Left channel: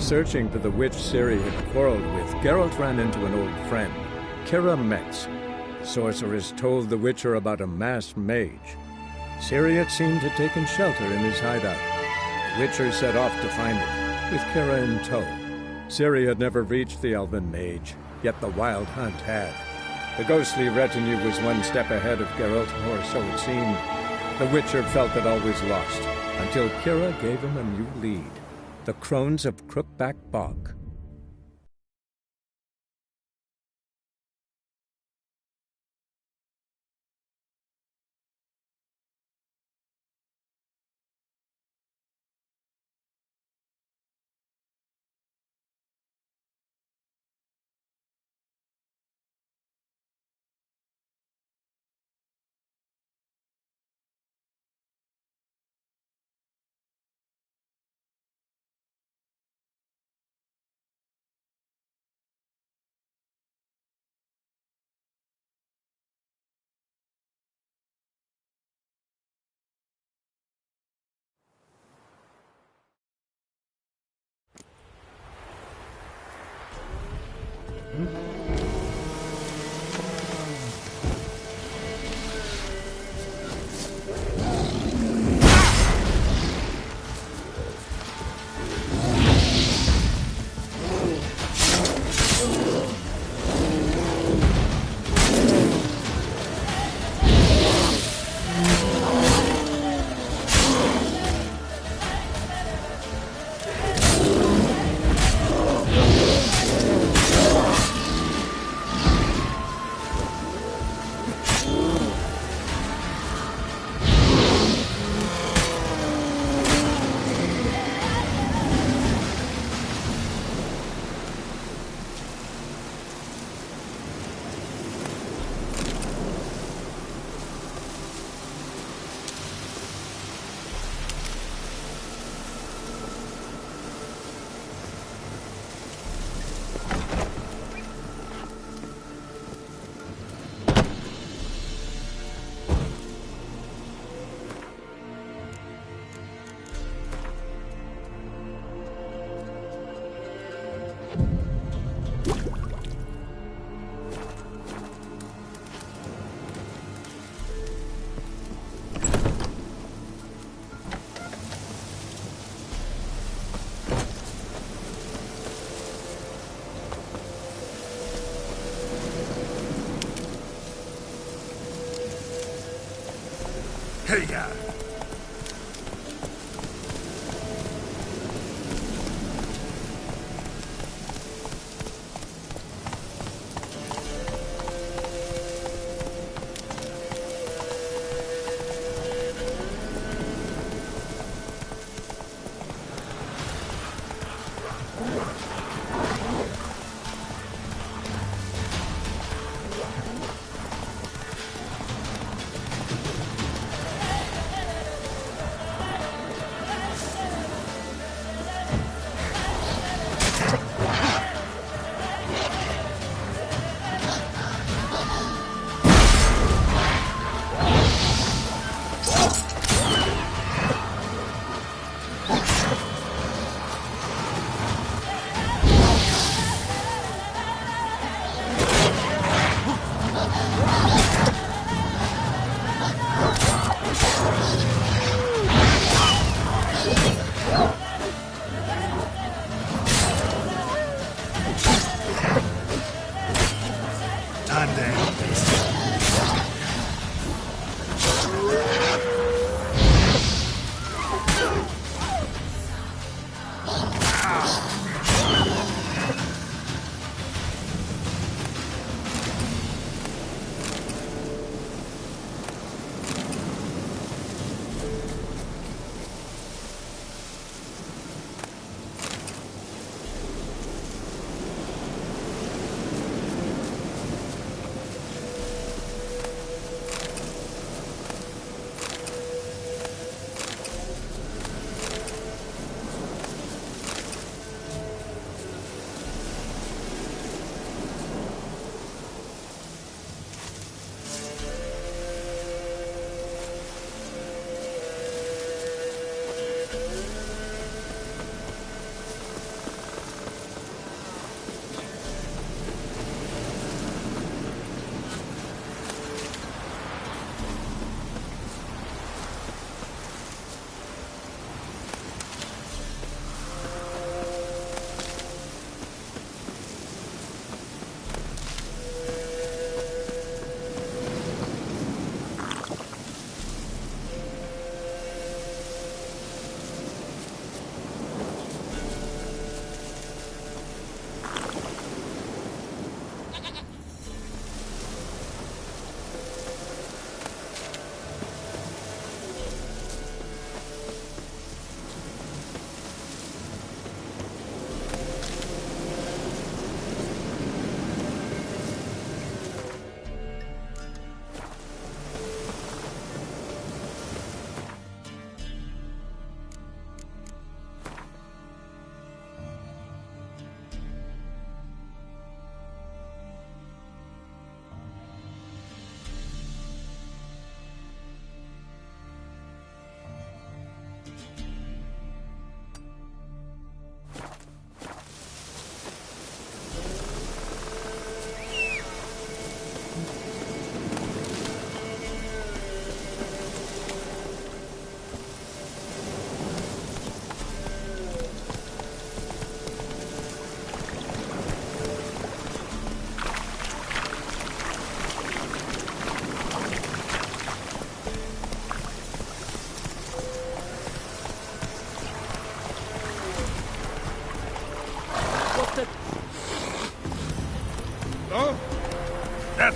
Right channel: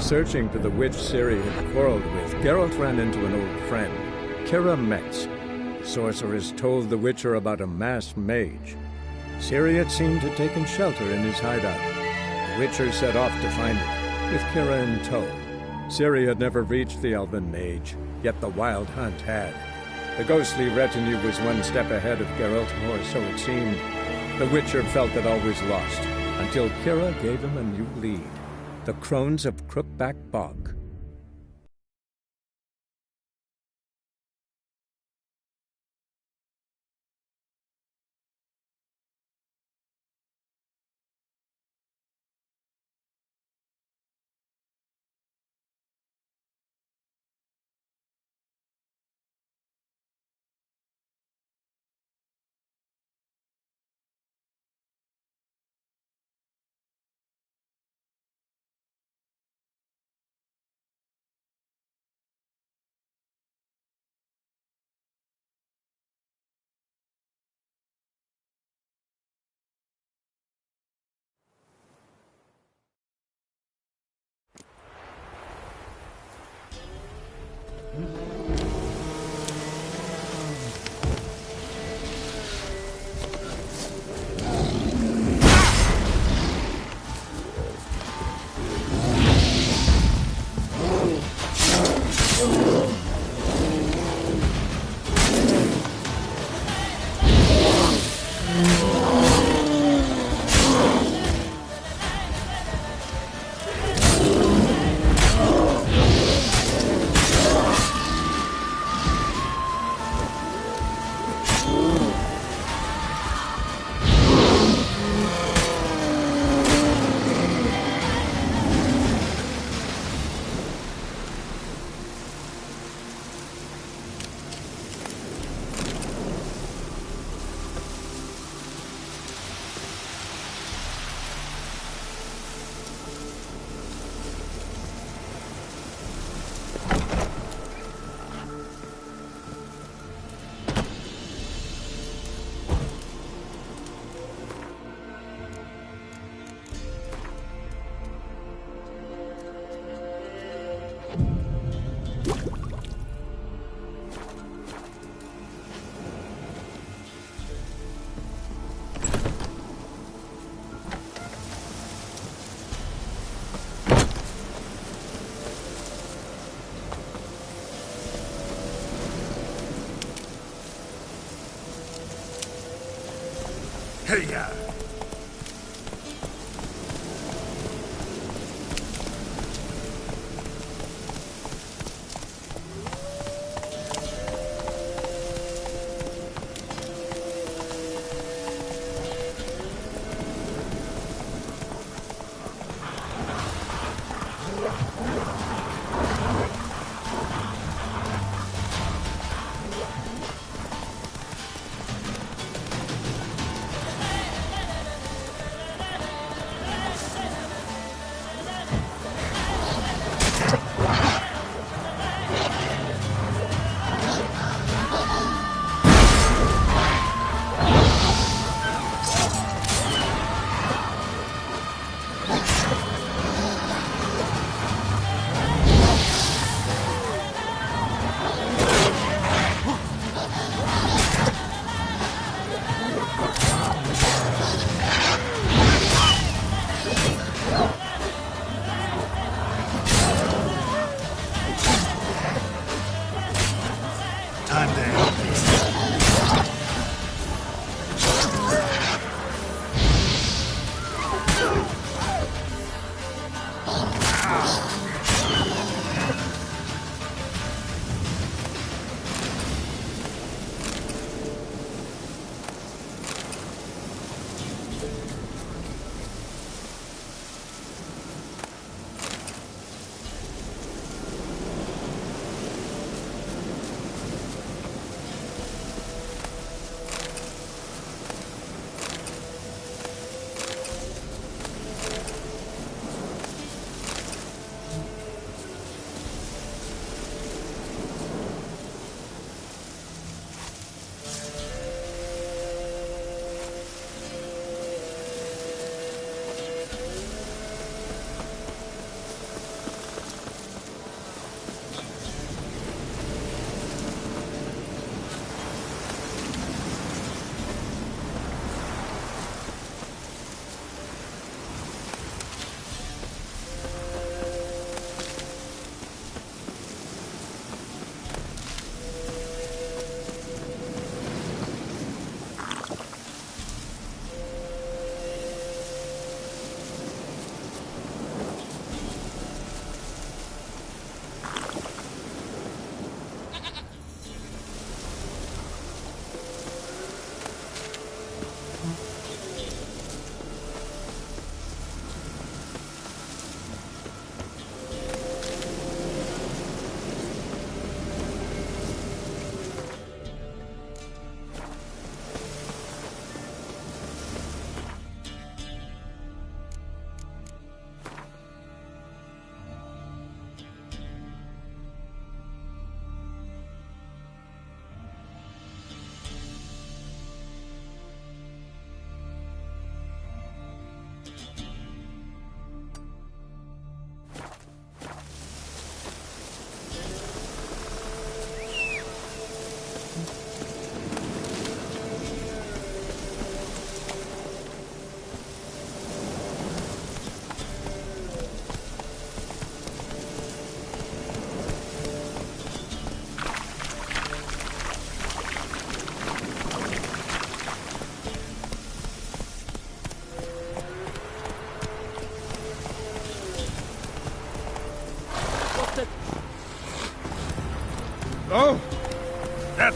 Searching for the witch Ciri had quarreled with, Geralt ran into an old friend, Kira Metz. The sorceress told the Witcher about a masked mage. Ciri, it seemed, had taken shelter in his hideout. The Witcher set off to find it, with Kira in tow. Ciri had never reached the elven mage, yet the wild hunt had. The ghostly retinue was one step ahead of Geralt, or so it seemed. The Witcher felt that all was lost, until Kira gave him a new lead. The Crones of Crookback Bog. Hey-ya!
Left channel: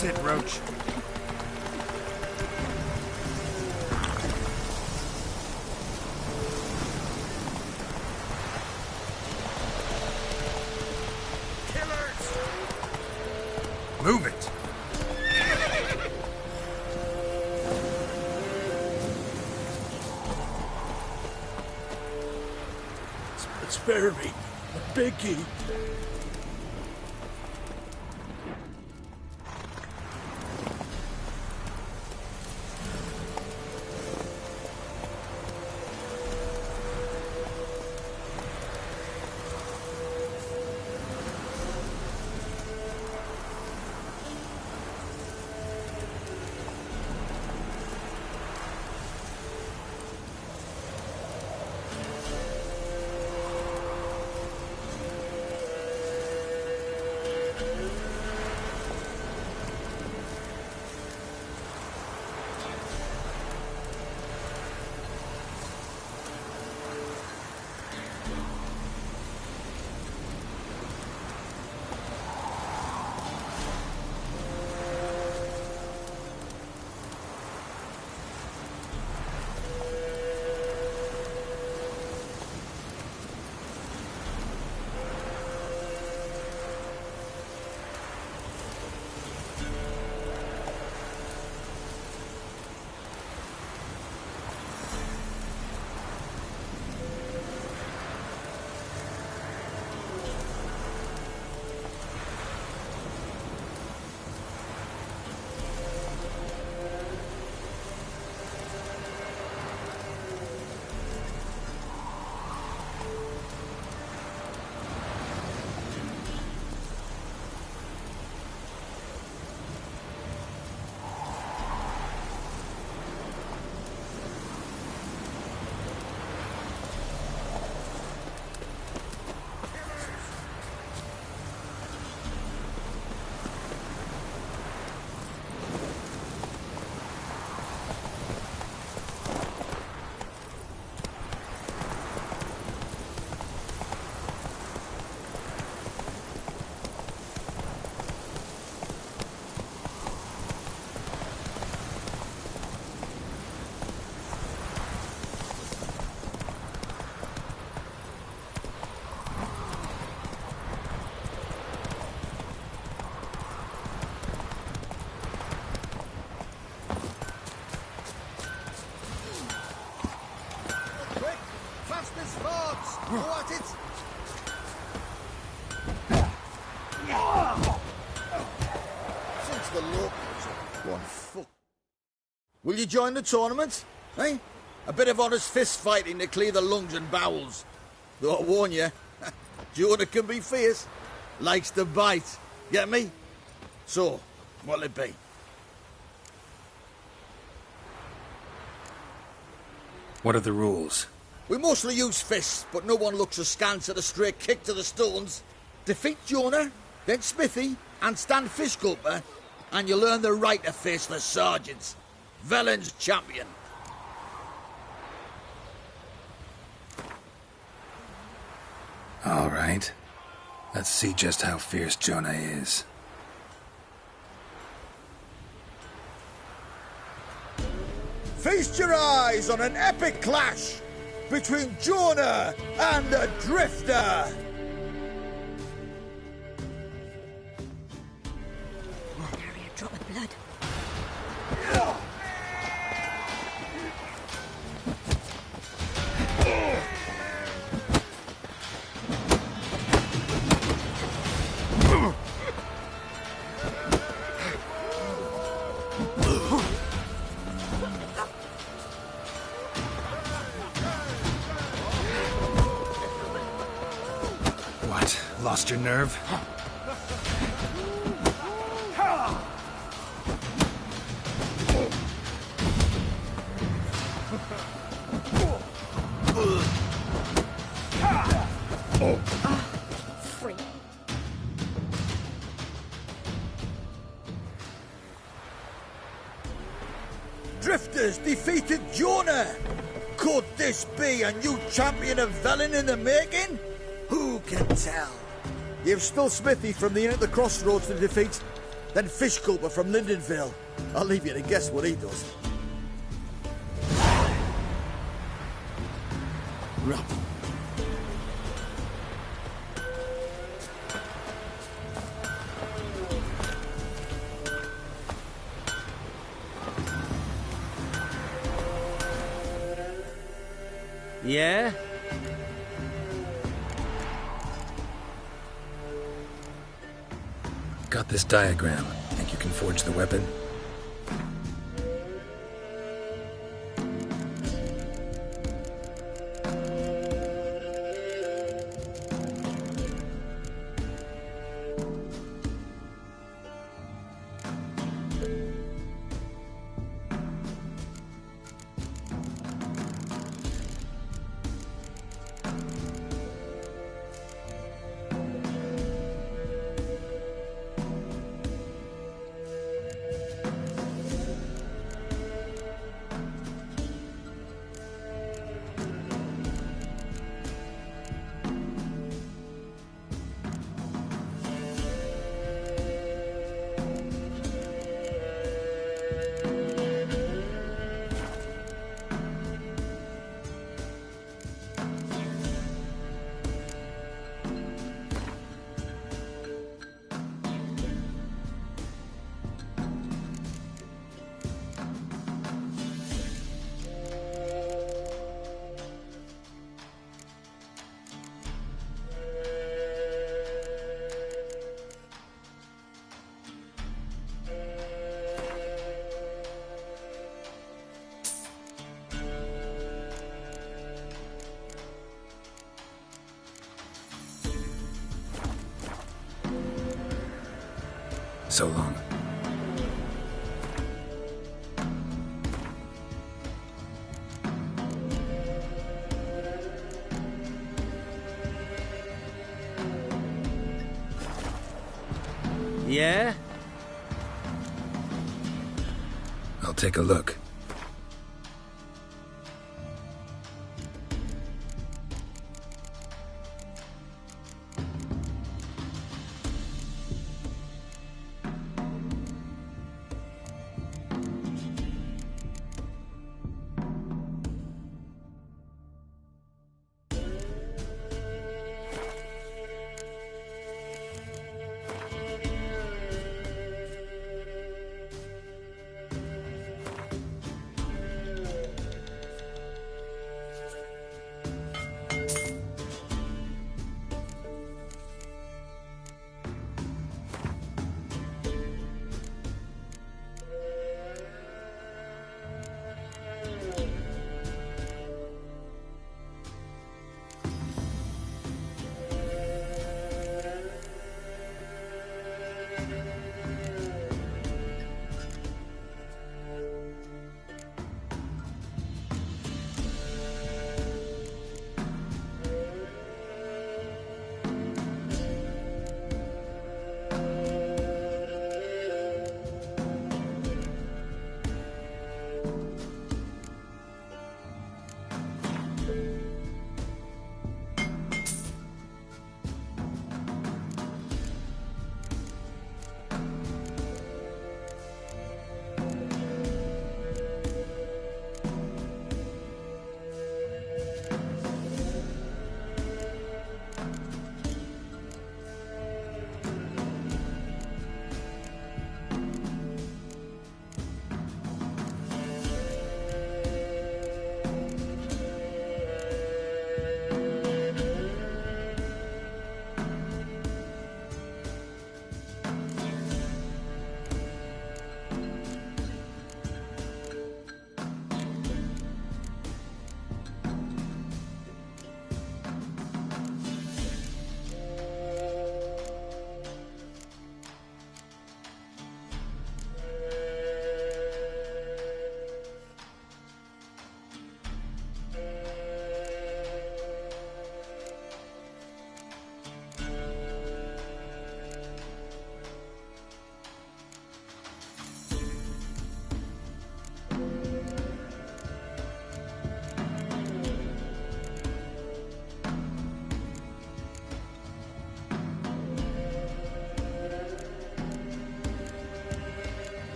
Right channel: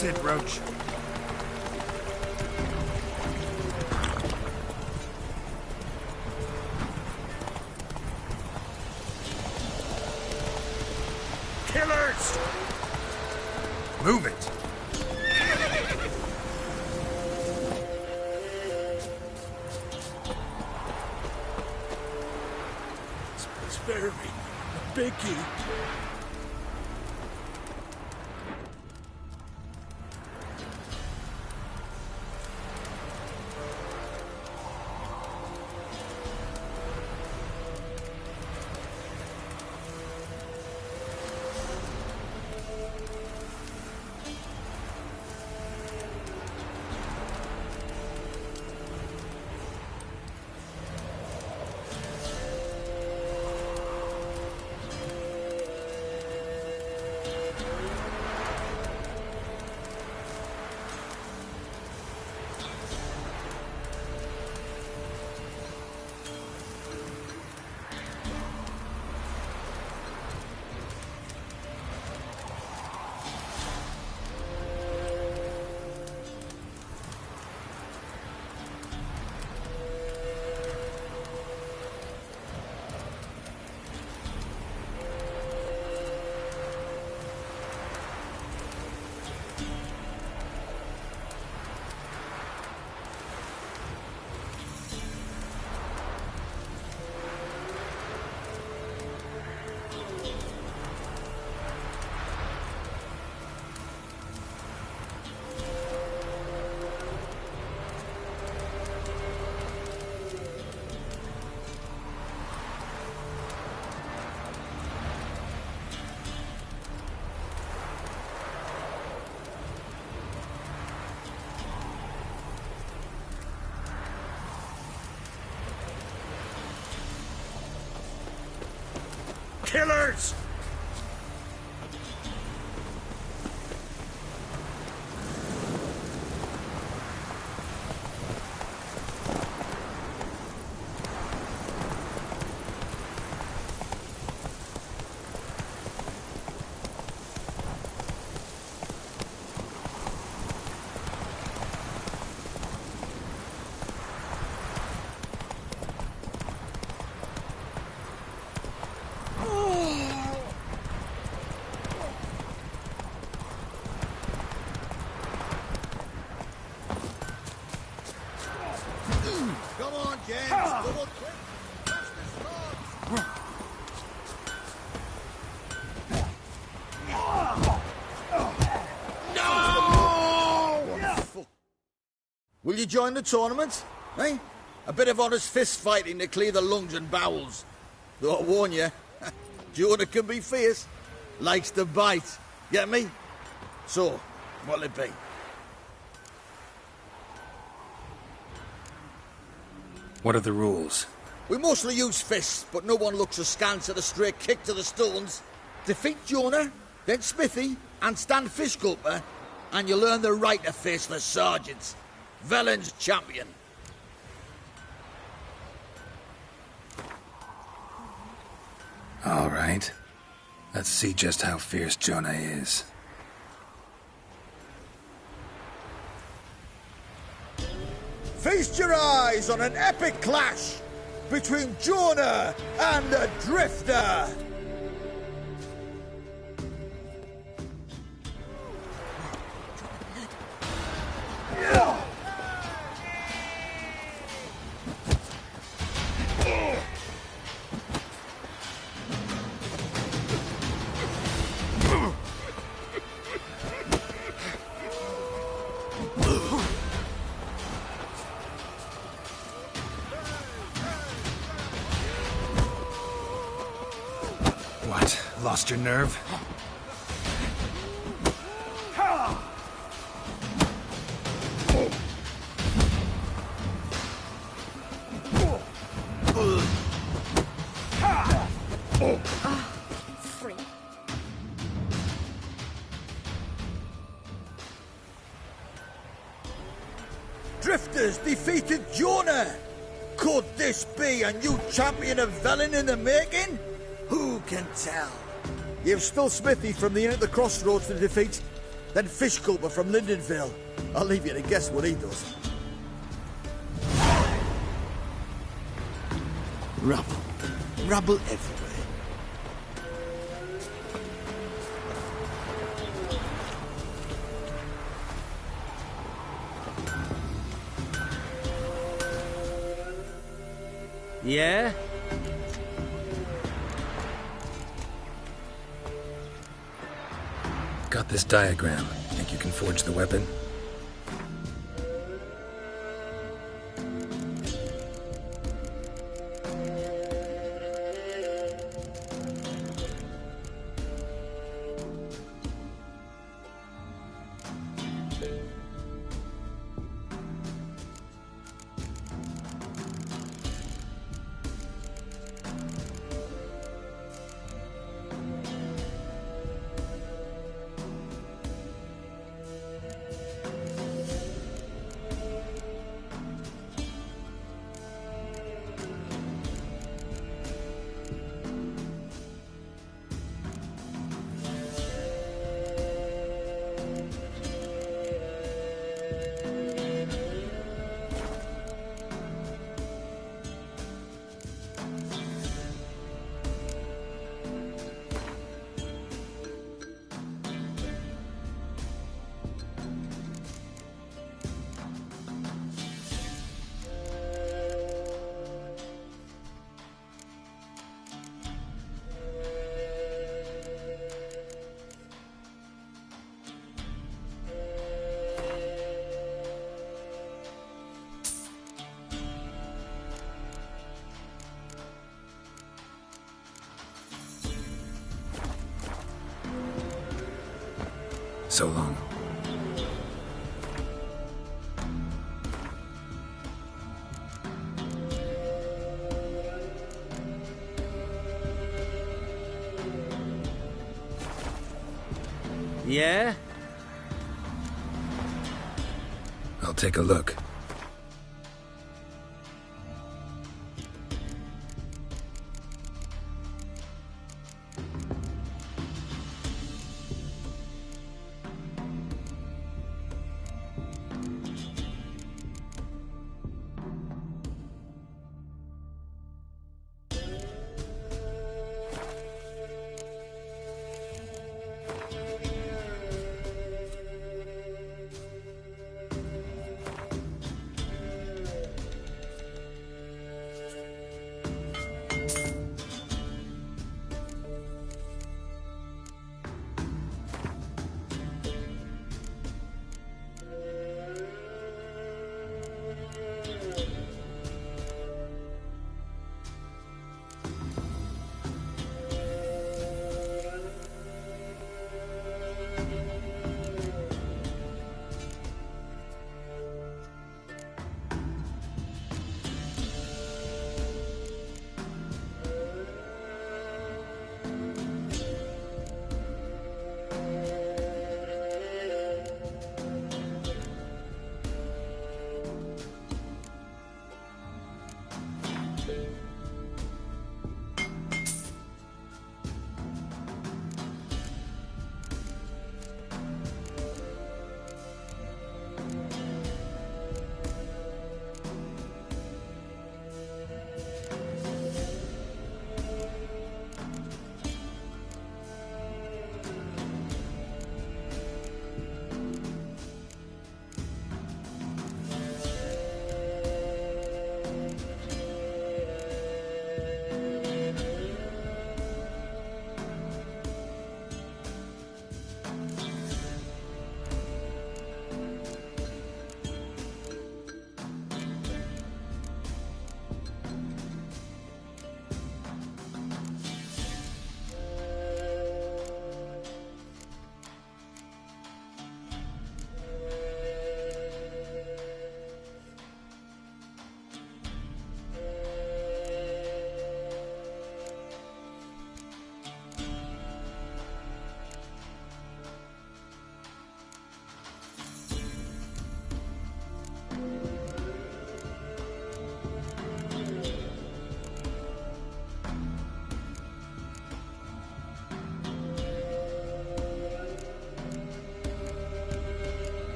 That's it, Roach. Killers! Move it! Spare me. I beg you. Killers! Will you join the tournament? Eh? A bit of honest fist fighting to clear the lungs and bowels. Though I warn you, Jonah can be fierce. Likes to bite. Get me? So, what'll it be? What are the rules? We mostly use fists, but no one looks askance at a straight kick to the stones. Defeat Jonah, then Smithy, and stand fish gulper, and you'll earn the right to face the sergeants. Velen's champion. All right. Let's see just how fierce Jonah is. Feast your eyes on an epic clash between Jonah and the Drifter. A drop of blood. What? Lost your nerve? Free. Drifters defeated Jonah. Could this be a new champion of Velen in the making? Who can tell? You've still Smithy from the inn at the crossroads to defeat. Then Fish Cooper from Lindenville. I'll leave you to guess what he does. Rubble. Rubble everywhere. Yeah? Got this diagram. Think you can forge the weapon? So long. Yeah? I'll take a look.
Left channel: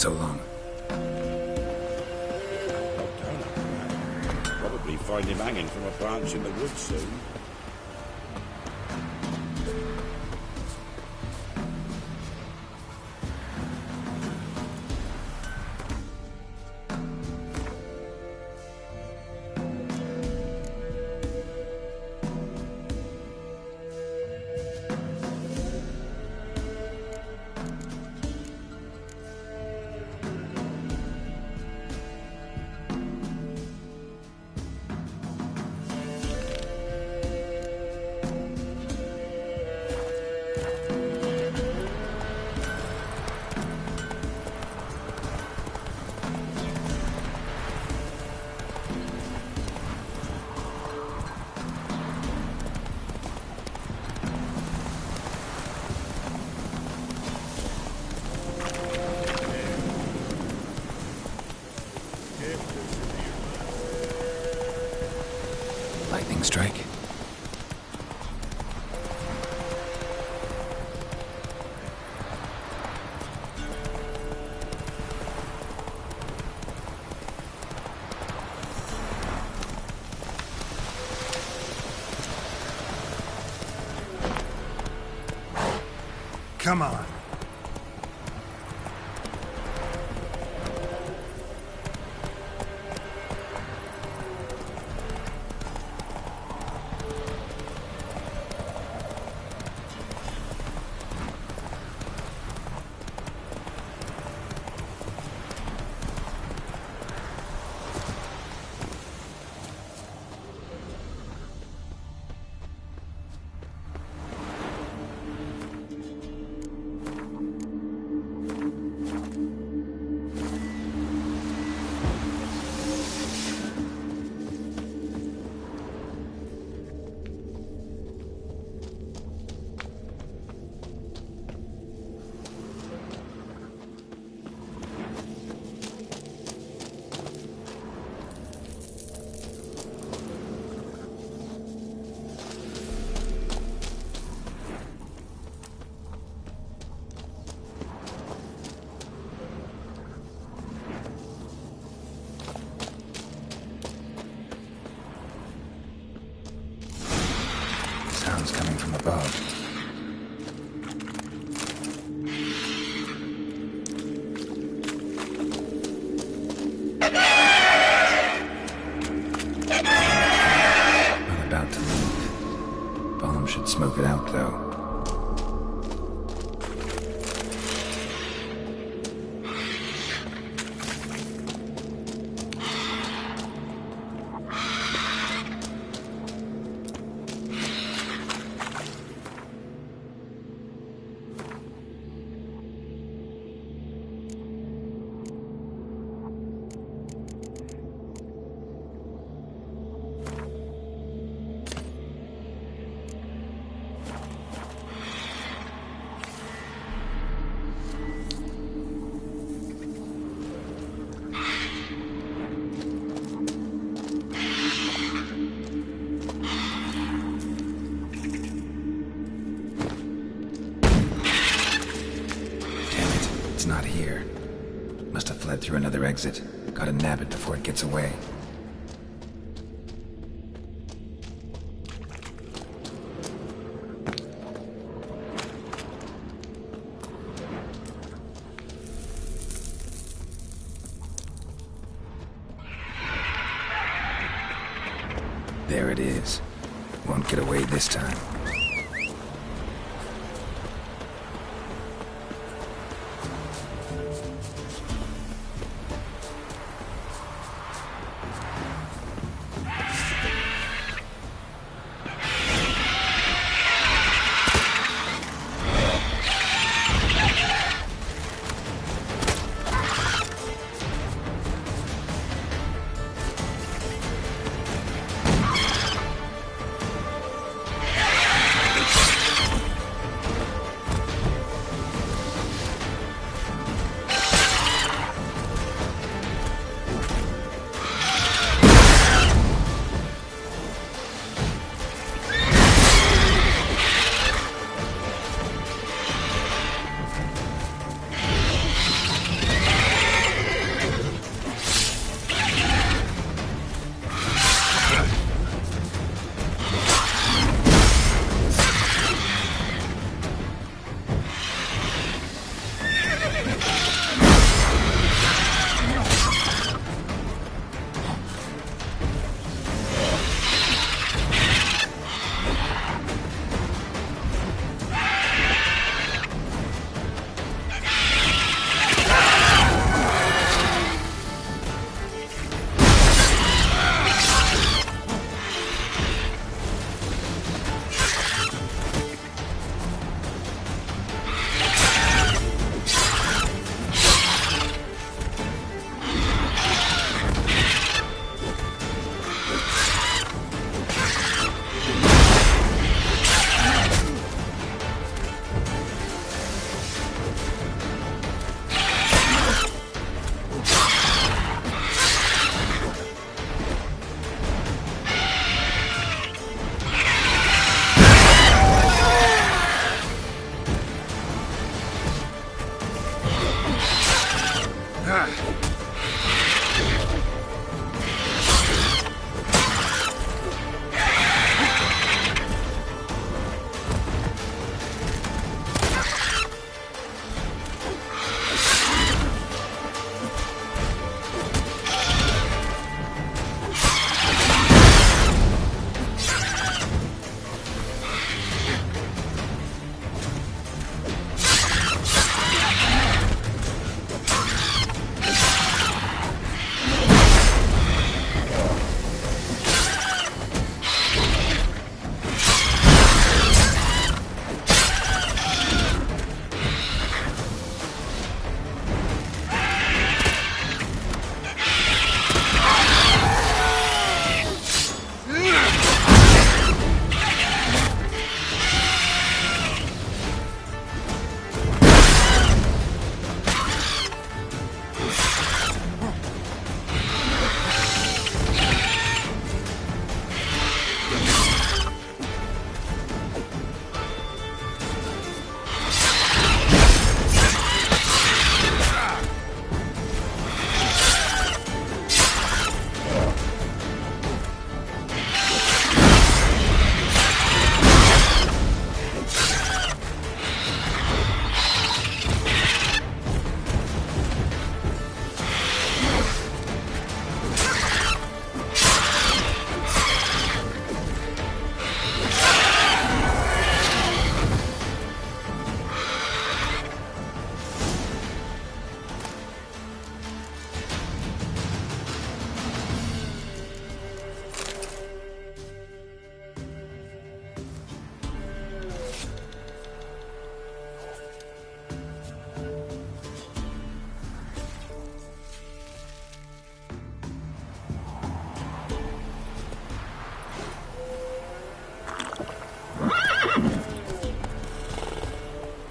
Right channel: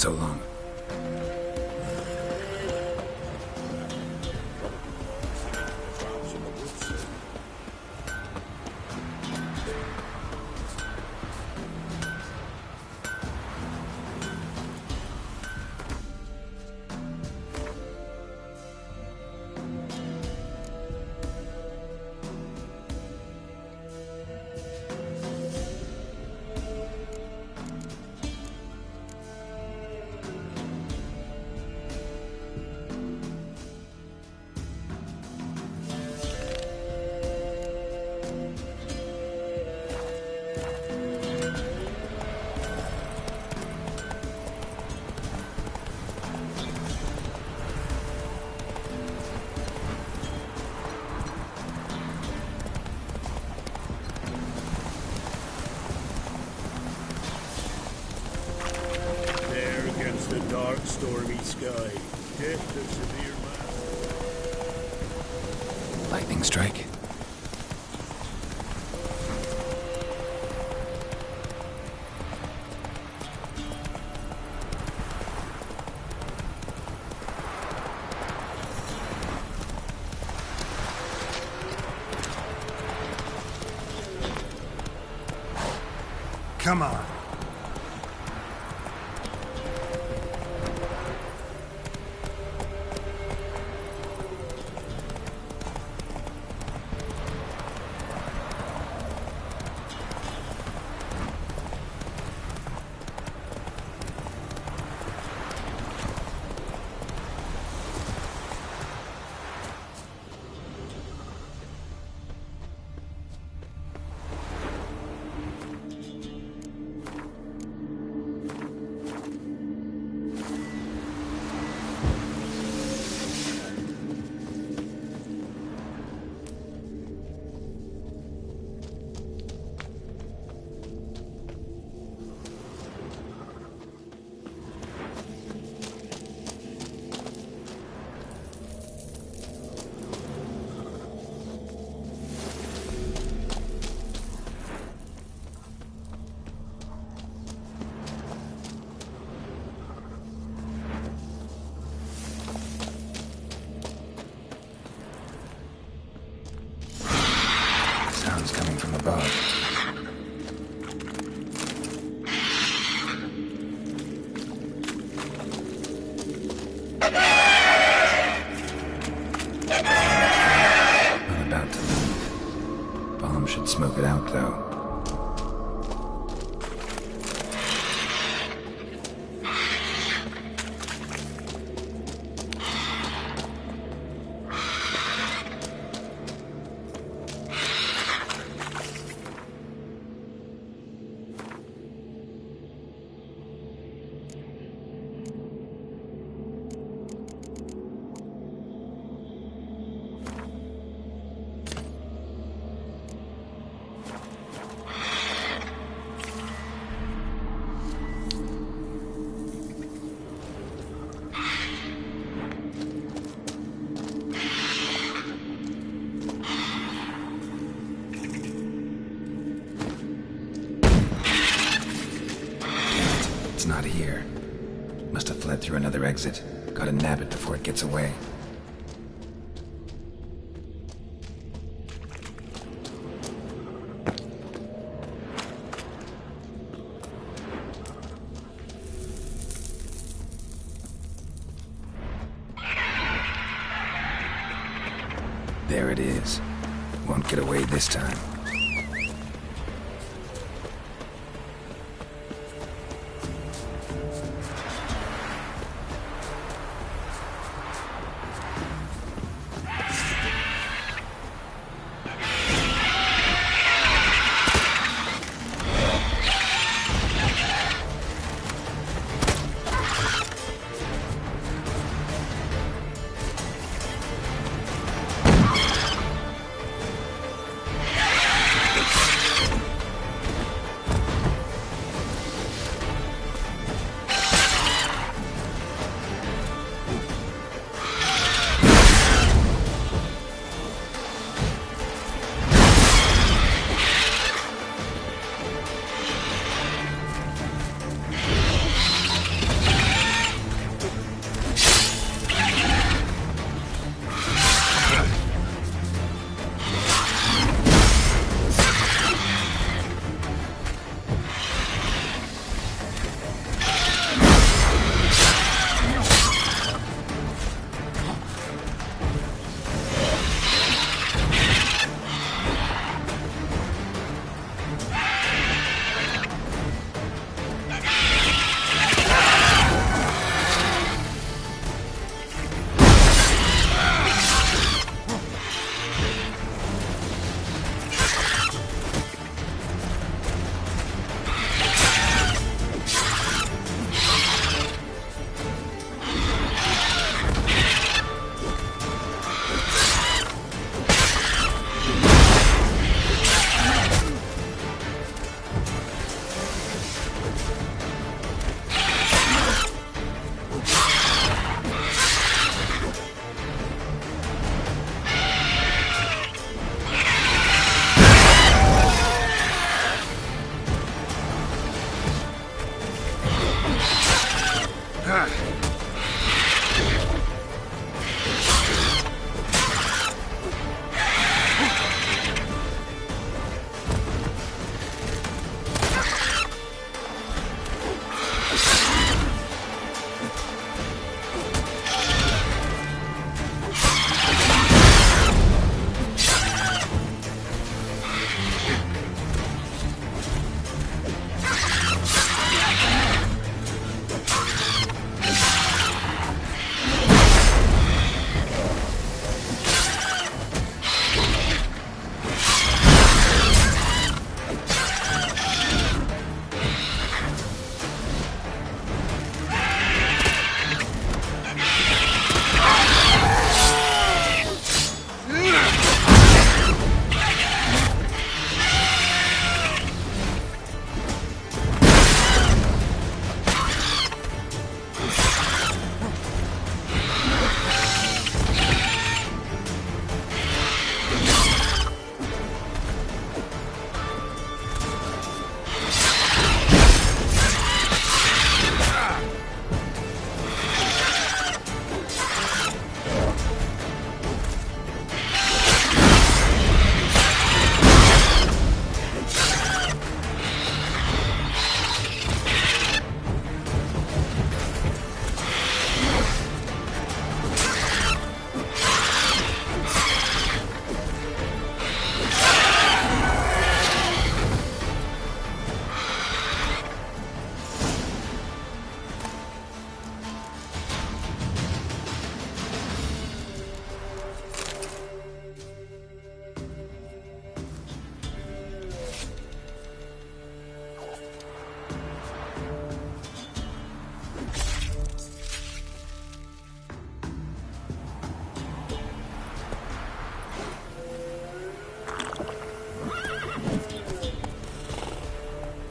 so long. Probably find him hanging from a branch in the woods soon. Lightning strike? Come on. Sounds coming from above. Not about to leave. Bomb should smoke it out, though. It's not here. Must have fled through another exit. Gotta nab it before it gets away. There it is. Won't get away this time.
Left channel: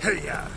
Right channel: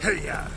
Hey-ya!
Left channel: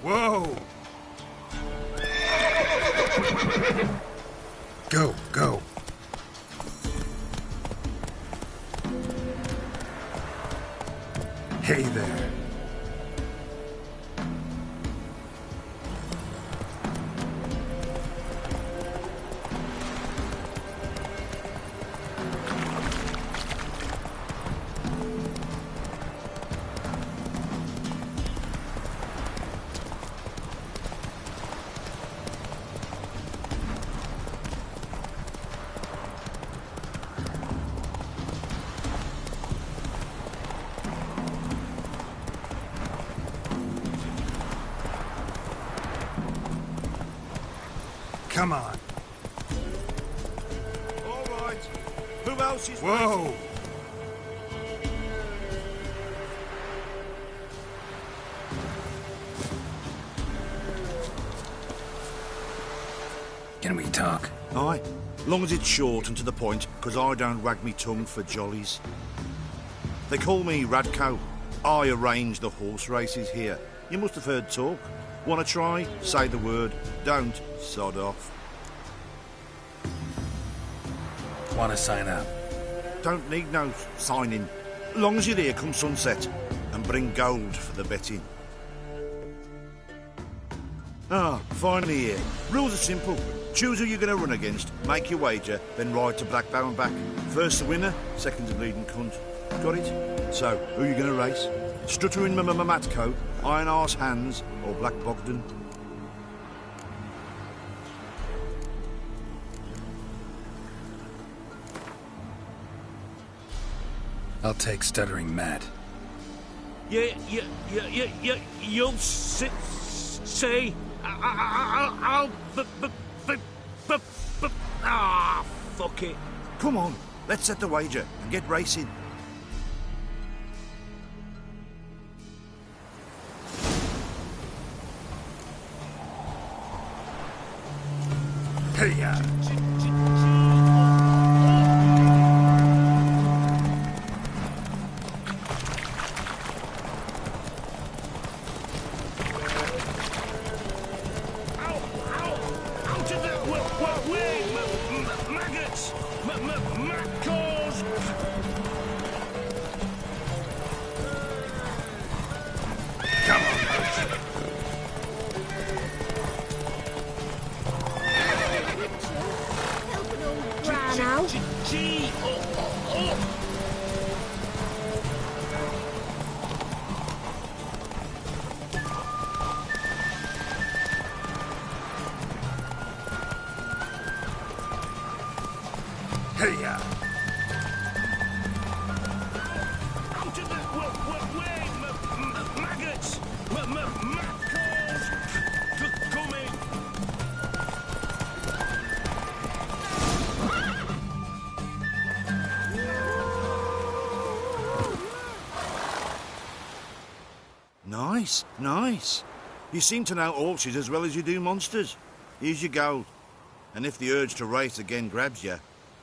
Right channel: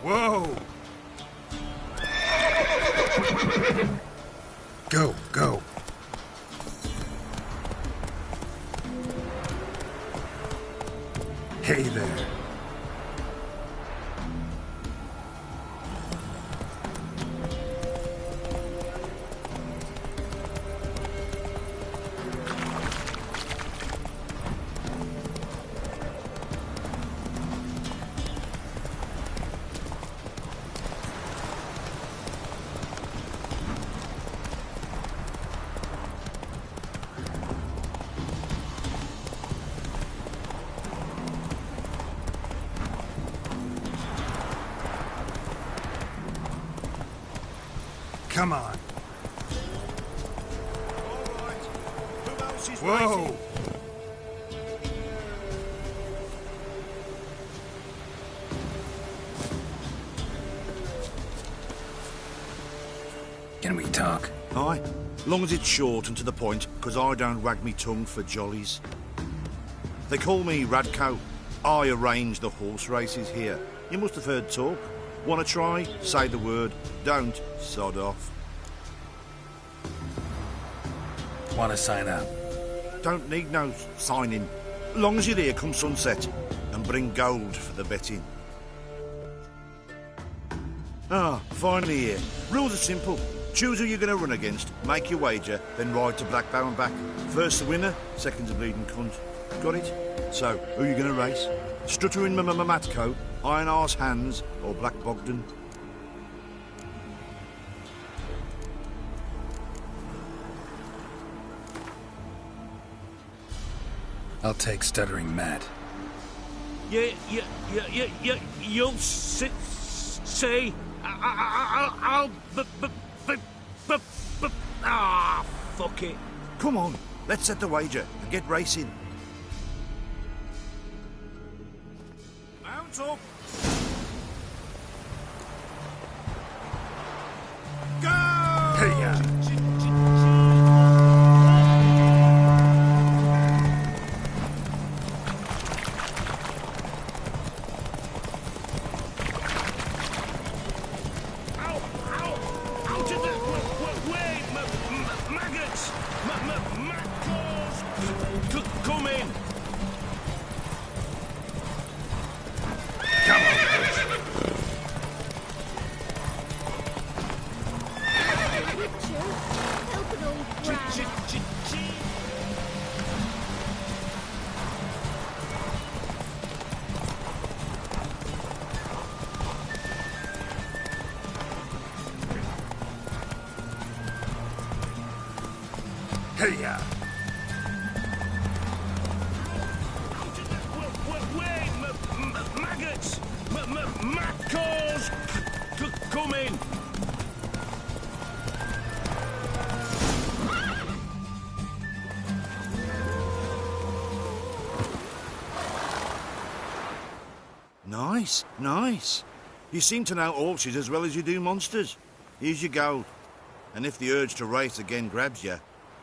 Whoa! Go, go. Hey there. Come on. All right. Who else is Whoa! waiting? Can we talk? Aye. Long as it's short and to the point, 'cause I don't wag me tongue for jollies. They call me Radko. I arrange the horse races here. You must have heard talk. Want to try? Say the word. Don't, sod off. Want to sign up? Don't need no signing. Long as you're here come sunset. And bring gold for the betting. Ah, finally here. Rules are simple. Choose who you're going to run against, make your wager, then ride to Blackbow and back. First the winner, second's a bleeding cunt. Got it? So, who you going to race? Stuttering Matko, Iron Arse Hands, or Black Bogdan? I'll take Stuttering Matt. You'll see. I'll fuck it. Come on, let's set the wager and get racing. Mount up. Go! Hey-ya! Hey-ya! Out of the way, maggots! Matcalls coming! Nice, nice. You seem to know horses as well as you do monsters. Here's your gold. And if the urge to race again grabs you,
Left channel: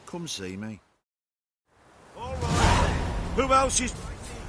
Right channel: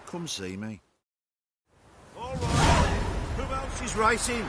come see me. All right. Who else is racing?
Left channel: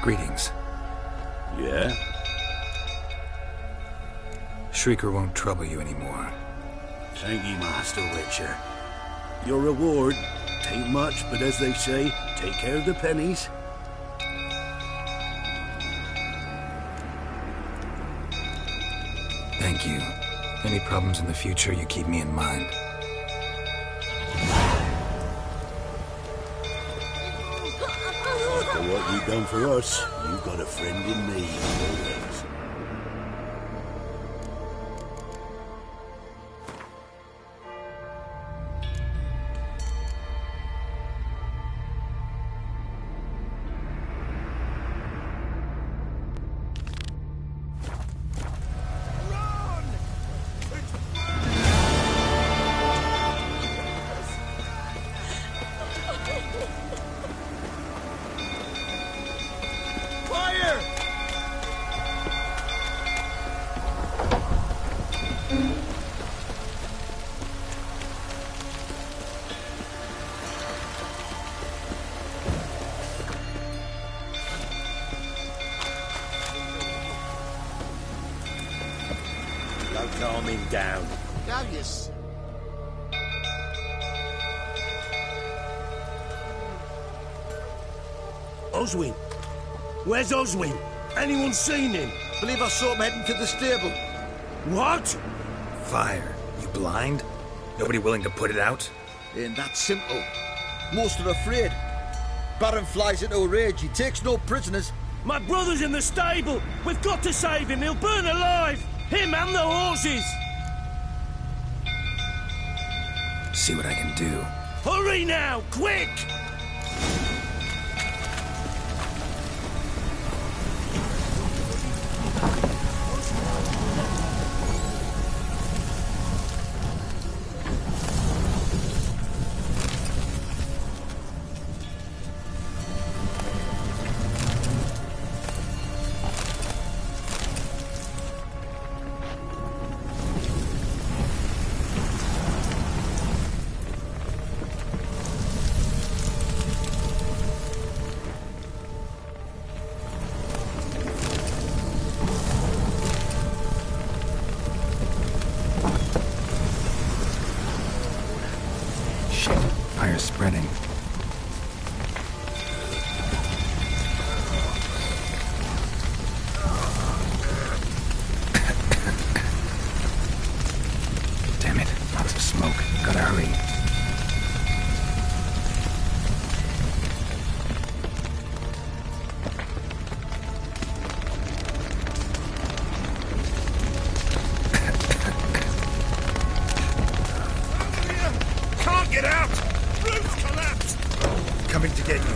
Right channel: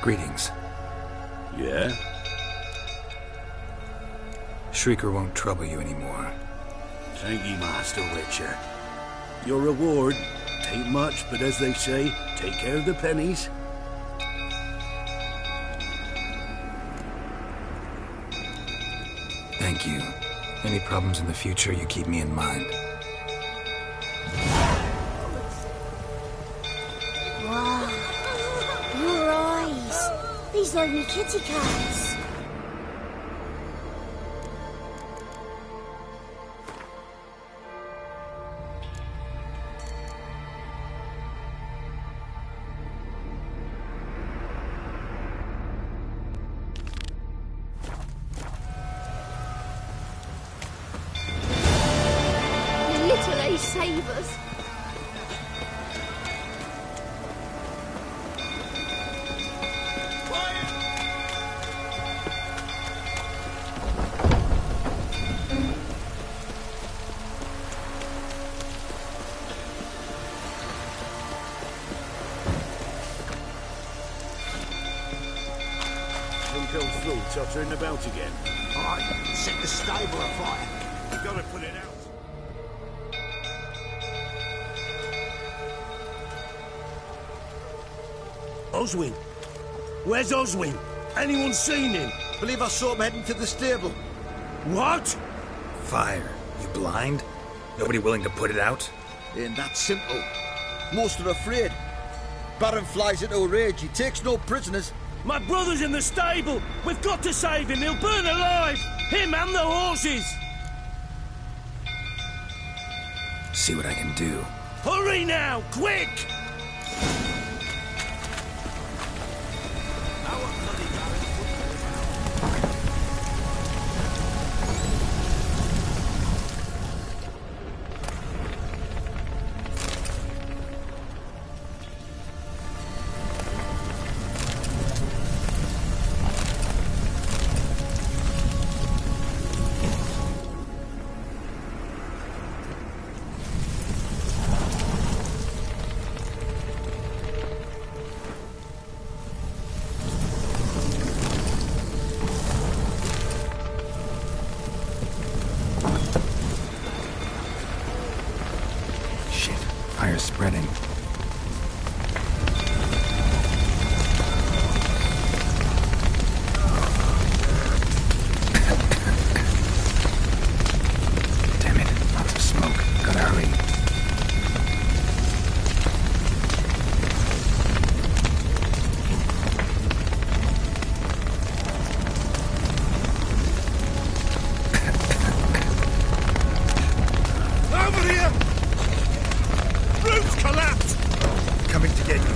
Greetings. Yeah? Shrieker won't trouble you anymore. Thank you, Master Witcher. Your reward, tain't much, but as they say, take care of the pennies. Thank you. Any problems in the future, you keep me in mind. For what you've done for us, you've got a He's friend on in kitty me. cats. Literally save us. Think those fruits are turning about again. Calm him down. Oswin? Where's Oswin? Anyone seen him? Believe I saw him heading to the stable. What? Fire. You blind? Nobody willing to put it out? Ain't that simple. Most are afraid. Baron flies into a rage. He takes no prisoners. My brother's in the stable! We've got to save him! He'll burn alive! Him and the horses! See what I can do. Hurry now! Quick! Shit. Fire's spreading. Damn it. Lots of smoke. Gotta hurry. Over here! Can't get out! Roof's collapsed! Coming to get you.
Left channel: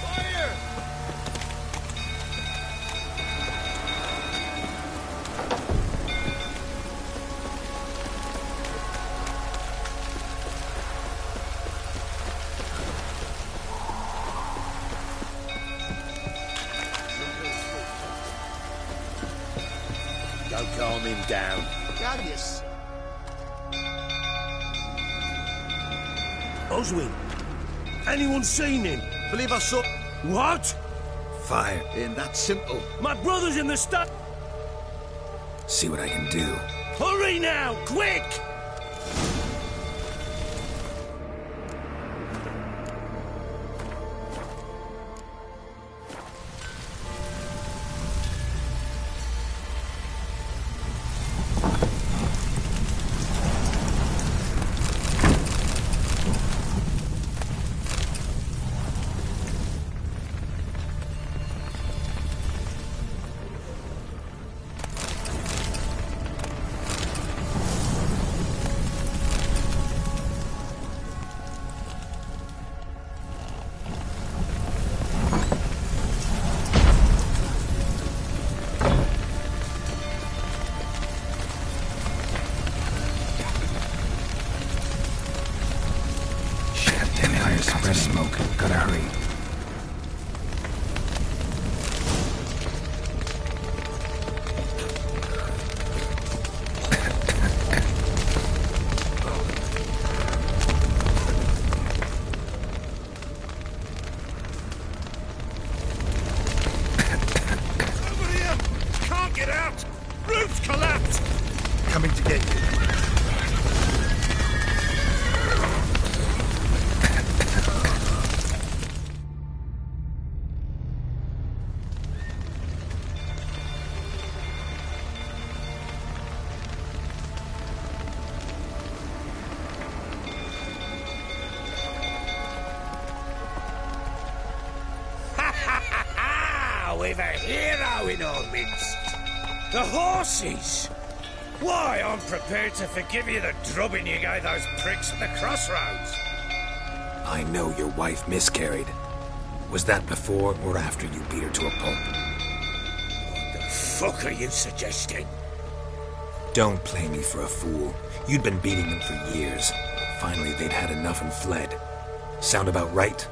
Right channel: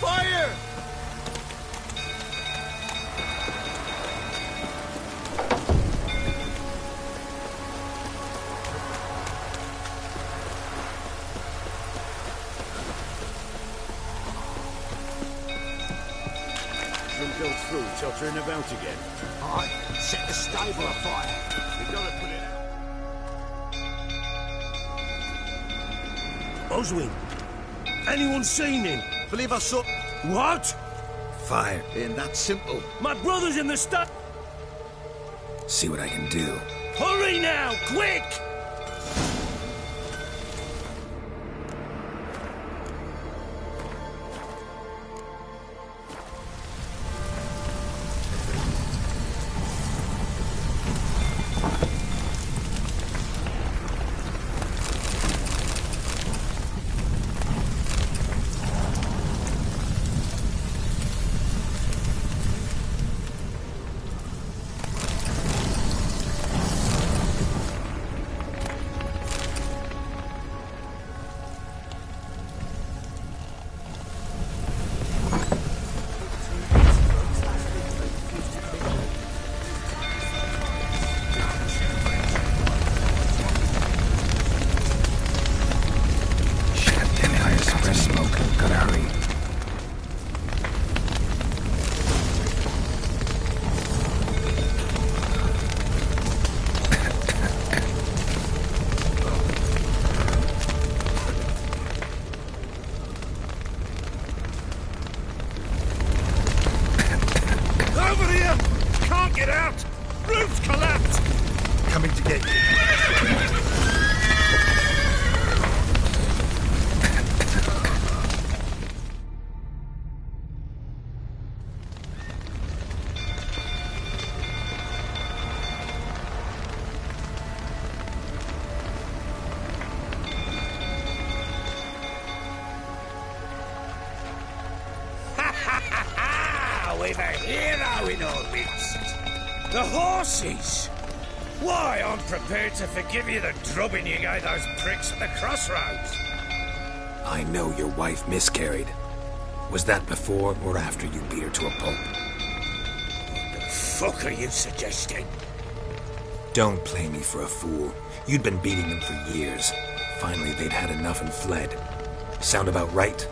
Fire! Some go through, tottering about again. Don't calm him down. Oswin, anyone seen him? Believe I saw... What? Fire. Ain't that simple. My brother's in the See what I can do. Hurry now, quick! Suppress smoke. Gotta hurry. Over here! Can't get out! Roof's collapsed! Coming to get you. We've a hero in our midst. The horses. Why, I'm prepared to forgive you the drubbing you gave those pricks at the crossroads. I know your wife miscarried. Was that before or after you beat her to a pulp? What the fuck are you suggesting? Don't play me for a fool. You'd been beating them for years. Finally, they'd had enough and fled. Sound about right?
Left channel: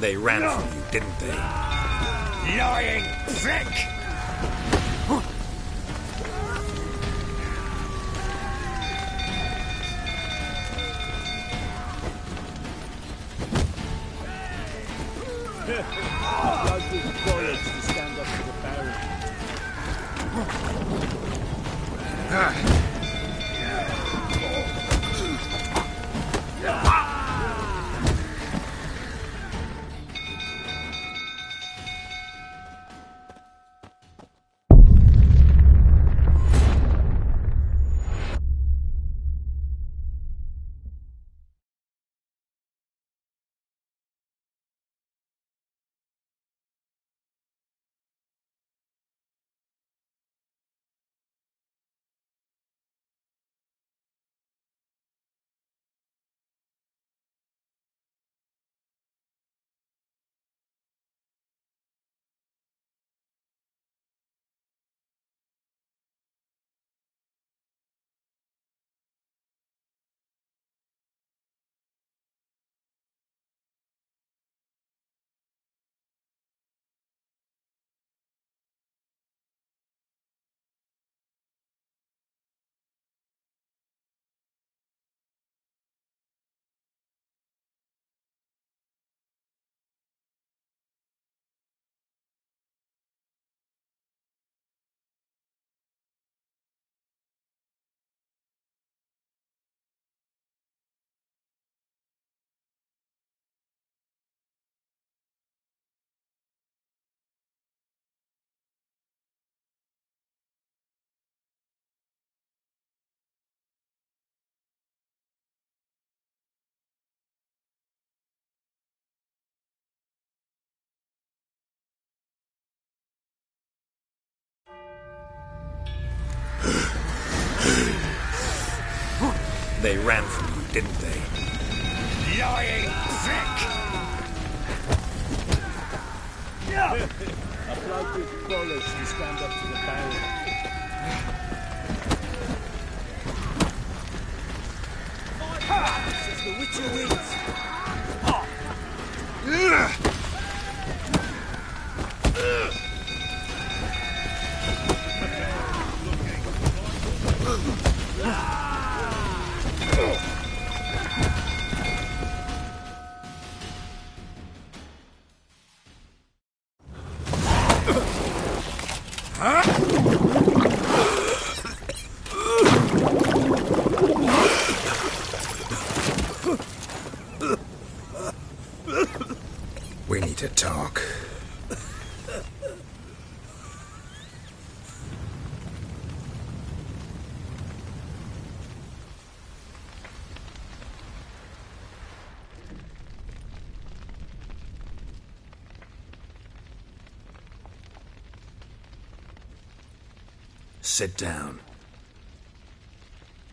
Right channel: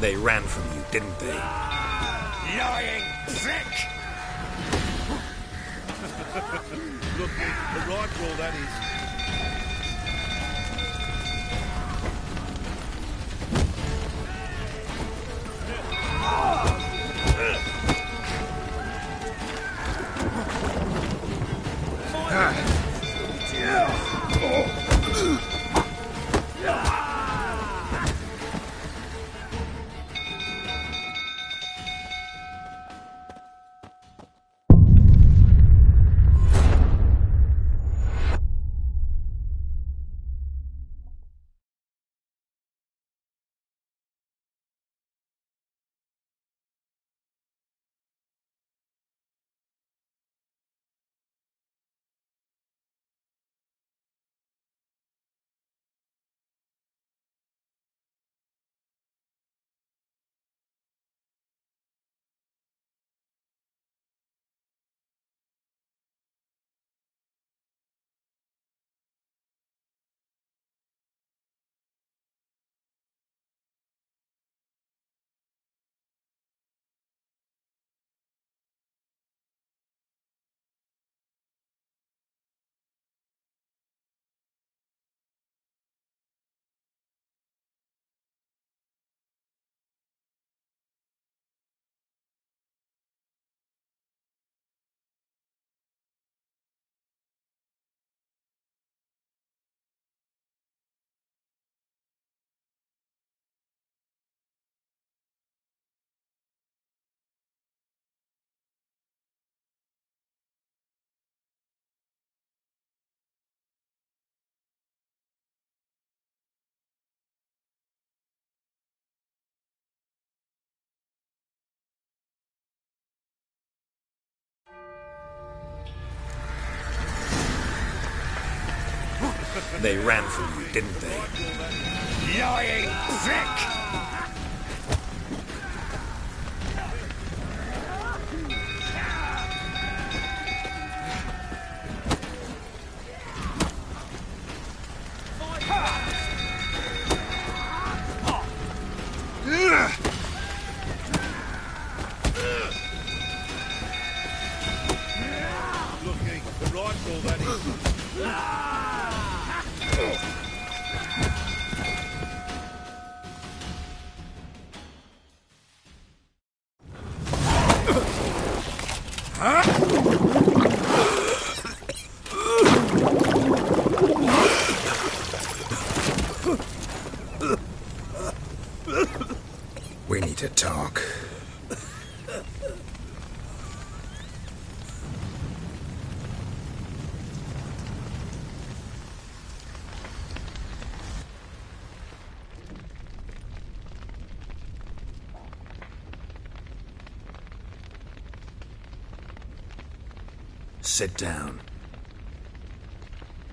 They ran from you, didn't they? Lying prick! They ran from you, didn't they? Lying prick! We need to talk. Sit down.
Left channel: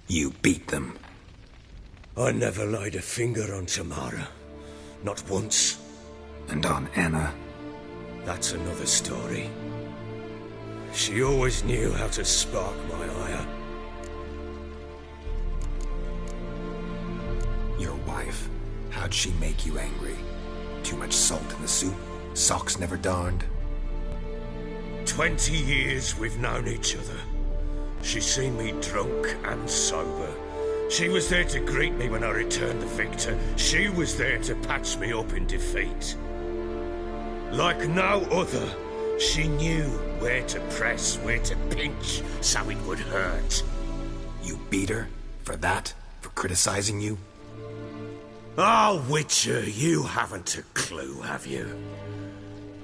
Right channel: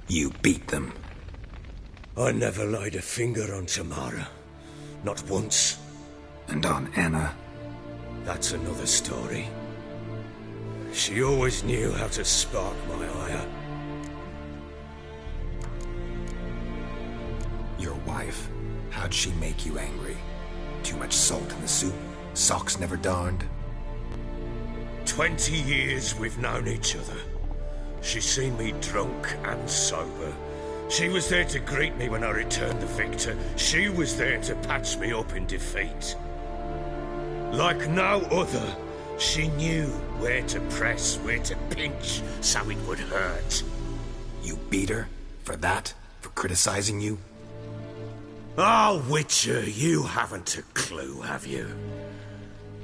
You beat them. I never laid a finger on Tamara. Not once. And on Anna? That's another story. She always knew how to spark my ire. Your wife. How'd she make you angry? Too much salt in the soup? Socks never darned? 20 years we've known each other. She's seen me drunk and sober. She was there to greet me when I returned the victor. She was there to patch me up in defeat. Like no other, she knew where to press, where to pinch, so it would hurt. You beat her? For that? For criticizing you? Oh, Witcher, you haven't a clue, have you?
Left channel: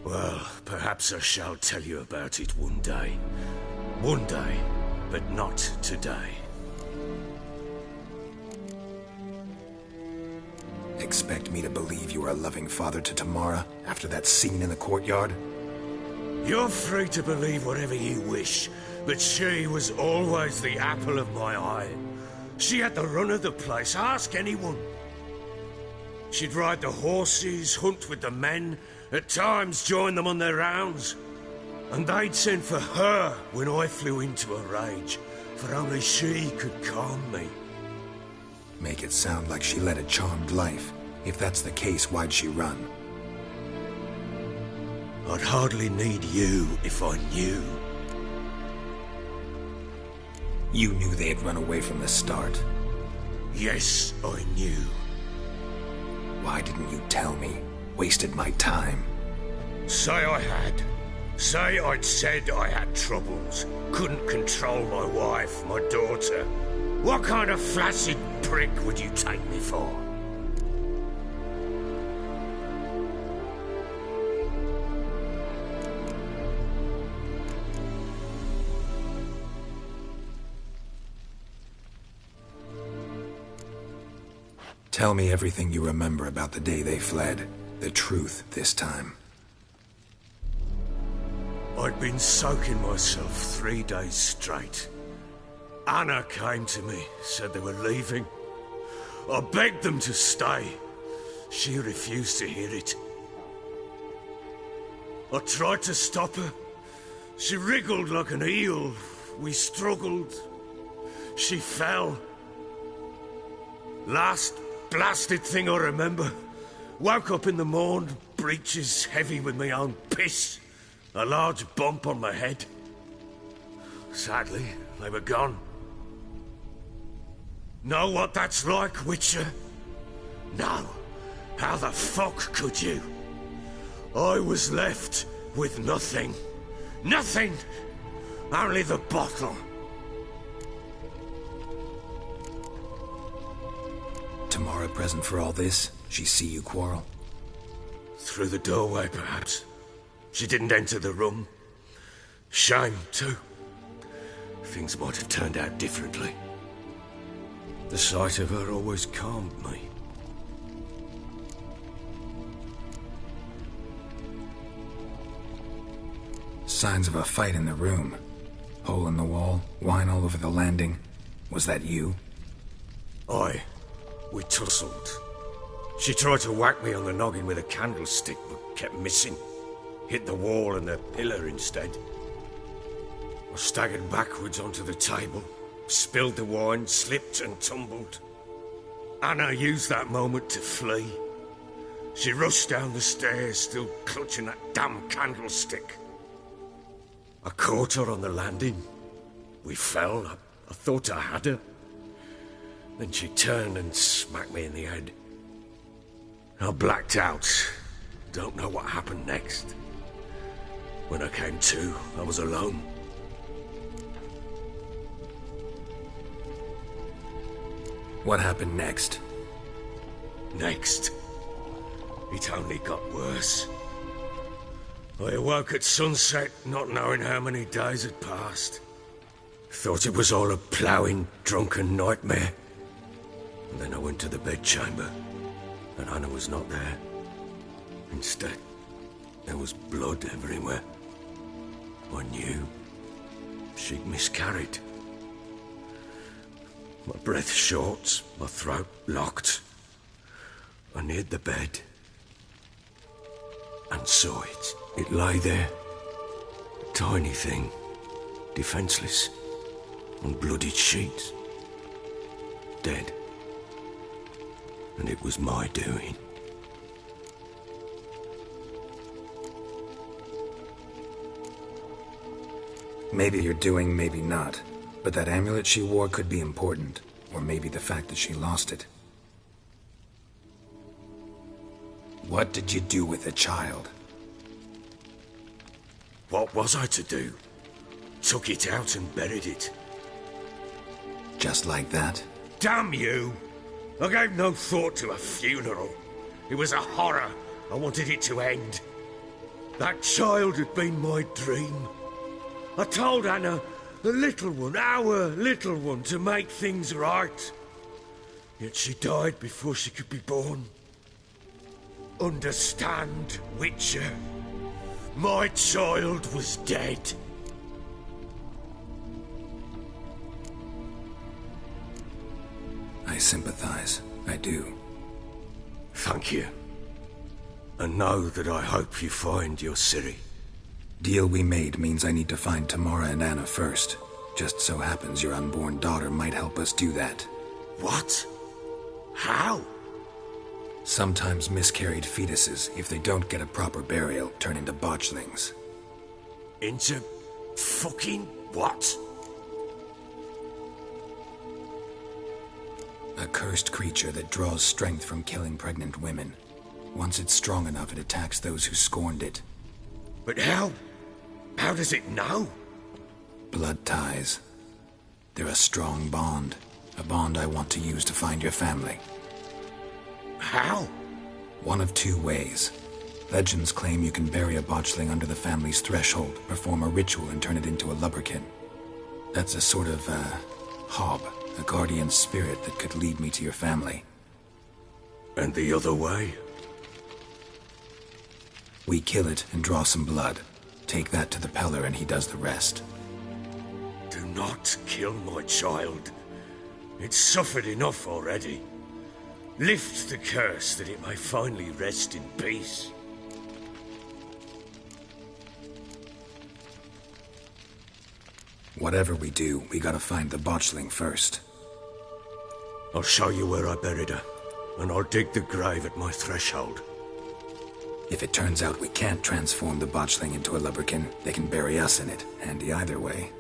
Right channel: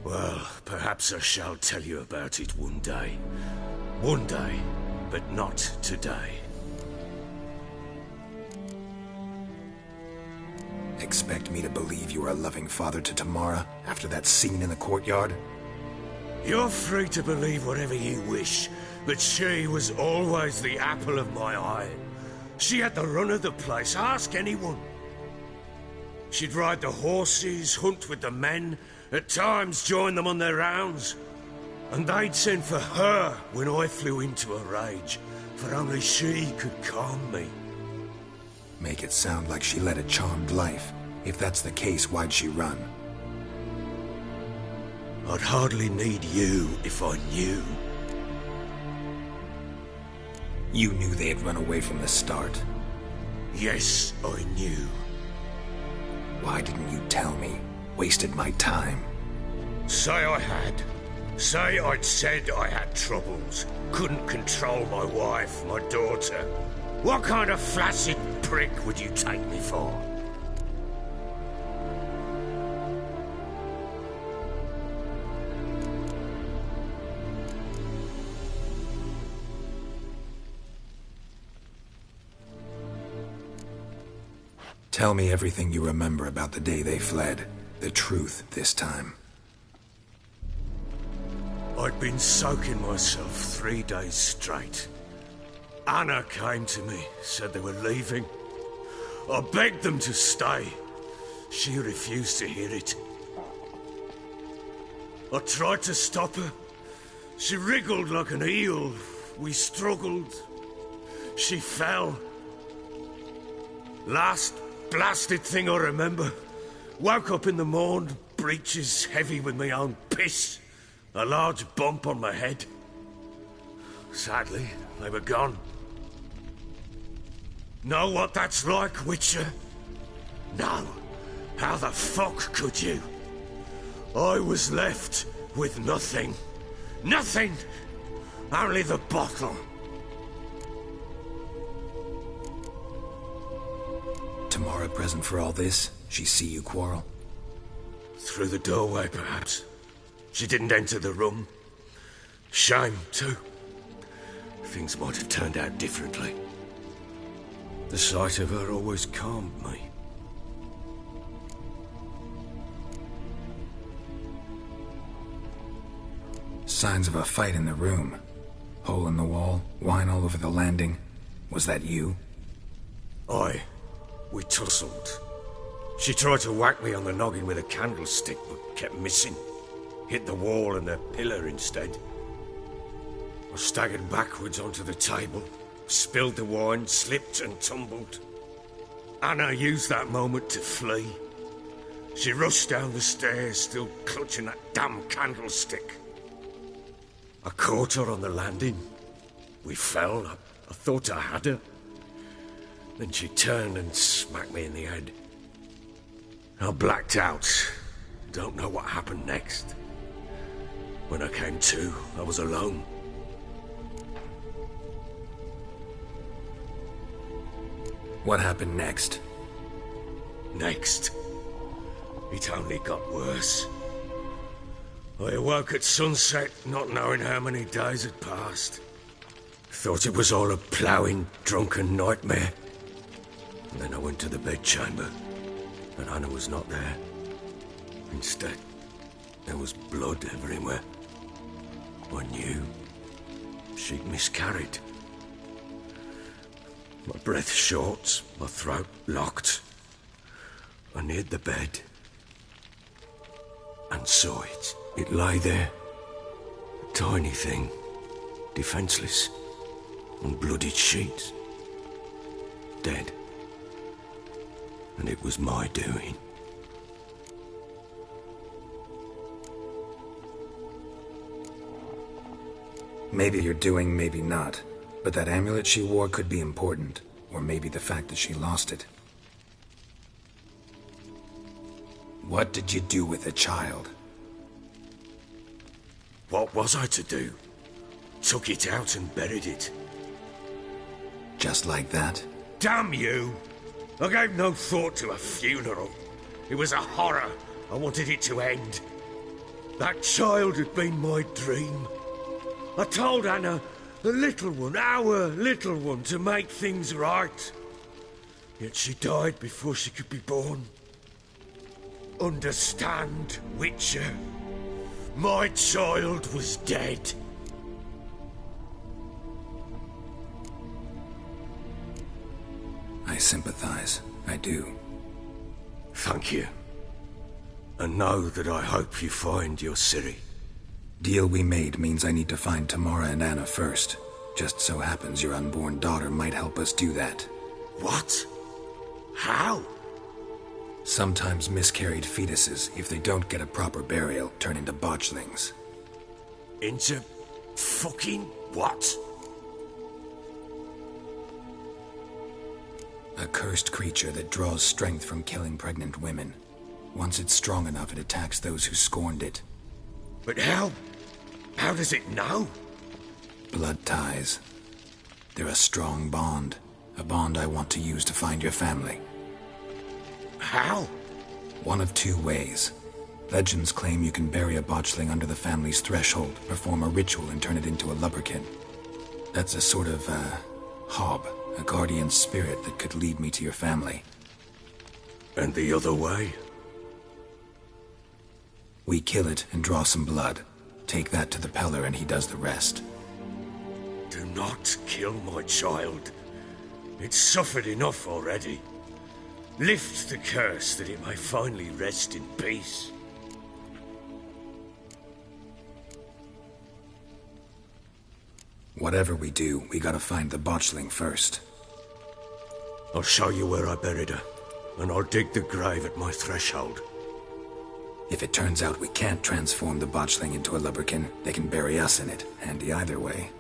Well, perhaps I shall tell you about it one day. One day, but not today. Expect me to believe you are a loving father to Tamara after that scene in the courtyard? You're free to believe whatever you wish, but she was always the apple of my eye. She had the run of the place, ask anyone. She'd ride the horses, hunt with the men, at times join them on their rounds. And they'd send for her when I flew into a rage, for only she could calm me. Make it sound like she led a charmed life. If that's the case, why'd she run? I'd hardly need you if I knew. You knew they'd run away from the start. Yes, I knew. Why didn't you tell me? Wasted my time. Say I had. Say I'd said I had troubles. Couldn't control my wife, my daughter. What kind of flaccid prick would you take me for? Tell me everything you remember about the day they fled. The truth this time. I'd been soaking myself 3 days straight. Anna came to me, said they were leaving. I begged them to stay. She refused to hear it. I tried to stop her. She wriggled like an eel. We struggled. She fell. Last blasted thing I remember. Woke up in the morn, breeches heavy with my own piss. A large bump on my head. Sadly, they were gone. Know what that's like, Witcher? No. How the fuck could you? I was left with nothing. Nothing! Only the bottle. Tamara present for all this? She see you quarrel? Through the doorway, perhaps. She didn't enter the room. Shame, too. Things might have turned out differently. The sight of her always calmed me. Signs of a fight in the room. Hole in the wall, wine all over the landing. Was that you? We tussled. She tried to whack me on the noggin with a candlestick, but kept missing. Hit the wall and the pillar instead. I staggered backwards onto the table, spilled the wine, slipped and tumbled. Anna used that moment to flee. She rushed down the stairs, still clutching that damn candlestick. I caught her on the landing. We fell. I thought I had her. Then she turned and smacked me in the head. I blacked out. Don't know what happened next. When I came to, I was alone. What happened next? Next, it only got worse. I awoke at sunset, not knowing how many days had passed. Thought it was all a ploughing, drunken nightmare. And then I went to the bedchamber, and Anna was not there. Instead, there was blood everywhere. I knew she'd miscarried. My breath short, my throat locked. I neared the bed and saw it. It lay there, a tiny thing, defenseless, on bloodied sheets, dead. And it was my doing. Maybe you're doing, maybe not. But that amulet she wore could be important. Or maybe the fact that she lost it. What did you do with the child? What was I to do? Took it out and buried it. Just like that? Damn you! I gave no thought to a funeral. It was a horror. I wanted it to end. That child had been my dream. I told Anna, the little one, our little one, to make things right. Yet she died before she could be born. Understand, Witcher? My child was dead. I sympathize. I do. Thank you. And know that I hope you find your Ciri. Deal we made means I need to find Tamara and Anna first. Just so happens your unborn daughter might help us do that. What? How? Sometimes miscarried fetuses, if they don't get a proper burial, turn into botchlings. Into fucking what? A cursed creature that draws strength from killing pregnant women. Once it's strong enough, it attacks those who scorned it. But how? How does it know? Blood ties. They're a strong bond. A bond I want to use to find your family. How? One of two ways. Legends claim you can bury a botchling under the family's threshold, perform a ritual, and turn it into a lubberkin. That's a sort of, hob, a guardian spirit that could lead me to your family. And the other way? We kill it and draw some blood. Take that to the Peller and he does the rest. Do not kill my child. It's suffered enough already. Lift the curse that it may finally rest in peace. Whatever we do, we gotta find the botchling first. I'll show you where I buried her, and I'll dig the grave at my threshold. If it turns out we can't transform the botchling into a lubberkin, they can bury us in it. Handy either way.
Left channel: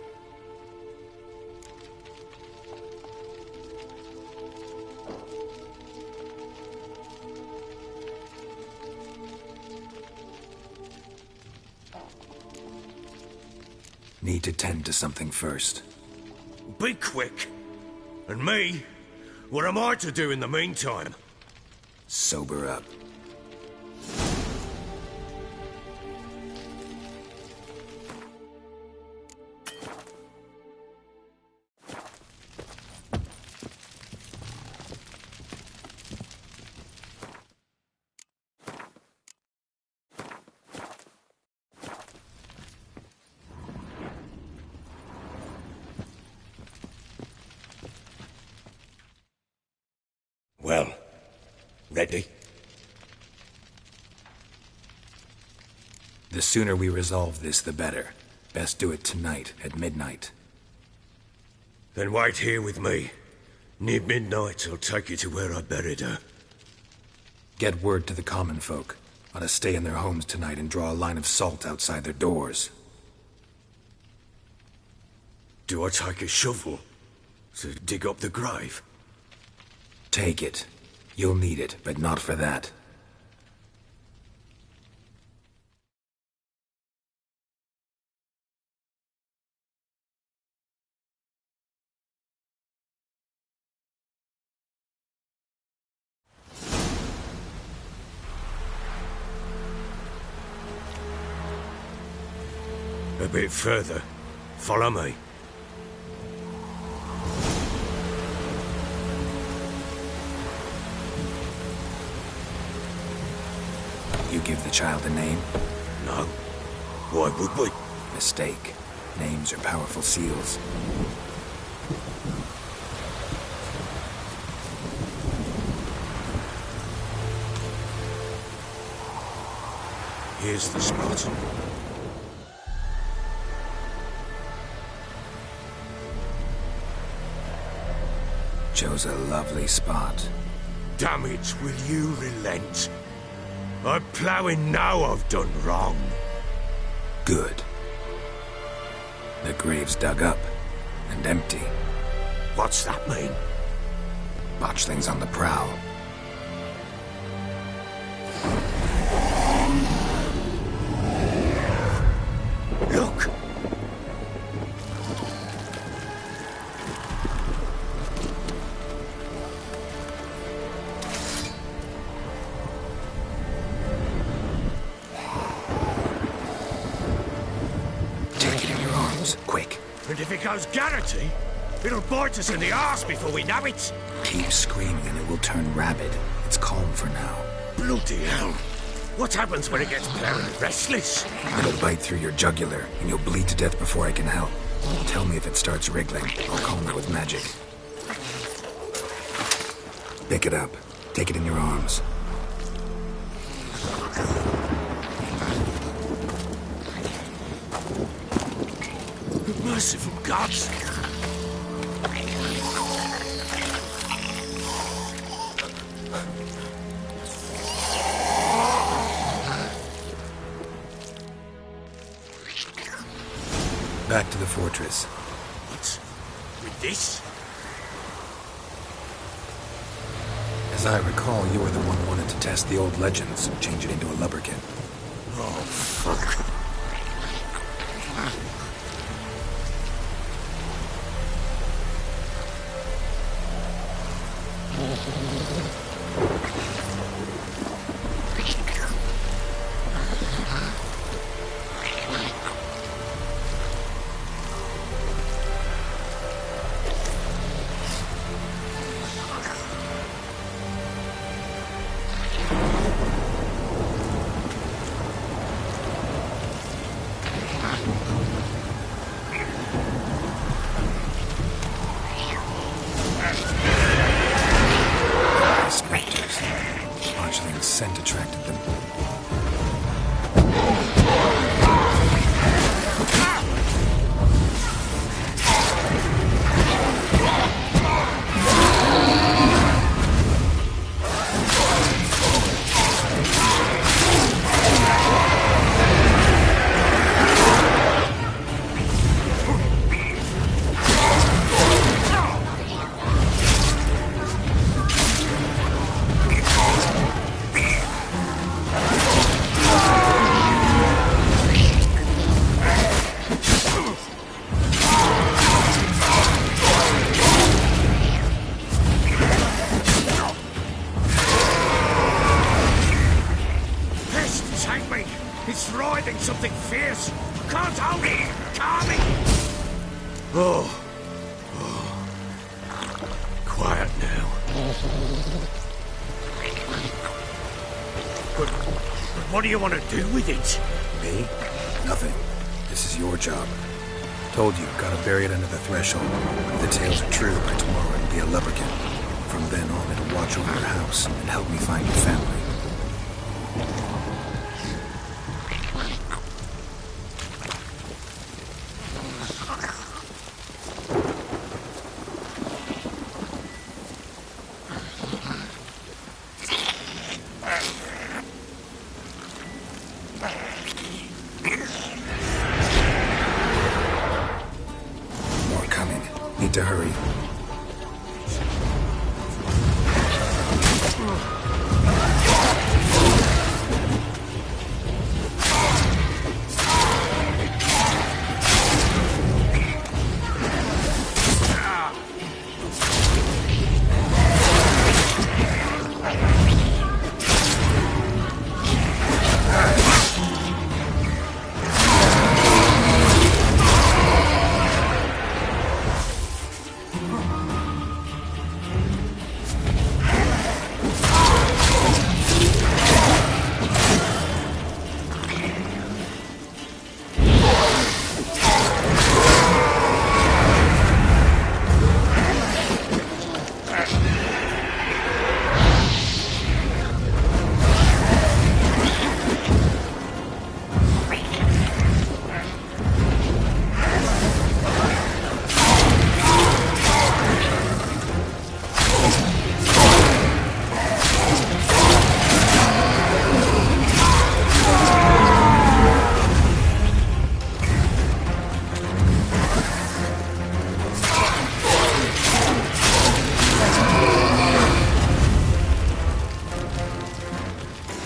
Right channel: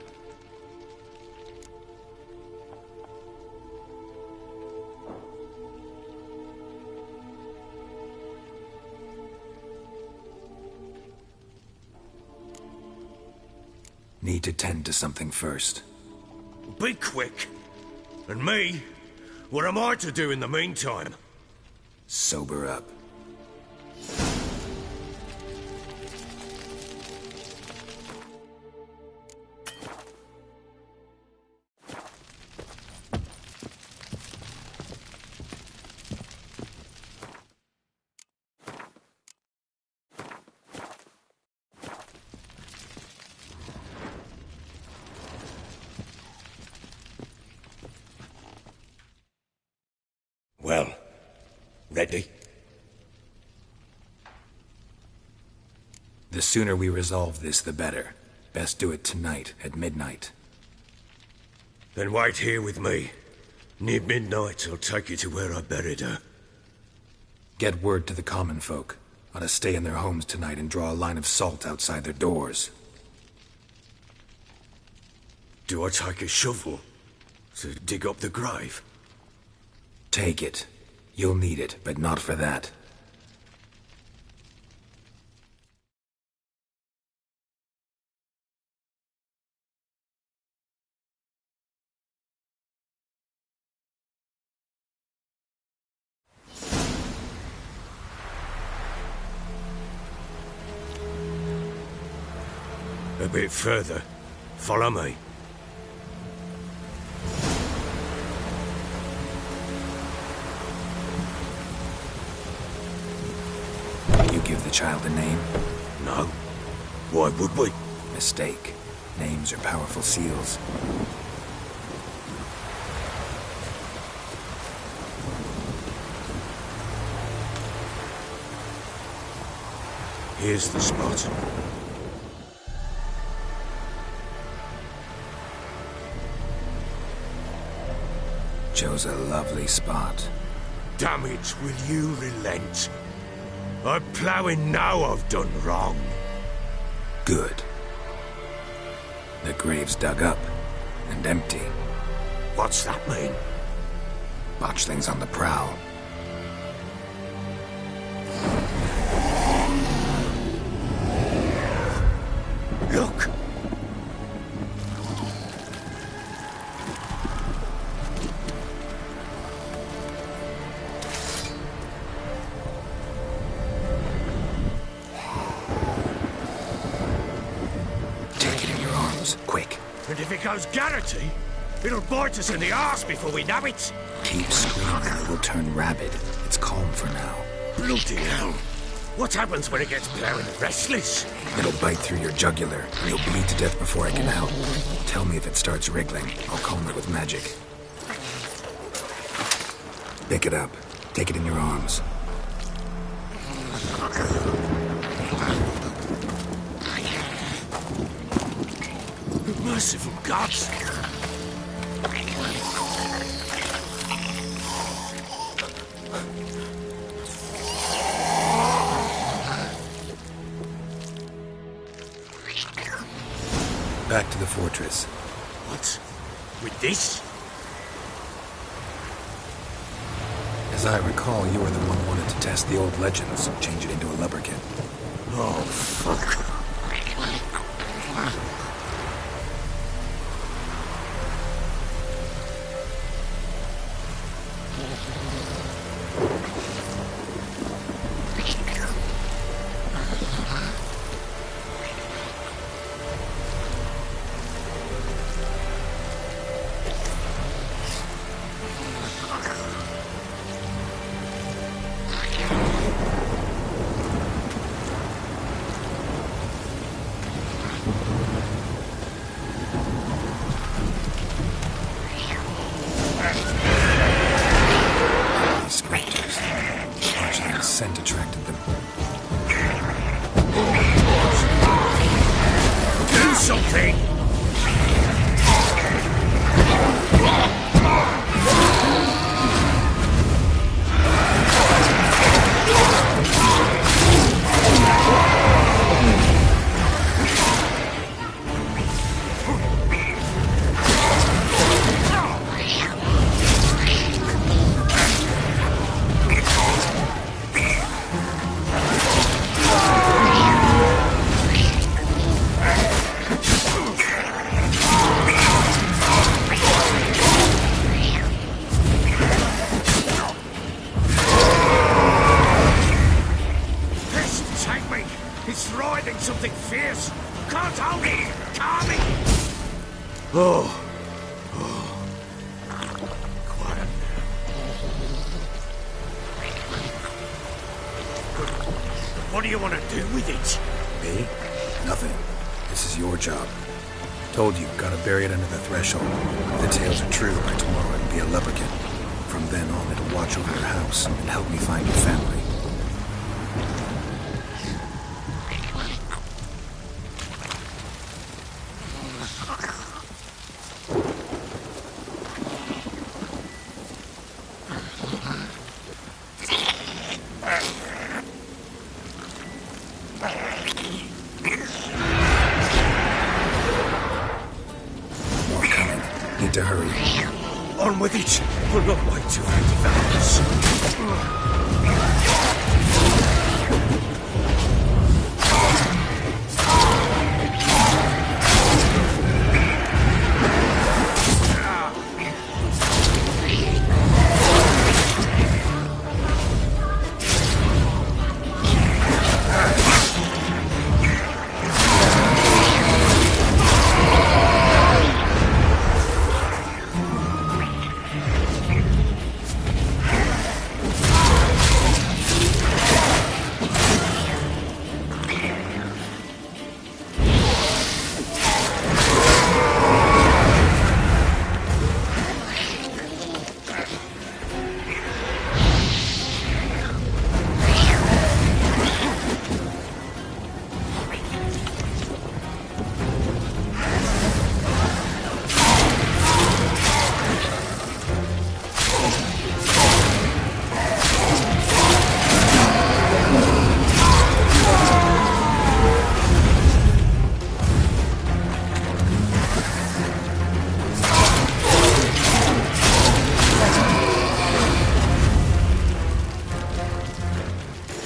Need to tend to something first. Be quick. And me? What am I to do in the meantime? Sober up. Ready? The sooner we resolve this, the better. Best do it tonight, at midnight. Then wait here with me. Near midnight, I'll take you to where I buried her. Get word to the common folk. Ought to stay in their homes tonight and draw a line of salt outside their doors. Do I take a shovel to dig up the grave? Take it. You'll need it, but not for that. A bit further. Follow me. You give the child a name? No. Why would we? Mistake. Names are powerful seals. Here's the spot. Chose a lovely spot. Damn it, will you relent? I'm ploughing now I've done wrong. Good. The grave's dug up and empty. What's that mean? Botchling's on the prowl. Look! Take it in your arms, quick. And if it goes Garrity, it'll bite us in the arse before we know it. Keep screaming and it will turn rabid. It's calm for now. Bloody hell. What happens when it gets ploughing restless? It'll bite through your jugular, and you'll bleed to death before I can help. Tell me if it starts wriggling. I'll calm it with magic. Pick it up. Take it in your arms. Merciful gods! Back to the fortress. What? With this? As I recall, you were the one who wanted to test the old legends, change it into a lubberkin. Oh, fuck. Spectres. Botchling's scent attracted them. Do something! It's writhing something fierce. Can't hold it. Calm it. Oh. Quiet now. But what do you want to do with it? Me? Nothing. This is your job. Told you, gotta bury it under the threshold. If the tales are true, by tomorrow it'll be a lubberkin. From then on, it'll watch over your house and help me find your family. More coming. Need to hurry. On with it. We'll not wait too late.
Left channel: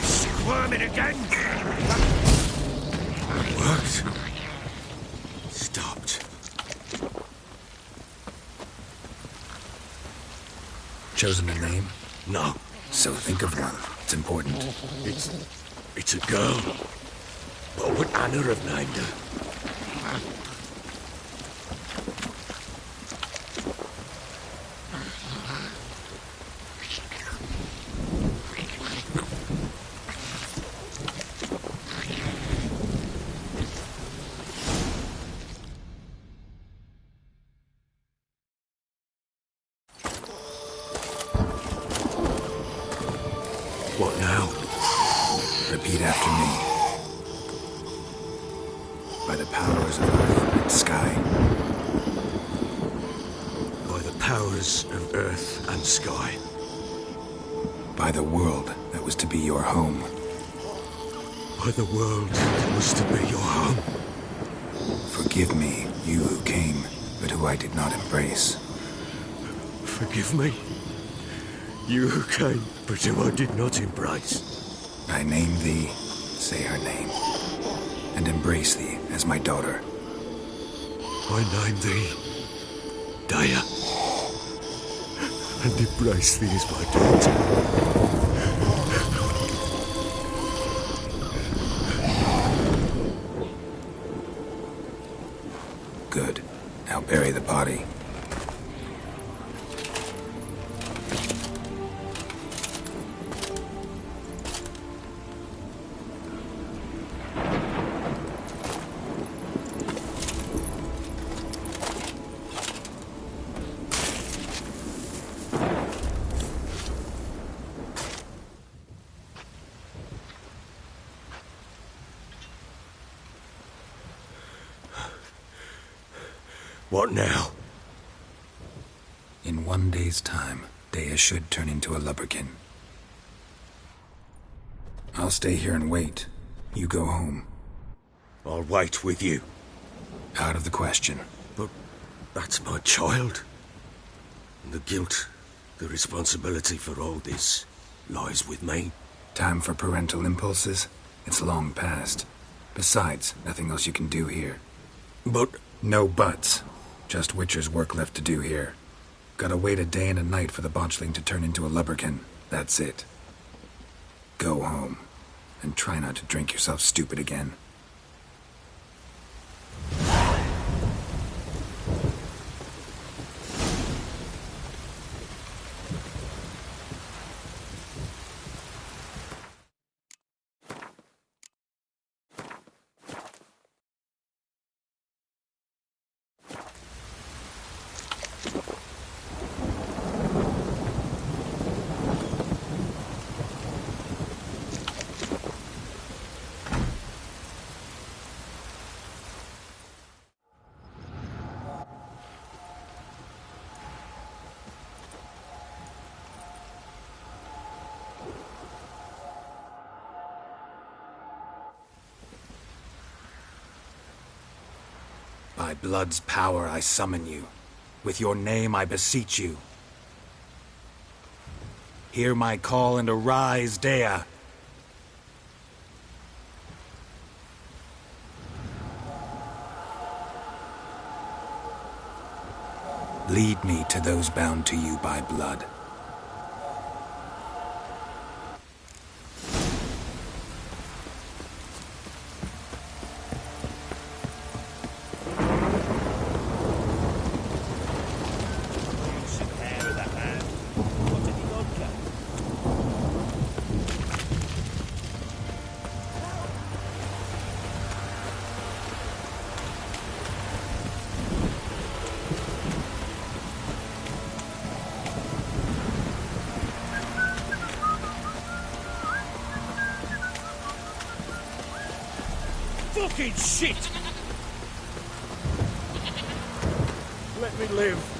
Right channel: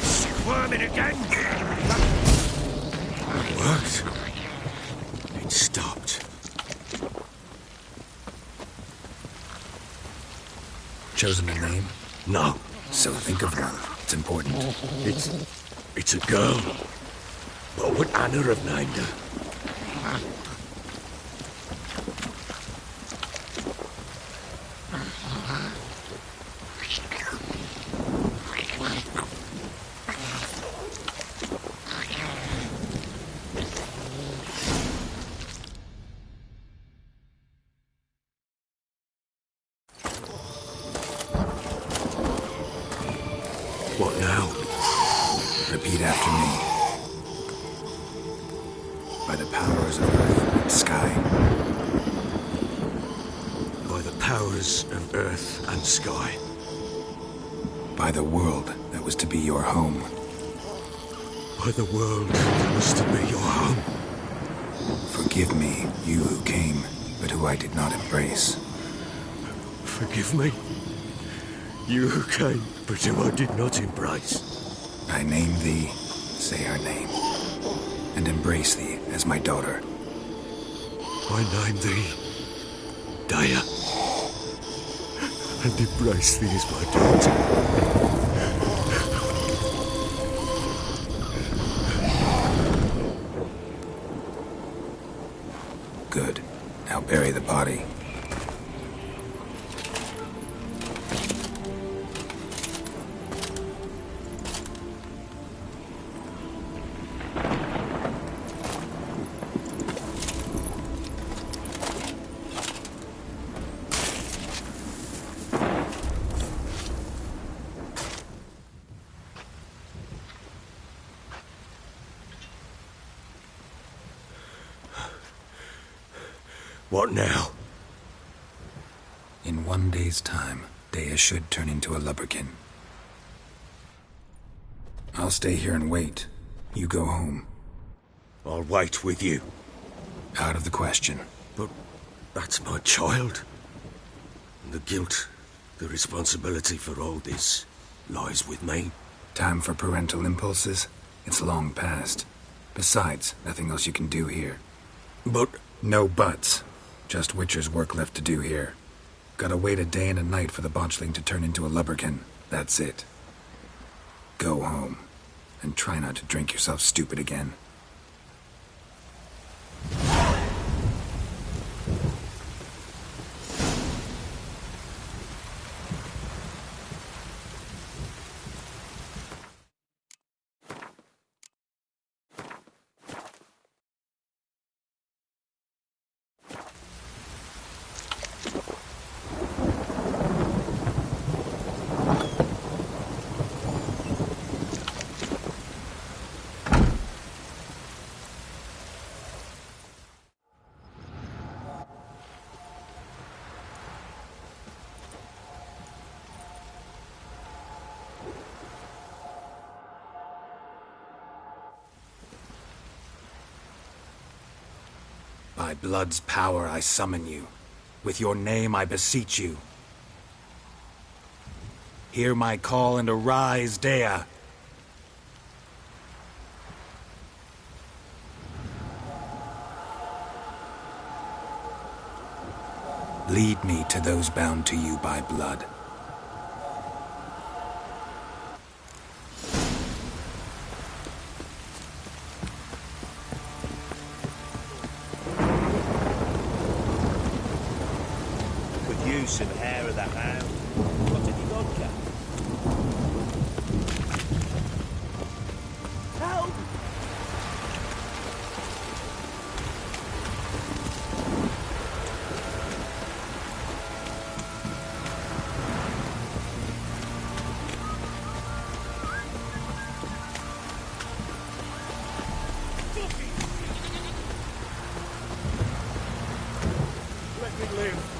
Squirming again. It worked. It stopped. Chosen a name? No, So think of one. It's important. it's a girl. What would Anna have named her? What now? Repeat after me. By the powers of earth and sky. By the powers of earth and sky. By the world that was to be your home. By the world that was to be your home. Forgive me, you who came, but who I did not embrace. Forgive me. You who came, but who I did not embrace. I name thee, say her name, and embrace thee as my daughter. I name thee Daya, and embrace thee as my daughter. Good. Now bury the body. What now? In 1 day's time, Daya should turn into a lubberkin. I'll stay here and wait. You go home. I'll wait with you. Out of the question. But that's my child. And the guilt, the responsibility for all this lies with me. Time for parental impulses? It's long past. Besides, nothing else you can do here. But No buts. Just Witcher's work left to do here. Gotta wait a day and a night for the botchling to turn into a lubberkin. That's it. Go home. And try not to drink yourself stupid again. By blood's power I summon you. With your name I beseech you. Hear my call and arise, Dea. Lead me to those bound to you by blood. Use some hair of that man. What did he vodka? Help! Fucking shit! Let me live.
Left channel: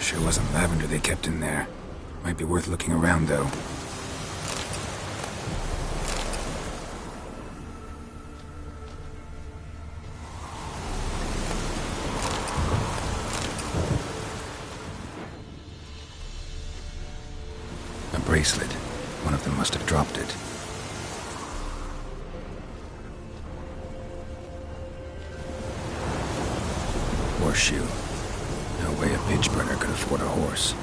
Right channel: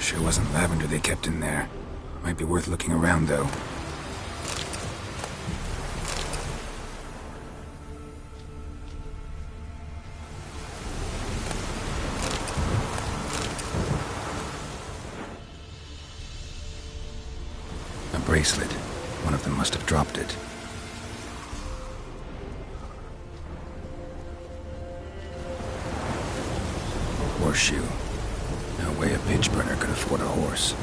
Sure wasn't lavender they kept in there. Might be worth looking around, though. A bracelet. One of them must have dropped it. Horseshoe. No way a pitch burner could afford a horse.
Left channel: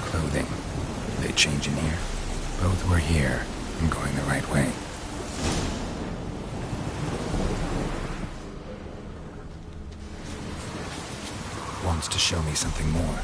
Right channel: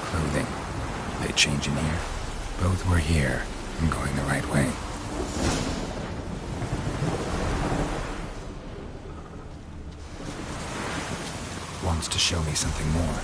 Clothing. They change in here? Both were here. I'm going the right way. Wants to show me something more.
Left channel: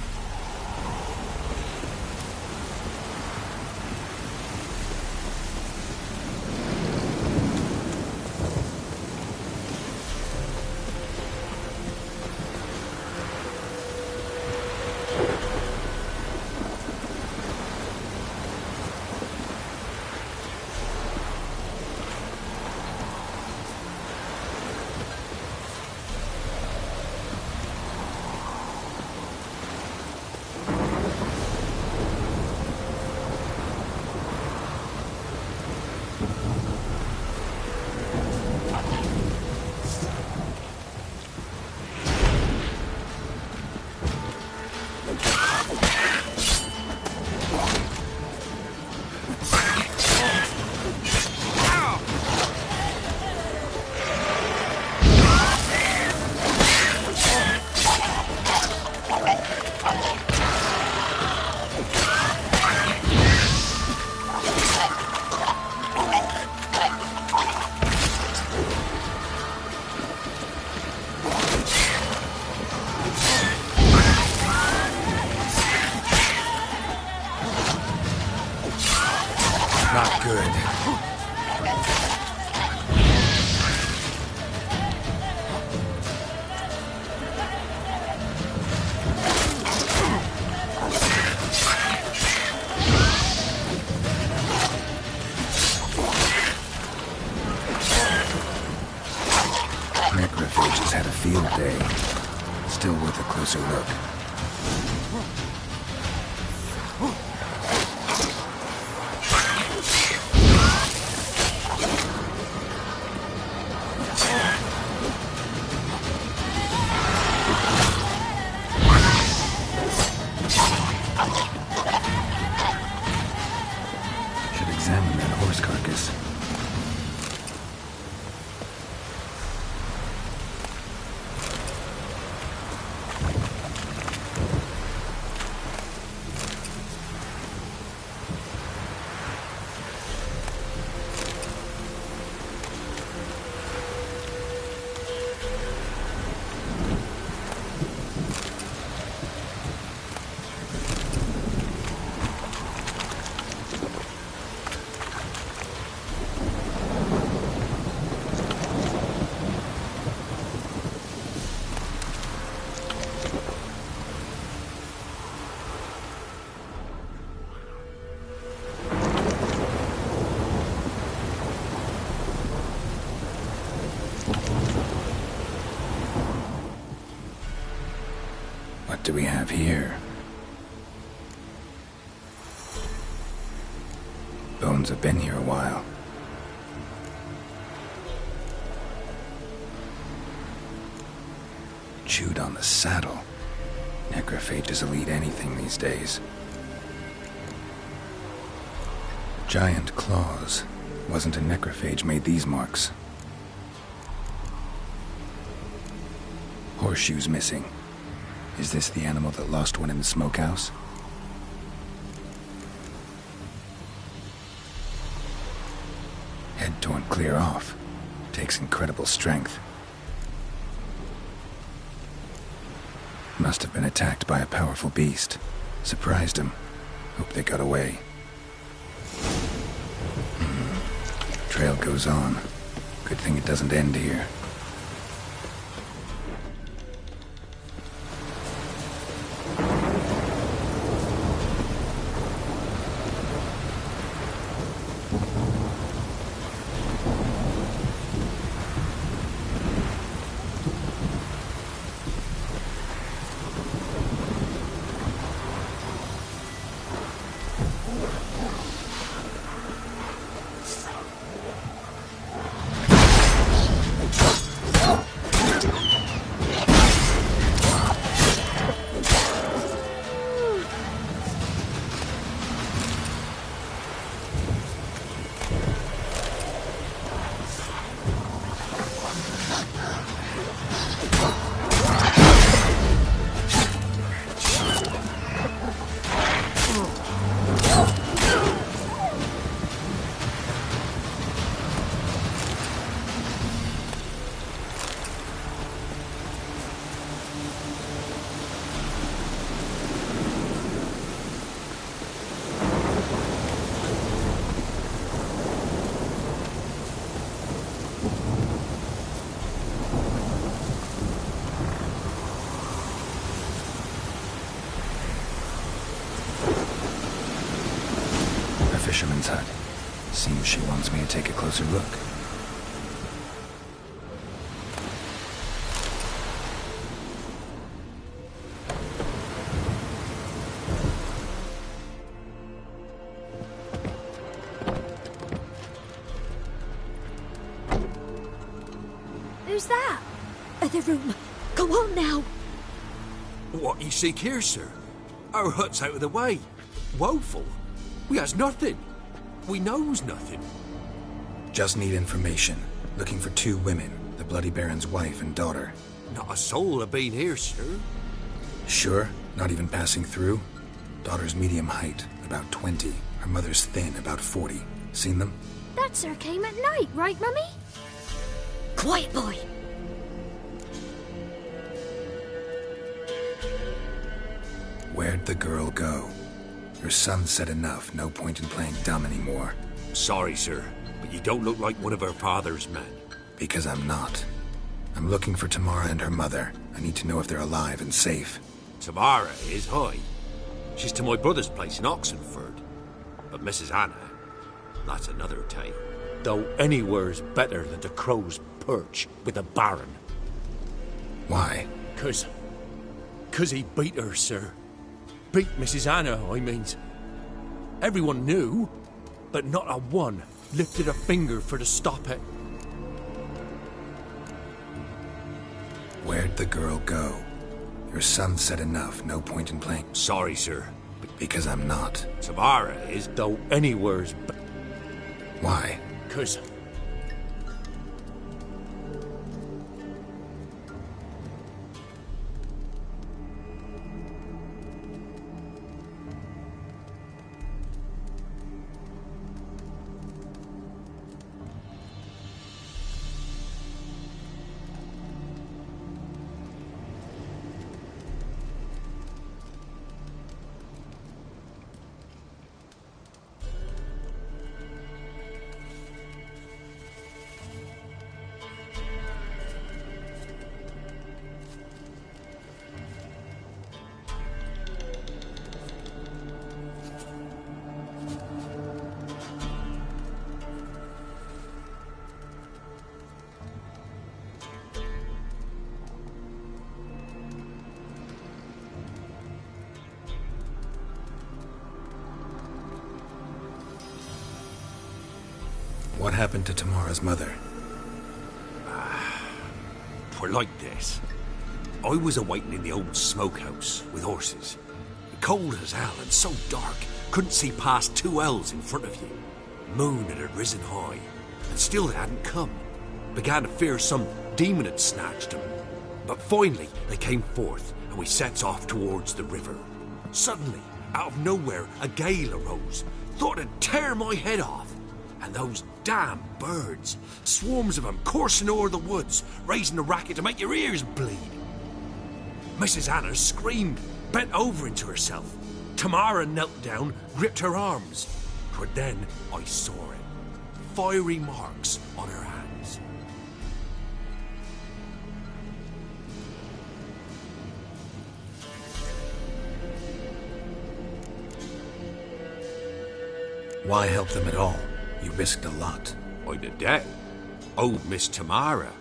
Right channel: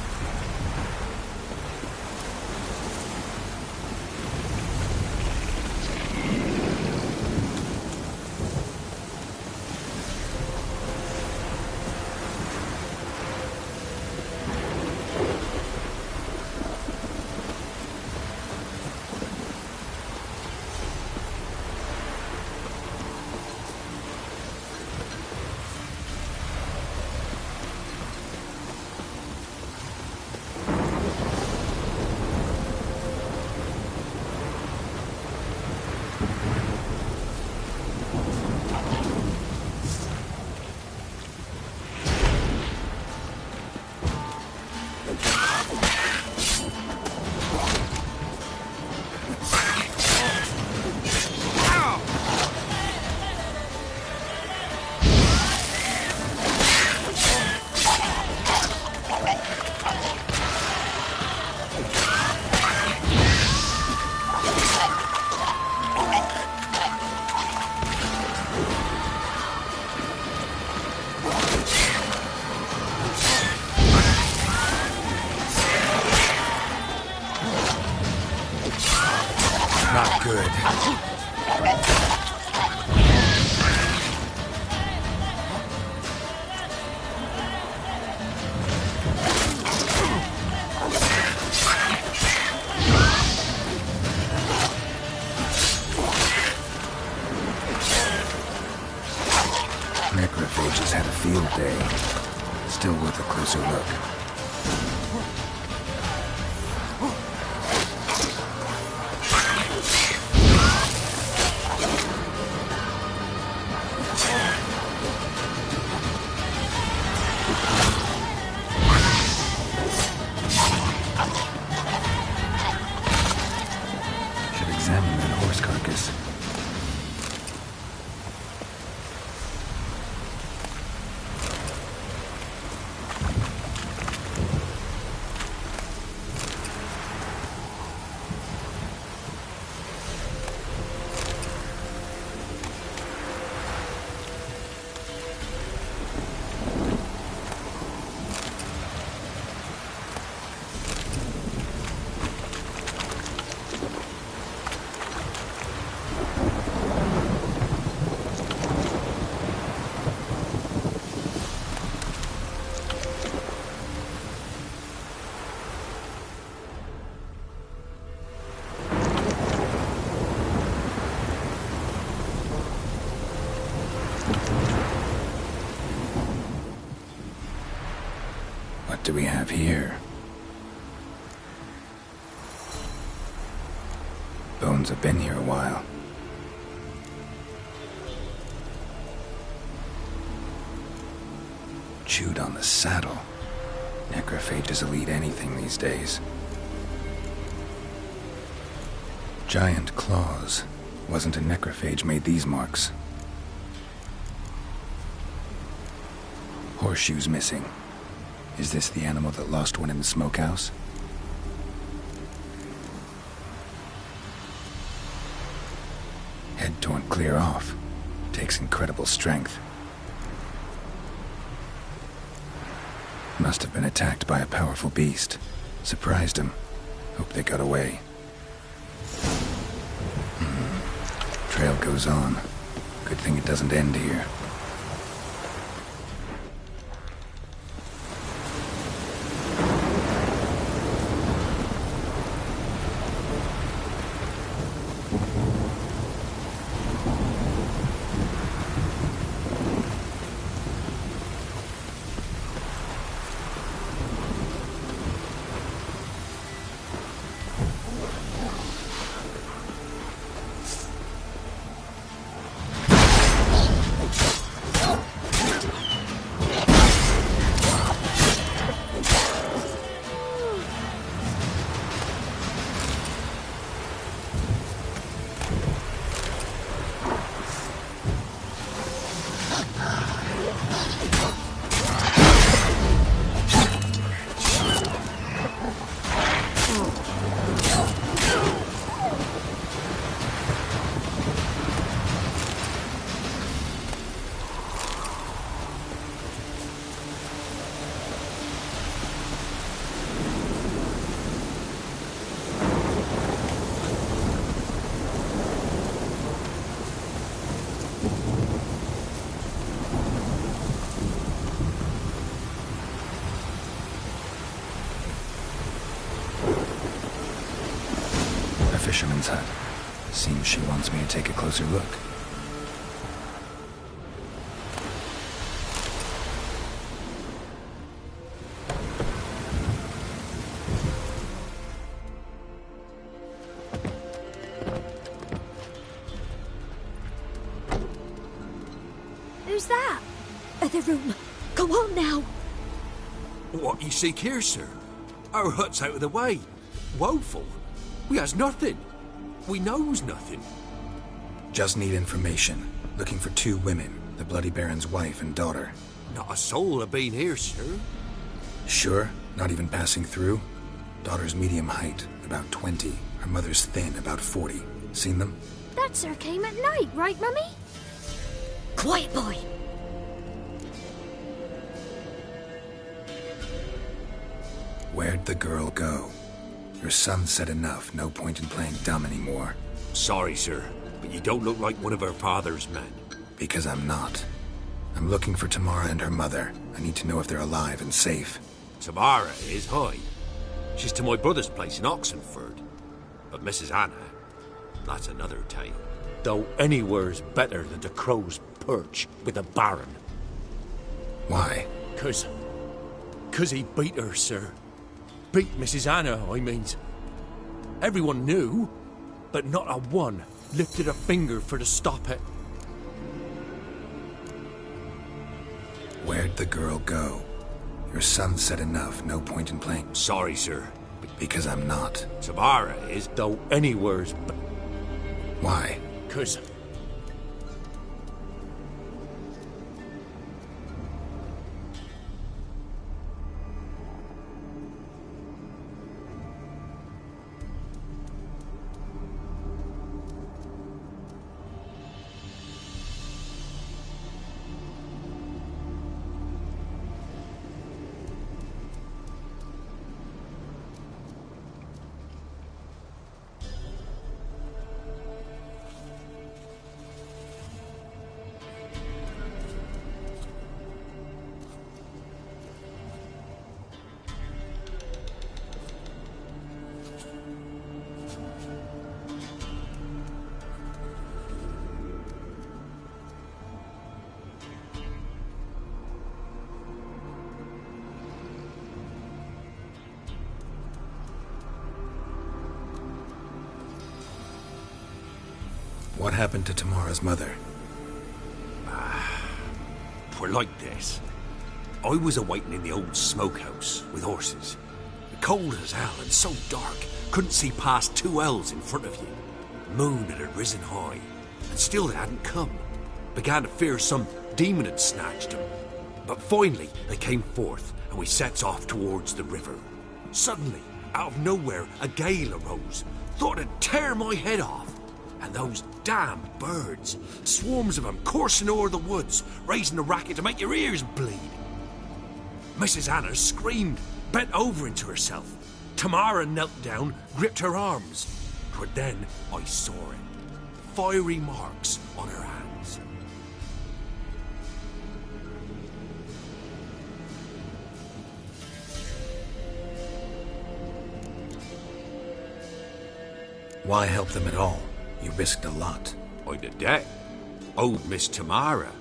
Not good. Necrophages had a field day. Still worth a closer look. Should examine that horse carcass. do we have here? Bones have been here a while. Chewed on the saddle. Necrophages will eat anything these days. Giant claws. Wasn't a necrophage made these marks. Horseshoes missing. Is this the animal that lost one in the smokehouse? Head torn clear off. Takes incredible strength. Must have been attacked by a powerful beast. Surprised him. Hope they got away. Trail goes on. Good thing it doesn't end here. Fisherman's hut. Seems she wants me to take a closer look. Who's that? Other room. Go on now. What you seek here, sir? Our hut's out of the way. Woeful. We has nothing. We knows nothing. Just need information. Looking for 2 women, the Bloody Baron's wife and daughter. Not a soul have been here, sir. Sure? Not even passing through? Daughter's medium height, about 20. Her mother's thin, about 40. Seen them? That sir came at night, right, Mummy? Quiet, boy. Where'd the girl go? Your son said enough. No point in playing dumb anymore. Sorry, sir, but you don't look like one of her father's men. Because I'm not. I'm looking for Tamara and her mother. I need to know if they're alive and safe. Tamara is high. She's to my brother's place in Oxenford. But Mrs. Anna, that's another tale. Though anywhere's better than the Crow's Perch with a baron. Why? 'Cause he beat her, sir. Beat Mrs. Anna, I means. Everyone knew, but not a one lifted a finger for to stop it. Where'd the girl go? Your son said enough. No point in playing. Sorry, sir. Because I'm not. Tamara is, though anywhere's Why? 'Cause happened to Tamara's mother? Twere like this. I was awaiting in the old smokehouse with horses. Cold as hell and so dark, couldn't see past 2 ells in front of you. Moon had risen high, and still they hadn't come. Began to fear some demon had snatched them. But finally they came forth, and we sets off towards the river. Suddenly, out of nowhere, a gale arose. Thought it'd tear my head off. And those damn birds, swarms of them coursing o'er the woods, raising a racket to make your ears bleed. Mrs. Anna screamed, bent over into herself. Tamara knelt down, gripped her arms. For then I saw it. Fiery marks on her hands. Why help them at all? You risked a lot. I'd a debt. Owed Miss Tamara.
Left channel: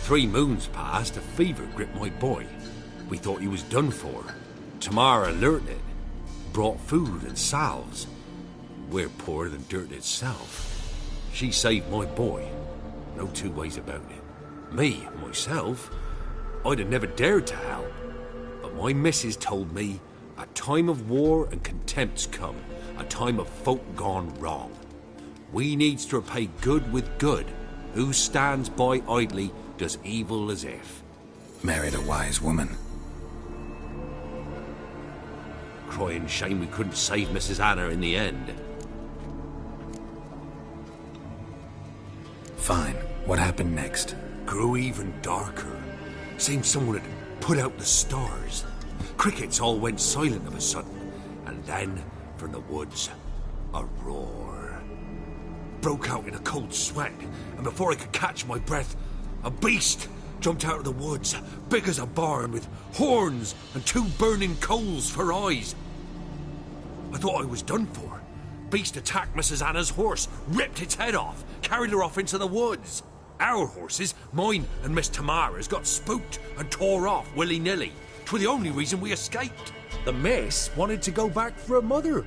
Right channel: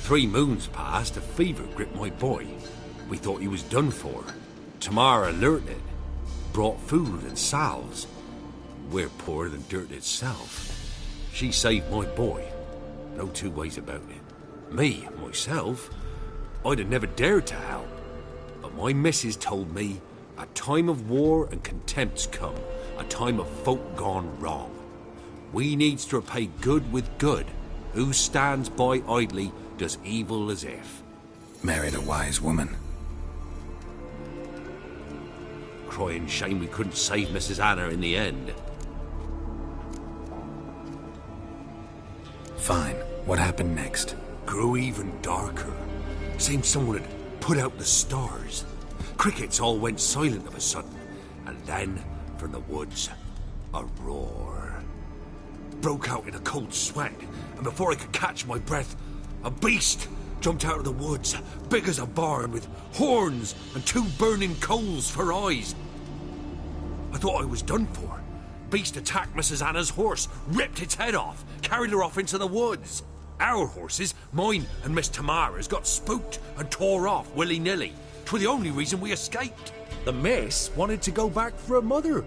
3 moons passed, a fever gripped my boy. We thought he was done for. Tamara learnt it. Brought food and salves. We're poorer than dirt itself. She saved my boy. No 2 ways about it. Me, myself, I'd have never dared to help. But my missus told me a time of war and contempt's come. A time of folk gone wrong. We needs to repay good with good. Who stands by idly does evil as if. Married a wise woman. Crying shame we couldn't save Mrs. Anna in the end. Fine. What happened next? Grew even darker. Seemed someone had put out the stars. Crickets all went silent of a sudden. And then, from the woods, a roar. Broke out in a cold sweat, and before I could catch my breath, a beast jumped out of the woods, big as a barn, with horns and 2 burning coals for eyes. I thought I was done for. Beast attacked Mrs. Anna's horse, ripped its head off, carried her off into the woods. Our horses, mine and Miss Tamara's, got spooked and tore off willy-nilly. 'Twere the only reason we escaped. The miss wanted to go back for her mother,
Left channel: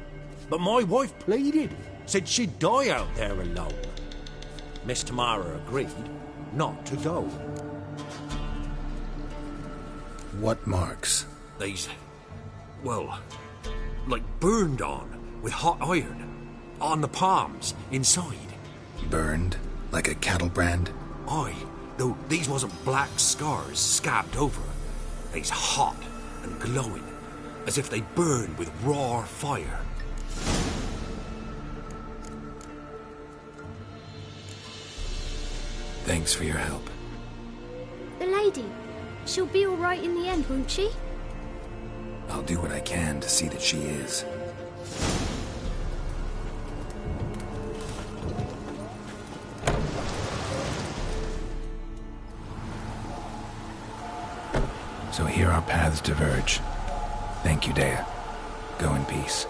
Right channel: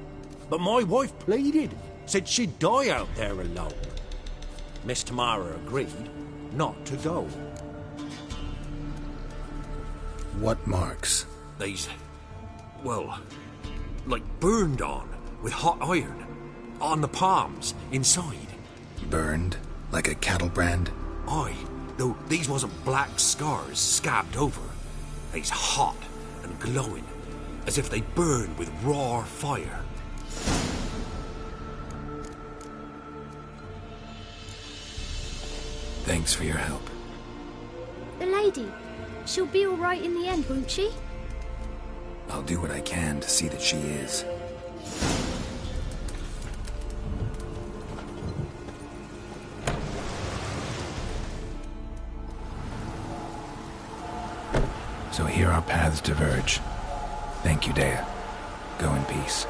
but my wife pleaded, said she'd die out there alone. Miss Tamara agreed not to go. What marks? They's, well, like burned on with hot iron. On the palms, inside. Burned? Like a cattle brand? Aye, though these wasn't black scars scabbed over. They's hot and glowing, as if they burned with raw fire. Thanks for your help. The lady, she'll be all right in the end, won't she? I'll do what I can to see that she is. So here our paths diverge. Thank you, Dea. Go in peace.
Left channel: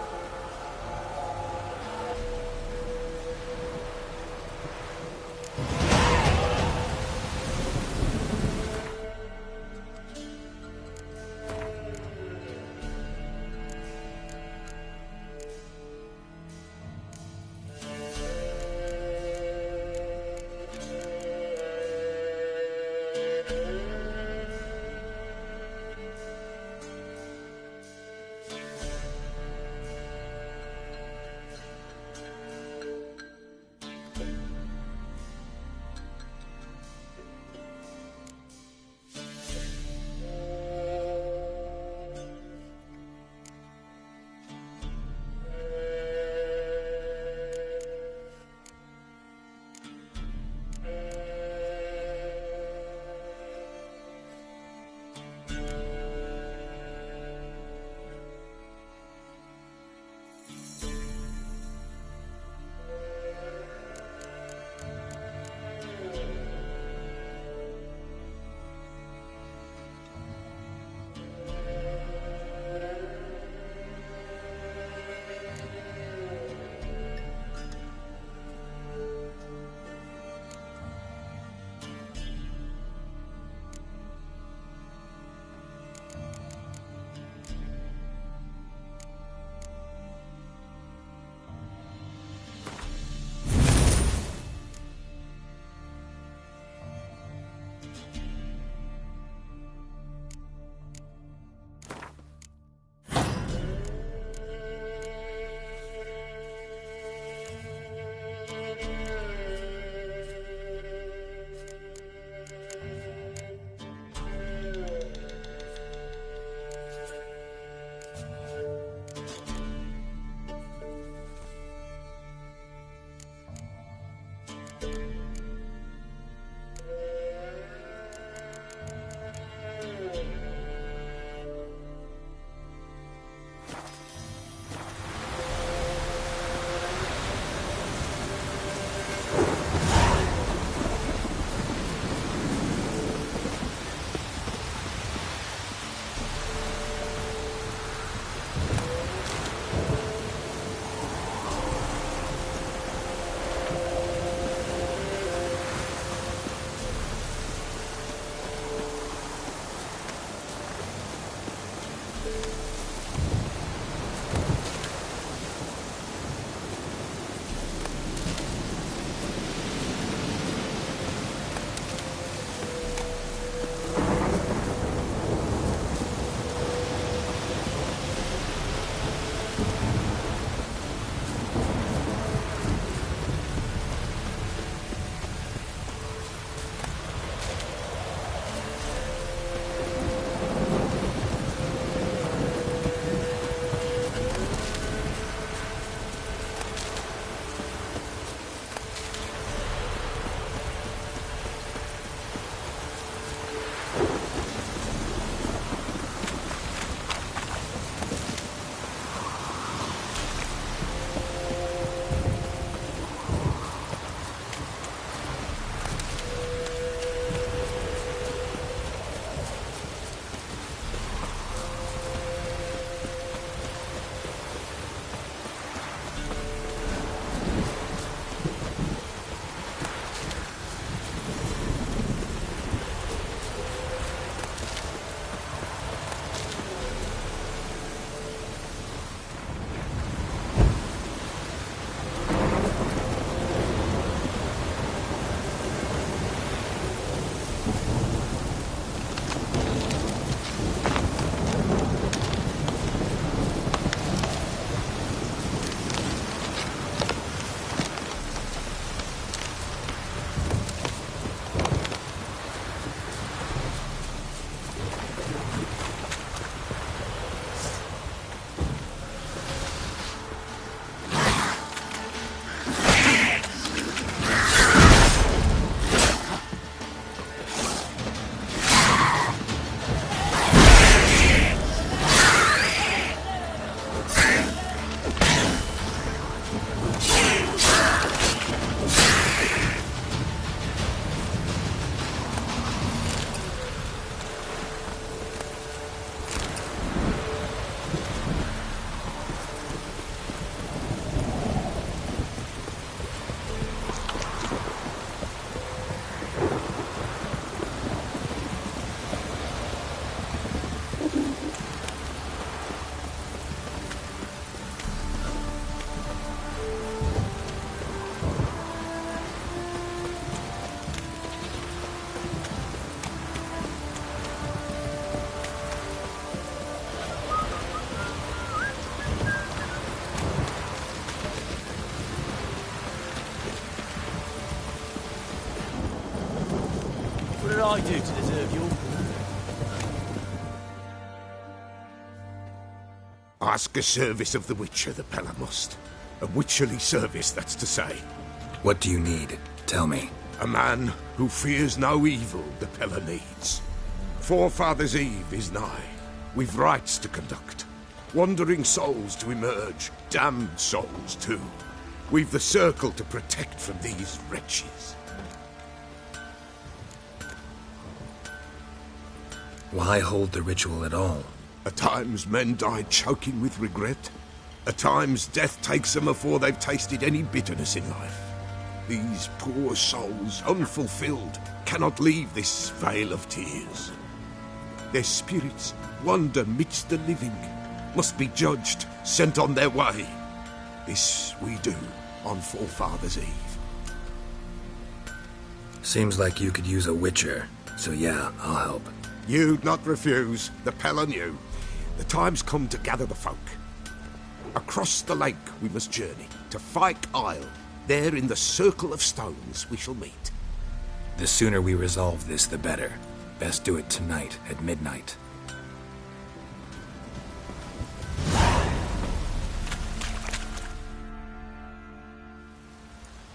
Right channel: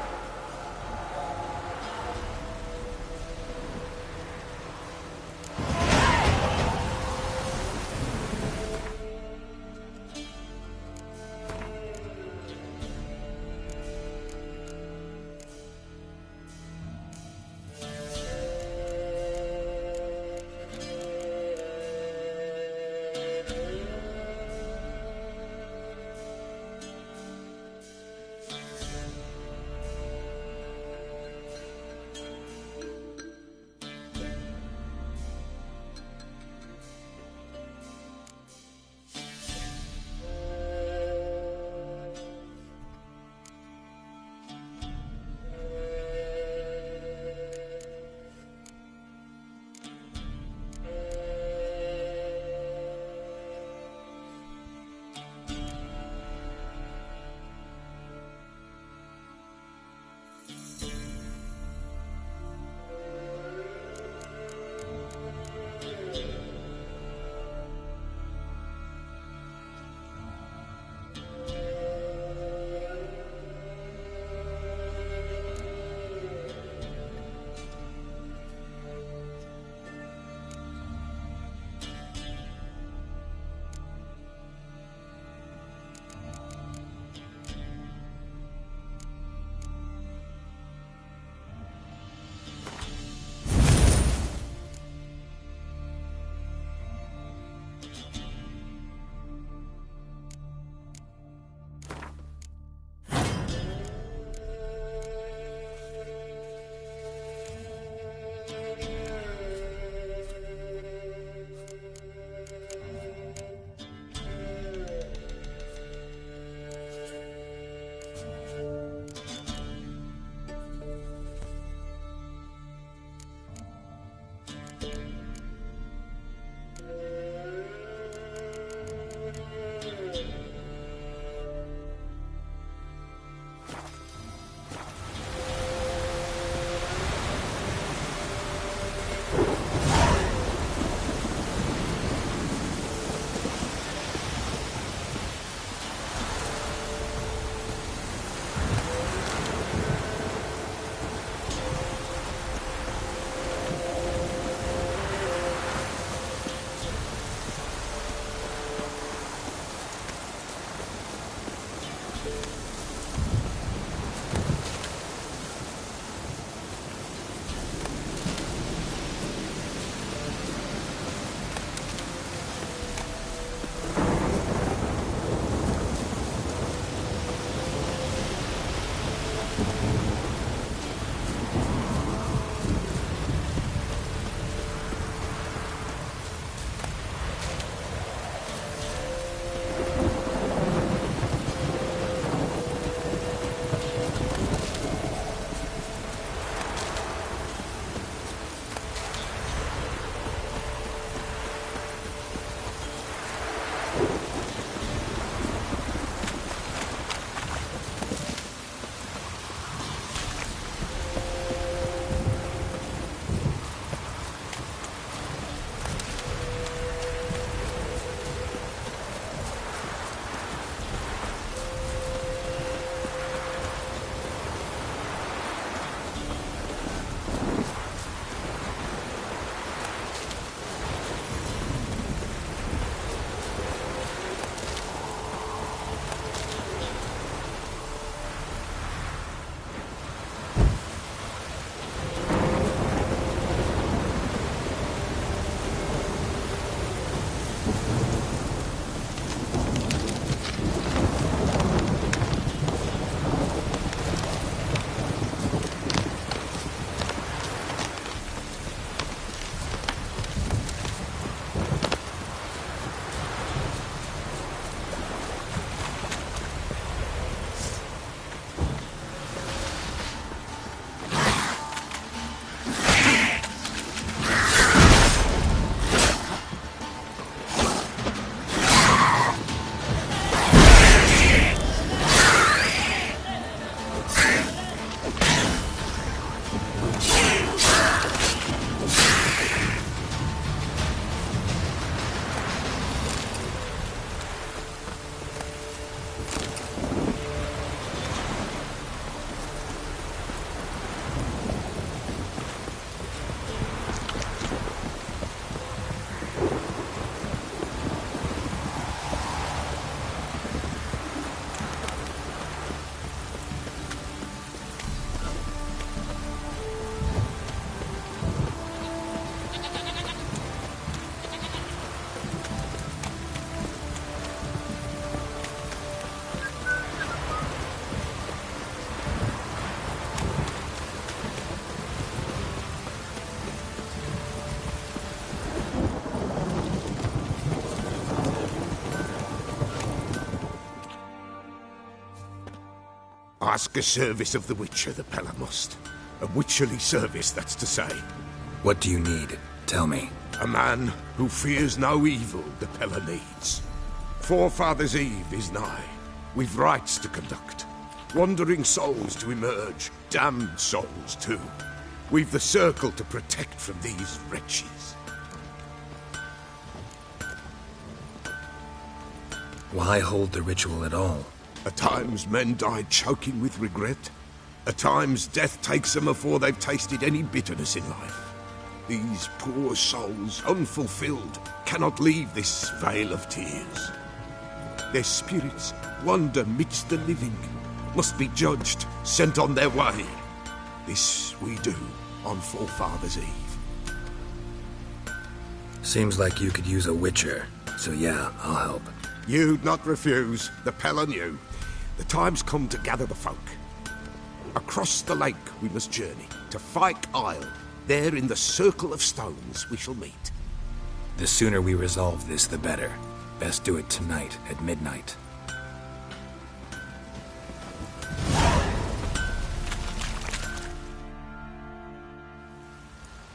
I do to deserve your... Ask a service of the Witcher, the Pella must. A witcherly service, that's to say. What do you need? Tell me. A man who fears no evil, the Pella needs. Forefathers' Eve is nigh. We've rites to conduct. Wandering souls to emerge. Damned souls, too. We've the circle to protect from these wretches. Why hold the ritual at all? At times men die choking with regret. At times death takes them before they've tasted any bitterness in life. These poor souls, unfulfilled, cannot leave this vale of tears. Their spirits wander midst the living, must be judged, sent on their way. This we do on Forefathers' Eve. Seems like you could use a witcher, so yeah, I'll help. You'd not refuse, the Pella knew. The time's come to gather the folk. Across the lake we must journey, to Fyke Isle. There in the circle of stones we shall meet. The sooner we resolve this, the better. Best do it tonight, at midnight.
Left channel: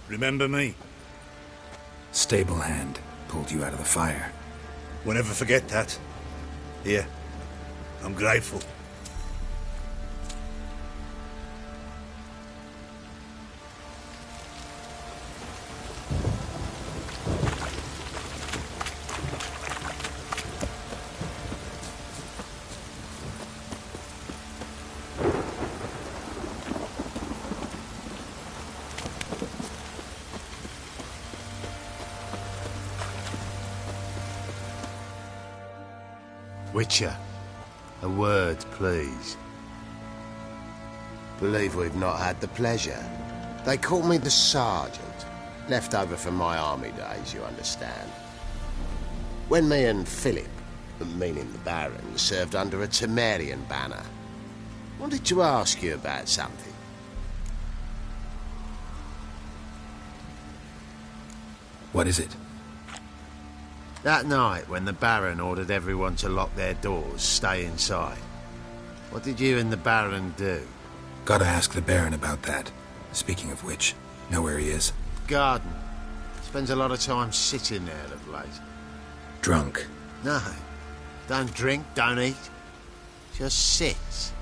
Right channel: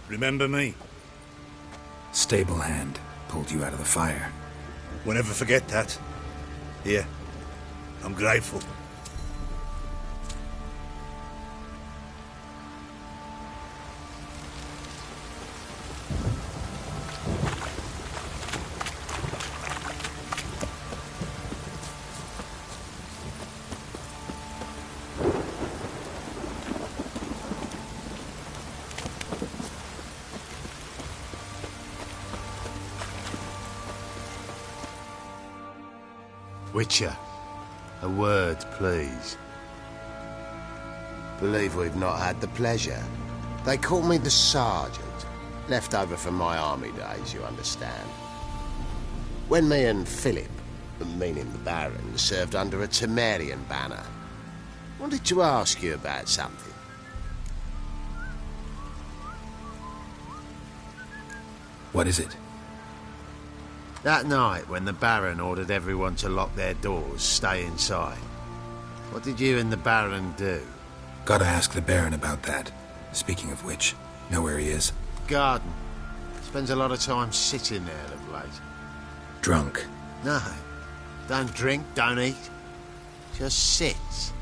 Remember me? Stable hand pulled you out of the fire. Won't ever forget that. Here, I'm grateful. Witcher, a word, please. Believe we've not had the pleasure. They call me the Sergeant. Left over from my army days, you understand. When me and Philip, meaning the Baron, served under a Temerian banner, wanted to ask you about something. What is it? That night, when the Baron ordered everyone to lock their doors, stay inside, what did you and the Baron do? Gotta ask the Baron about that. Speaking of which, know where he is? Garden. Spends a lot of time sitting there of late. Drunk. No. Don't drink, don't eat. Just sits.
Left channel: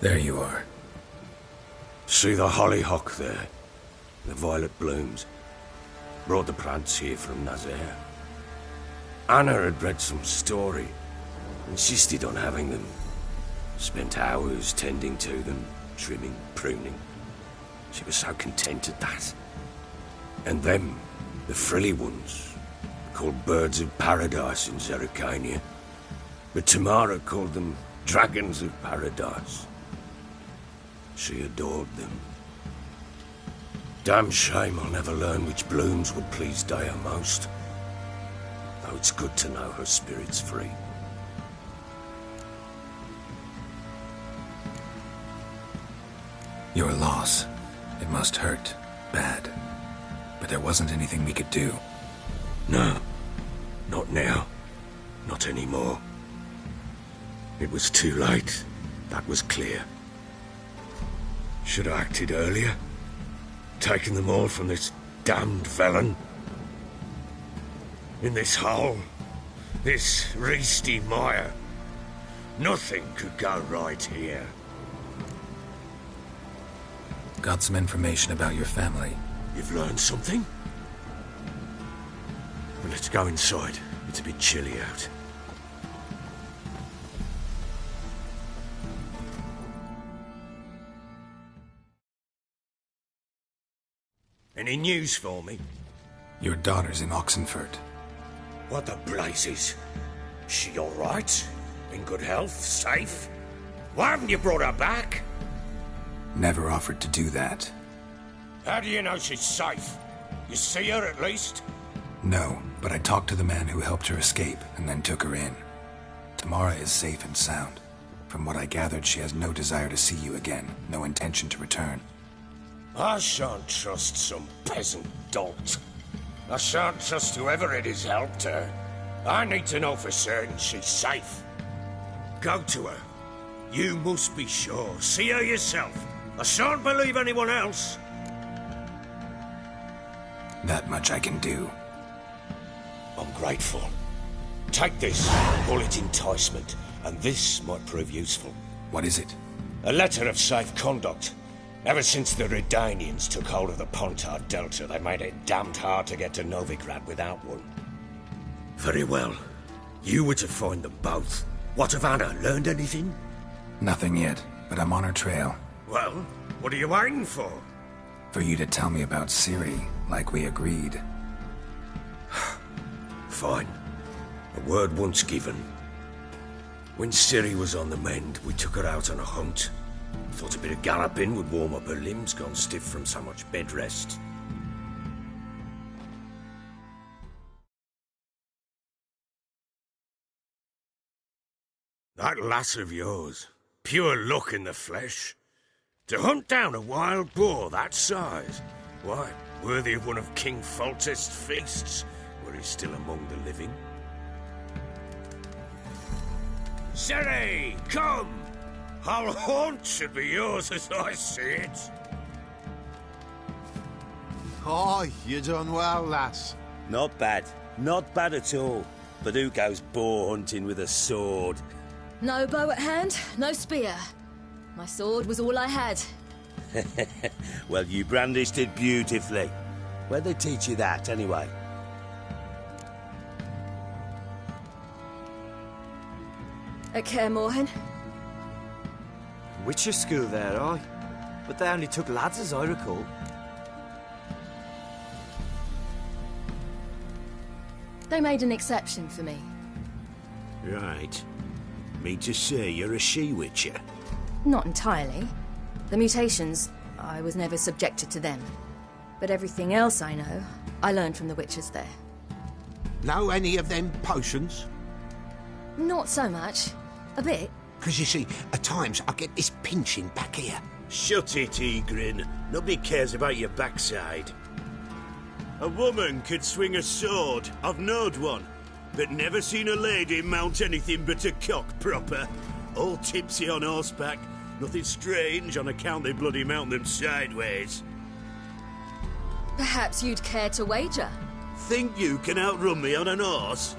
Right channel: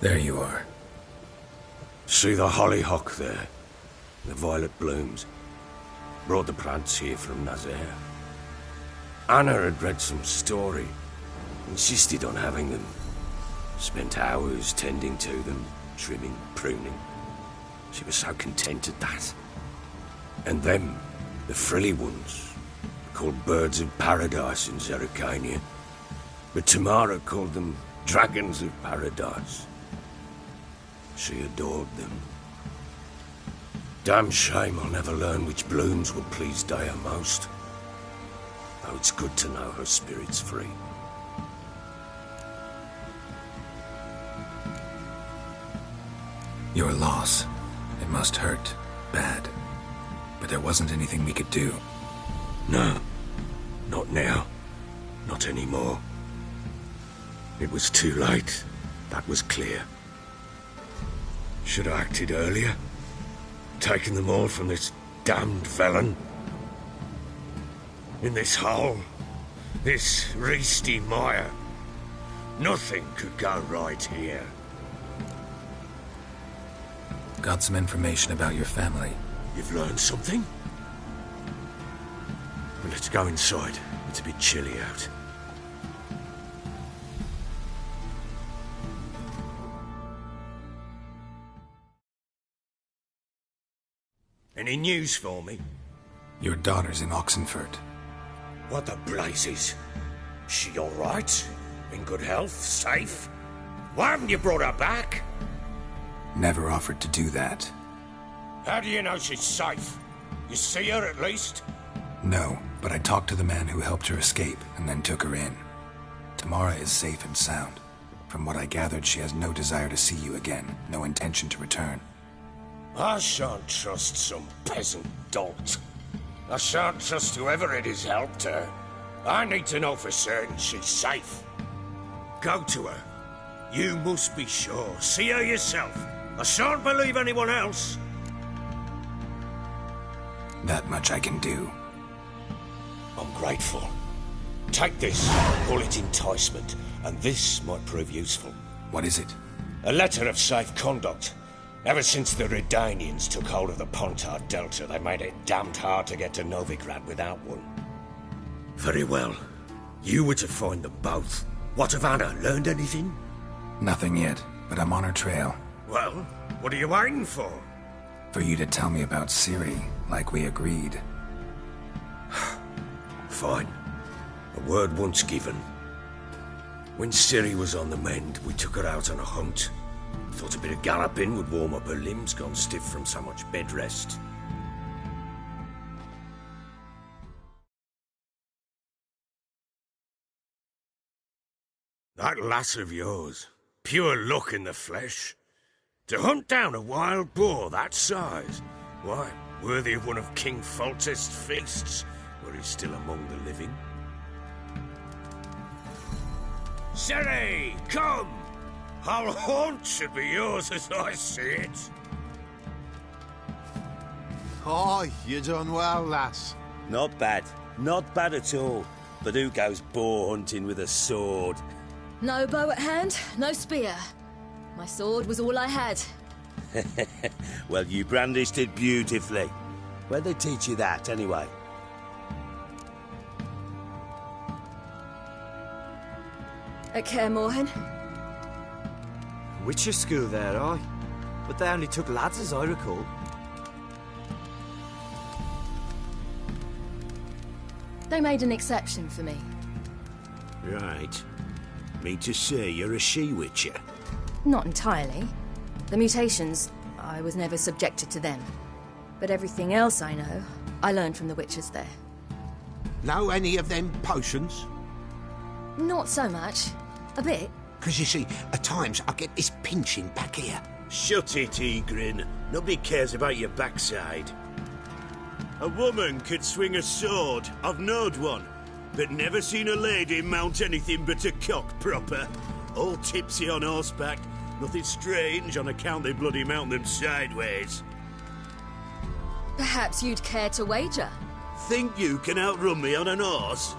There you are. See the hollyhock there? The violet blooms. Brought the plants here from Nazaire. Anna had read some story. Insisted on having them. Spent hours tending to them, trimming, pruning. She was so content at that. And them, the frilly ones, called birds of paradise in Zerrikania. But Tamara called them dragons of paradise. She adored them. Damn shame I'll never learn which blooms would please Dea most. Though it's good to know her spirit's free. Your loss. It must hurt. Bad. But there wasn't anything we could do. No. Not now. Not anymore. It was too late. That was clear. Should have acted earlier. Taken them all from this damned felon. In this hole. This reesty mire. Nothing could go right here. Got some information about your family. You've learned something? Well, let's go inside. It's a bit chilly out. Any news for me? Your daughter's in Oxenford. What the blazes? She all right? In good health? Safe? Why haven't you brought her back? Never offered to do that. How do you know she's safe? You see her at least? No, but I talked to the man who helped her escape and then took her in. Tamara is safe and sound. From what I gathered, she has no desire to see you again, no intention to return. I shan't trust some peasant dolt. I shan't trust whoever it is helped her. I need to know for certain she's safe. Go to her. You must be sure. See her yourself. I shan't believe anyone else. That much I can do. I'm grateful. Take this, call it enticement, and this might prove useful. What is it? A letter of safe conduct. Ever since the Redanians took hold of the Pontard Delta, they made it damned hard to get to Novigrad without one. Very well. You were to find them both. What of Anna? Learned anything? Nothing yet, but I'm on her trail. Well, what are you waiting for? For you to tell me about Ciri, like we agreed. Fine. A word once given. When Ciri was on the mend, we took her out on a hunt. Thought a bit of galloping would warm up her limbs, gone stiff from so much bed rest. That lass of yours, pure luck in the flesh. To hunt down a wild boar that size, why, worthy of one of King Foltest's feasts, were he still among the living. Ciri, come! Our haunt should be yours as I see it. Aye, you done well, lass. Not bad. Not bad at all. But who goes boar hunting with a sword? No bow at hand, no spear. My sword was all I had. Well, you brandished it beautifully. Where'd they teach you that, anyway? At Kaer Morhen. Witcher school there, aye. But they only took lads, as I recall. They made an exception for me. Right. Mean to say you're a she-witcher? Not entirely. The mutations, I was never subjected to them. But everything else I know, I learned from the witchers there. Know any of them potions? Not so much. A bit. Because you see, at times I get this pinching back here. Shut it, Egrin. Nobody cares about your backside. A woman could swing a sword. I've knowed one. But never seen a lady mount anything but a cock proper. All tipsy on horseback. Nothing strange on account they bloody mount them sideways. Perhaps you'd care to wager? Think you can outrun me on an horse?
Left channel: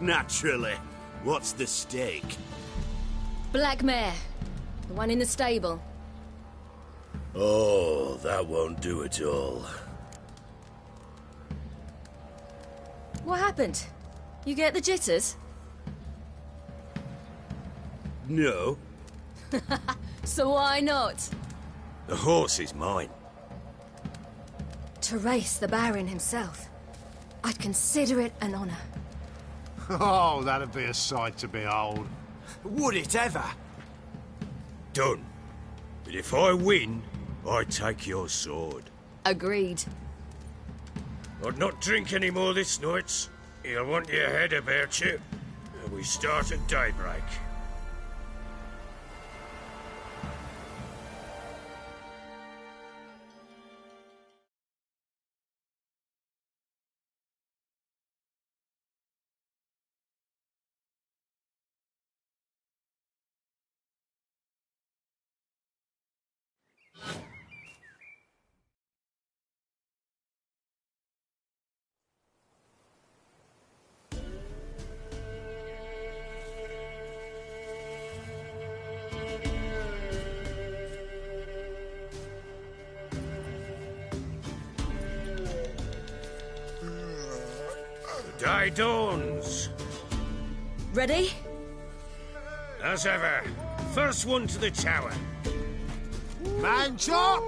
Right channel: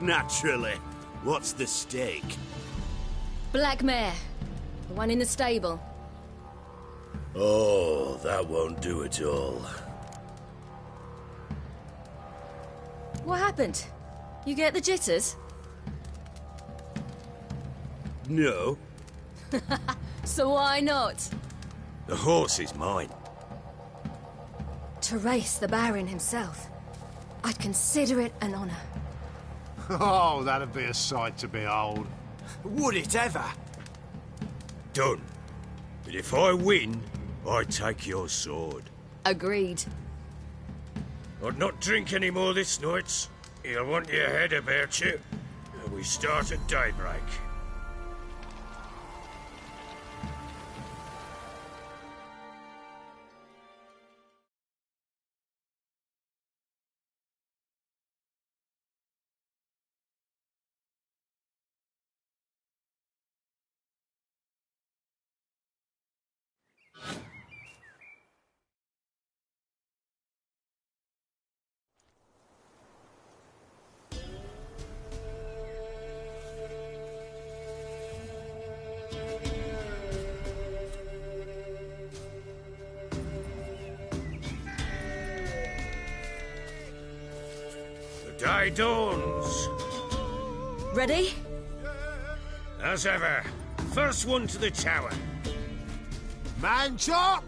Naturally. What's the stake? Black mare. The one in the stable. Oh, that won't do at all. What happened? You get the jitters? No. So why not? The horse is mine. To race the Baron himself. I'd consider it an honor. Oh, that'd be a sight to behold. Would it ever? Done. But if I win, I take your sword. Agreed. I'd not drink any more this night. You'll want your head about you. We start at daybreak. Day dawns. Ready? As ever. First one to the tower. Man chop!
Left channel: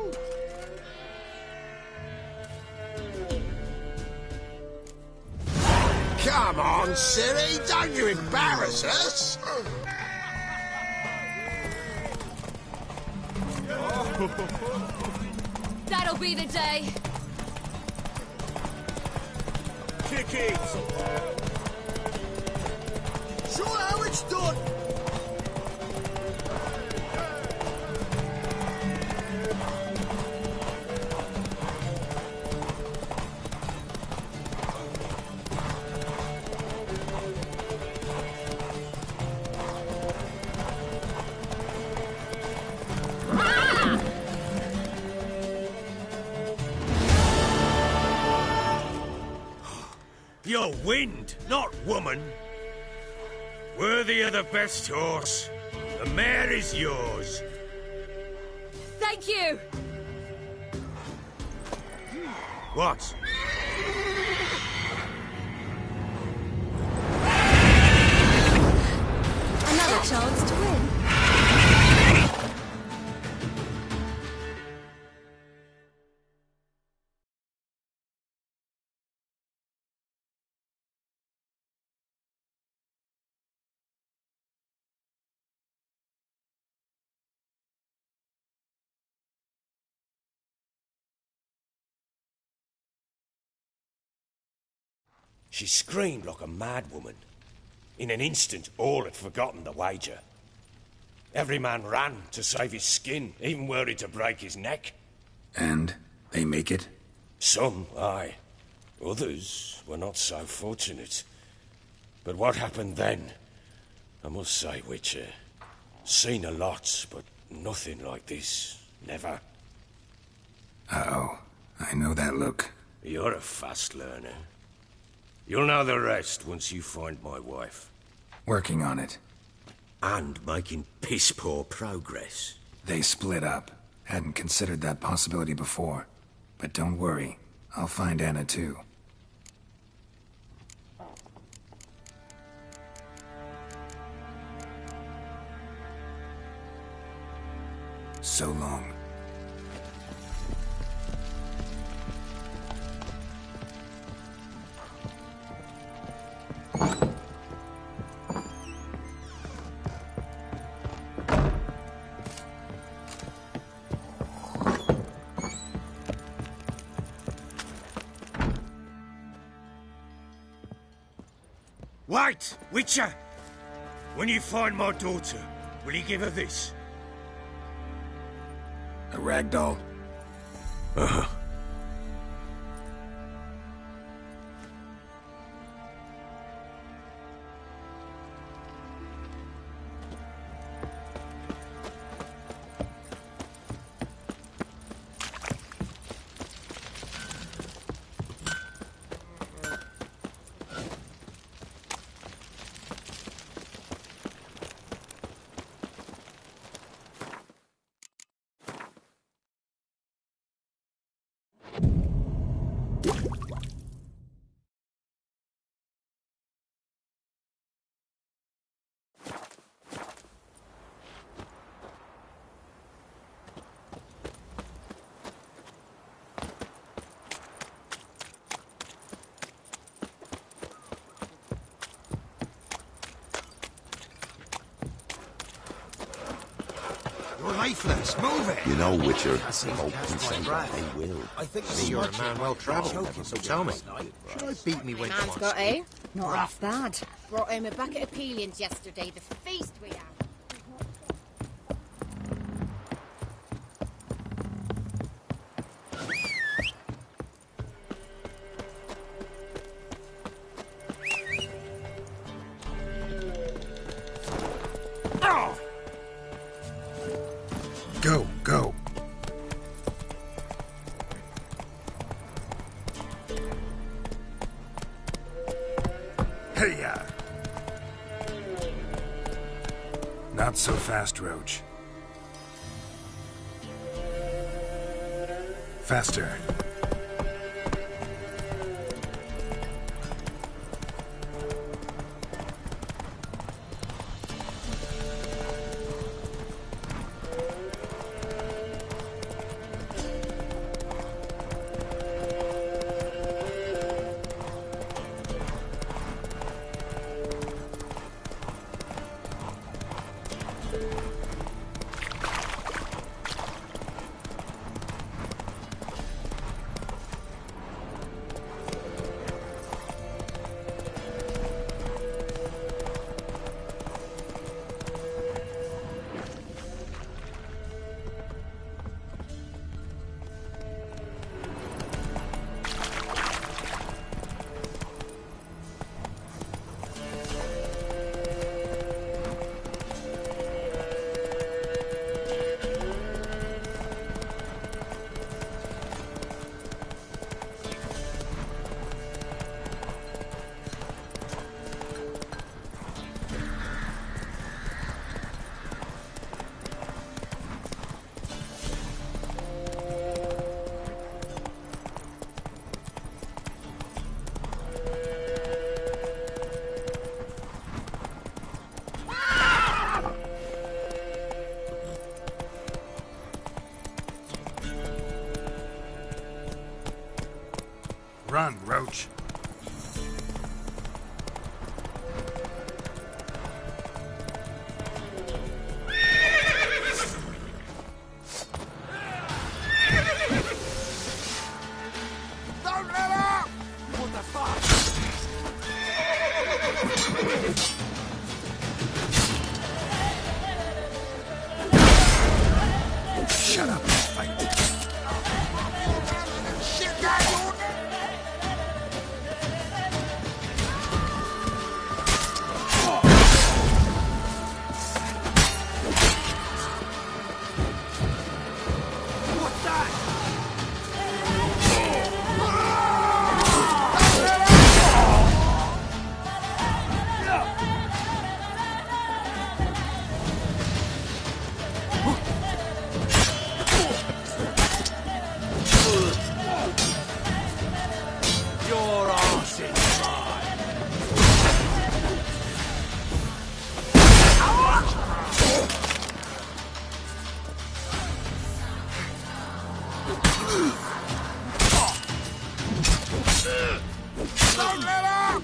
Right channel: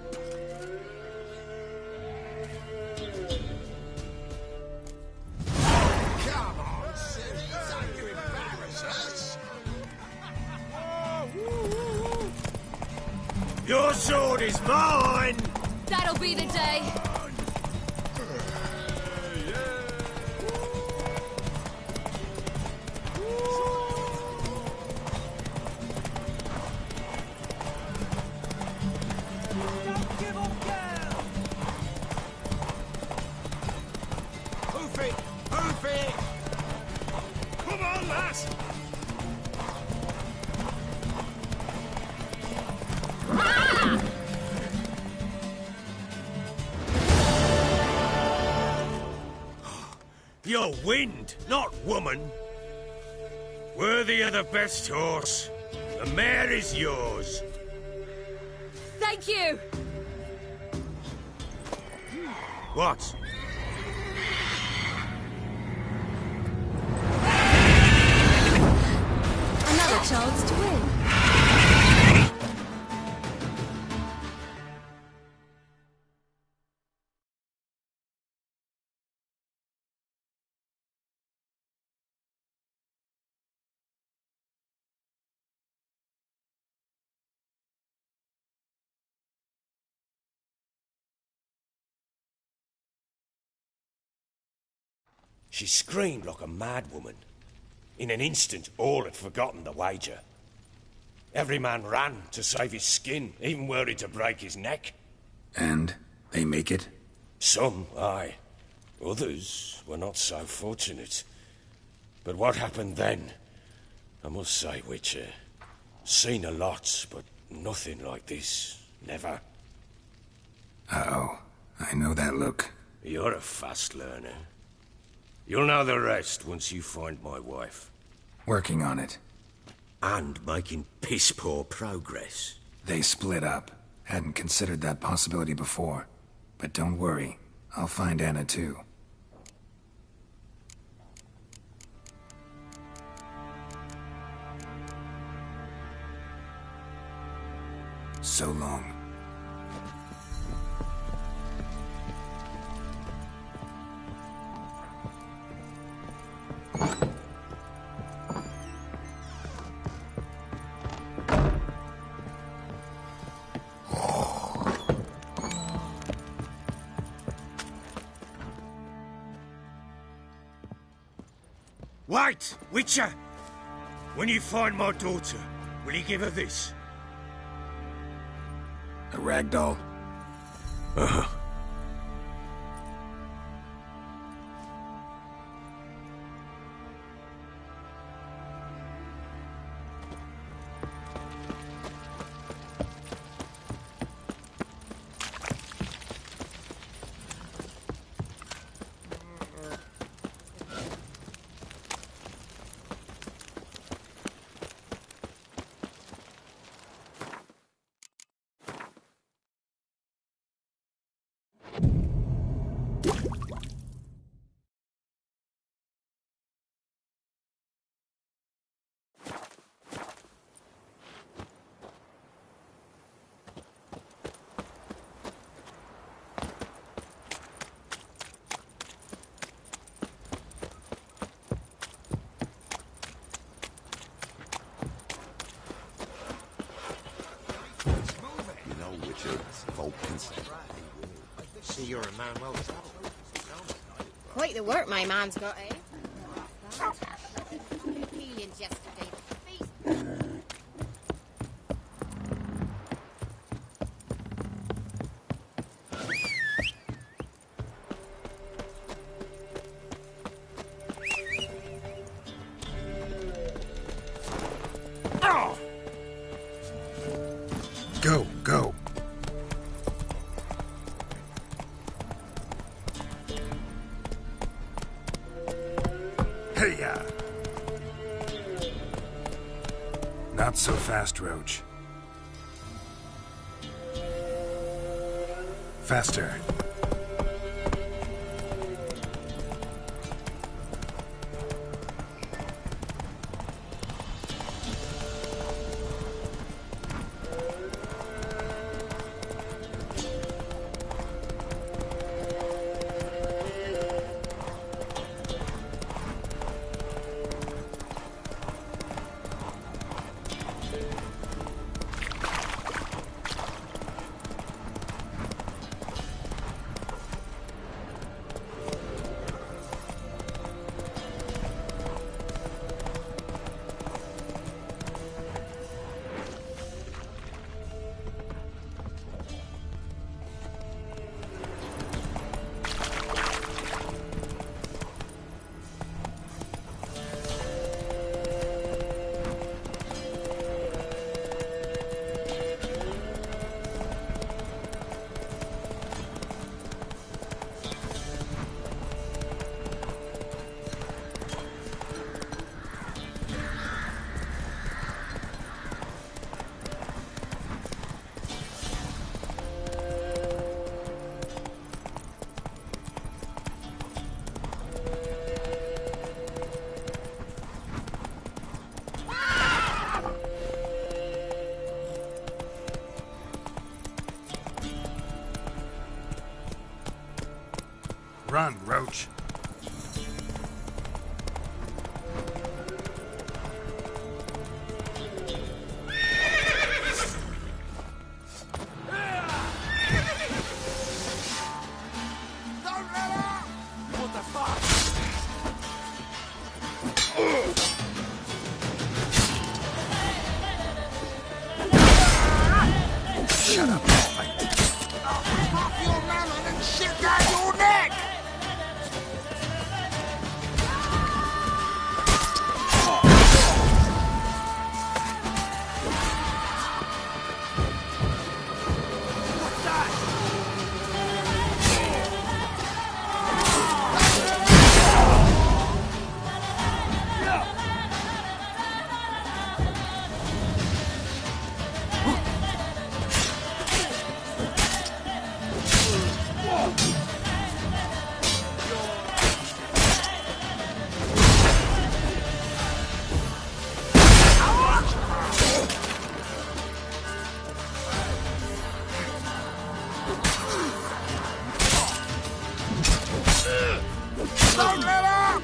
Come on, Siri, don't you embarrass us! Your sword is mine! That'll be the day. Kick it! Show how it's done! Move it! Move it! Come on, lads! You're wind, not woman. Worthy of the best horse. The mare is yours. Thank you! What? Another chance to win. She screamed like a mad woman. In an instant, all had forgotten the wager. Every man ran to save his skin, even were it to break his neck. And they make it? Some, aye. Others were not so fortunate. But what happened then? I must say, Witcher, seen a lot, but nothing like this. Never. Uh-oh. I know that look. You're a fast learner. You'll know the rest once you find my wife. Working on it. And making piss-poor progress. They split up. Hadn't considered that possibility before. But don't worry. I'll find Anna too. So long. Wait, Witcher! When you find my daughter, will you give her this? A ragdoll? Uh-huh. Lifeless, move it! You know, Witcher, hope can say that they will. I think you're a man well travelled, so tell me. Quite the work my man's got, eh? Not half bad. Brought him a bucket of peelings yesterday to feast with. Go, go. Hey-ya! Not so fast, Roach. Faster. Run, Roach. Don't let up! What the fuck? Shut up, fight. Off your melon and shit down your neck! What's that? Your arse Don't let up!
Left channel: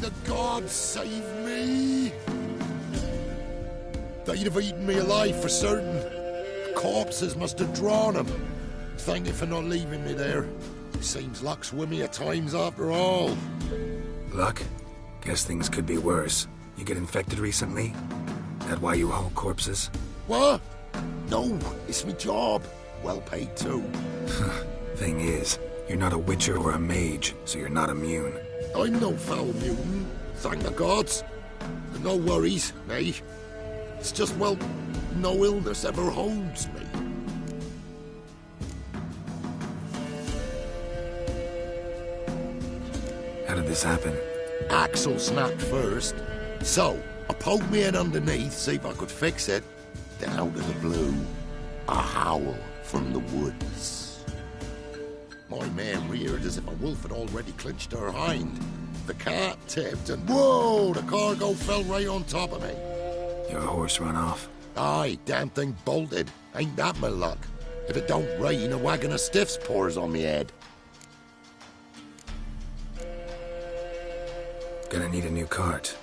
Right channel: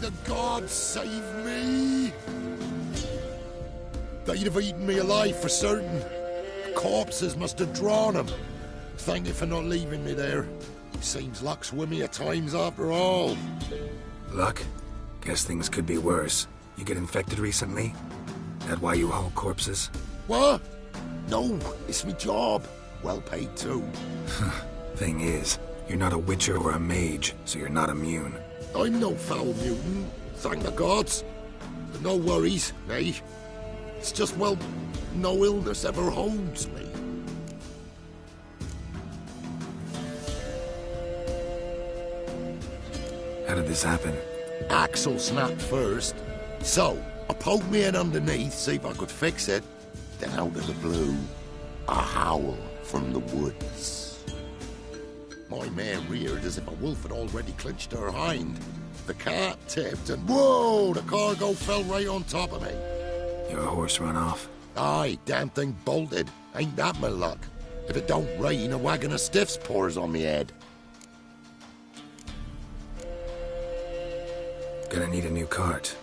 The gods save me! They'd have eaten me alive for certain. Corpses must have drawn them. Thank you for not leaving me there. Seems luck's with me at times after all. Luck? Guess things could be worse. You get infected recently? That why you haul corpses? What? No, it's my job. Well paid too. Thing is, you're not a witcher or a mage, so you're not immune. I'm no foul mutant, thank the gods. No worries, eh? It's just, well, no illness ever holds me. How did this happen? Axle snapped first. So, I poked me in underneath, see if I could fix it. Then out of the blue, a howl from the woods. My mare reared as if a wolf had already clinched her hind. The cart tipped and whoa, the cargo fell right on top of me. Your horse run off? Aye, damn thing bolted. Ain't that my luck? If it don't rain, a wagon of stiffs pours on me head. Gonna need a new cart.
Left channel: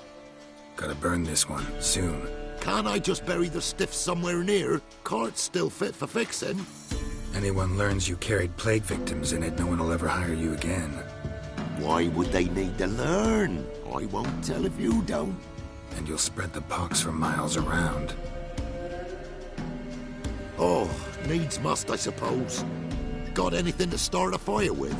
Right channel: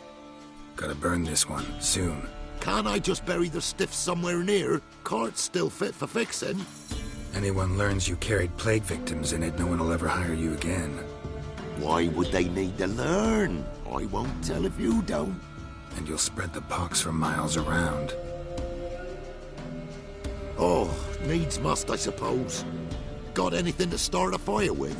Gotta burn this one, soon. Can't I just bury the stiffs somewhere near? Cart's still fit for fixing. Anyone learns you carried plague victims in it, no one will ever hire you again. Why would they need to learn? I won't tell if you don't. And you'll spread the pox for miles around. Oh, needs must, I suppose. Got anything to start a fire with?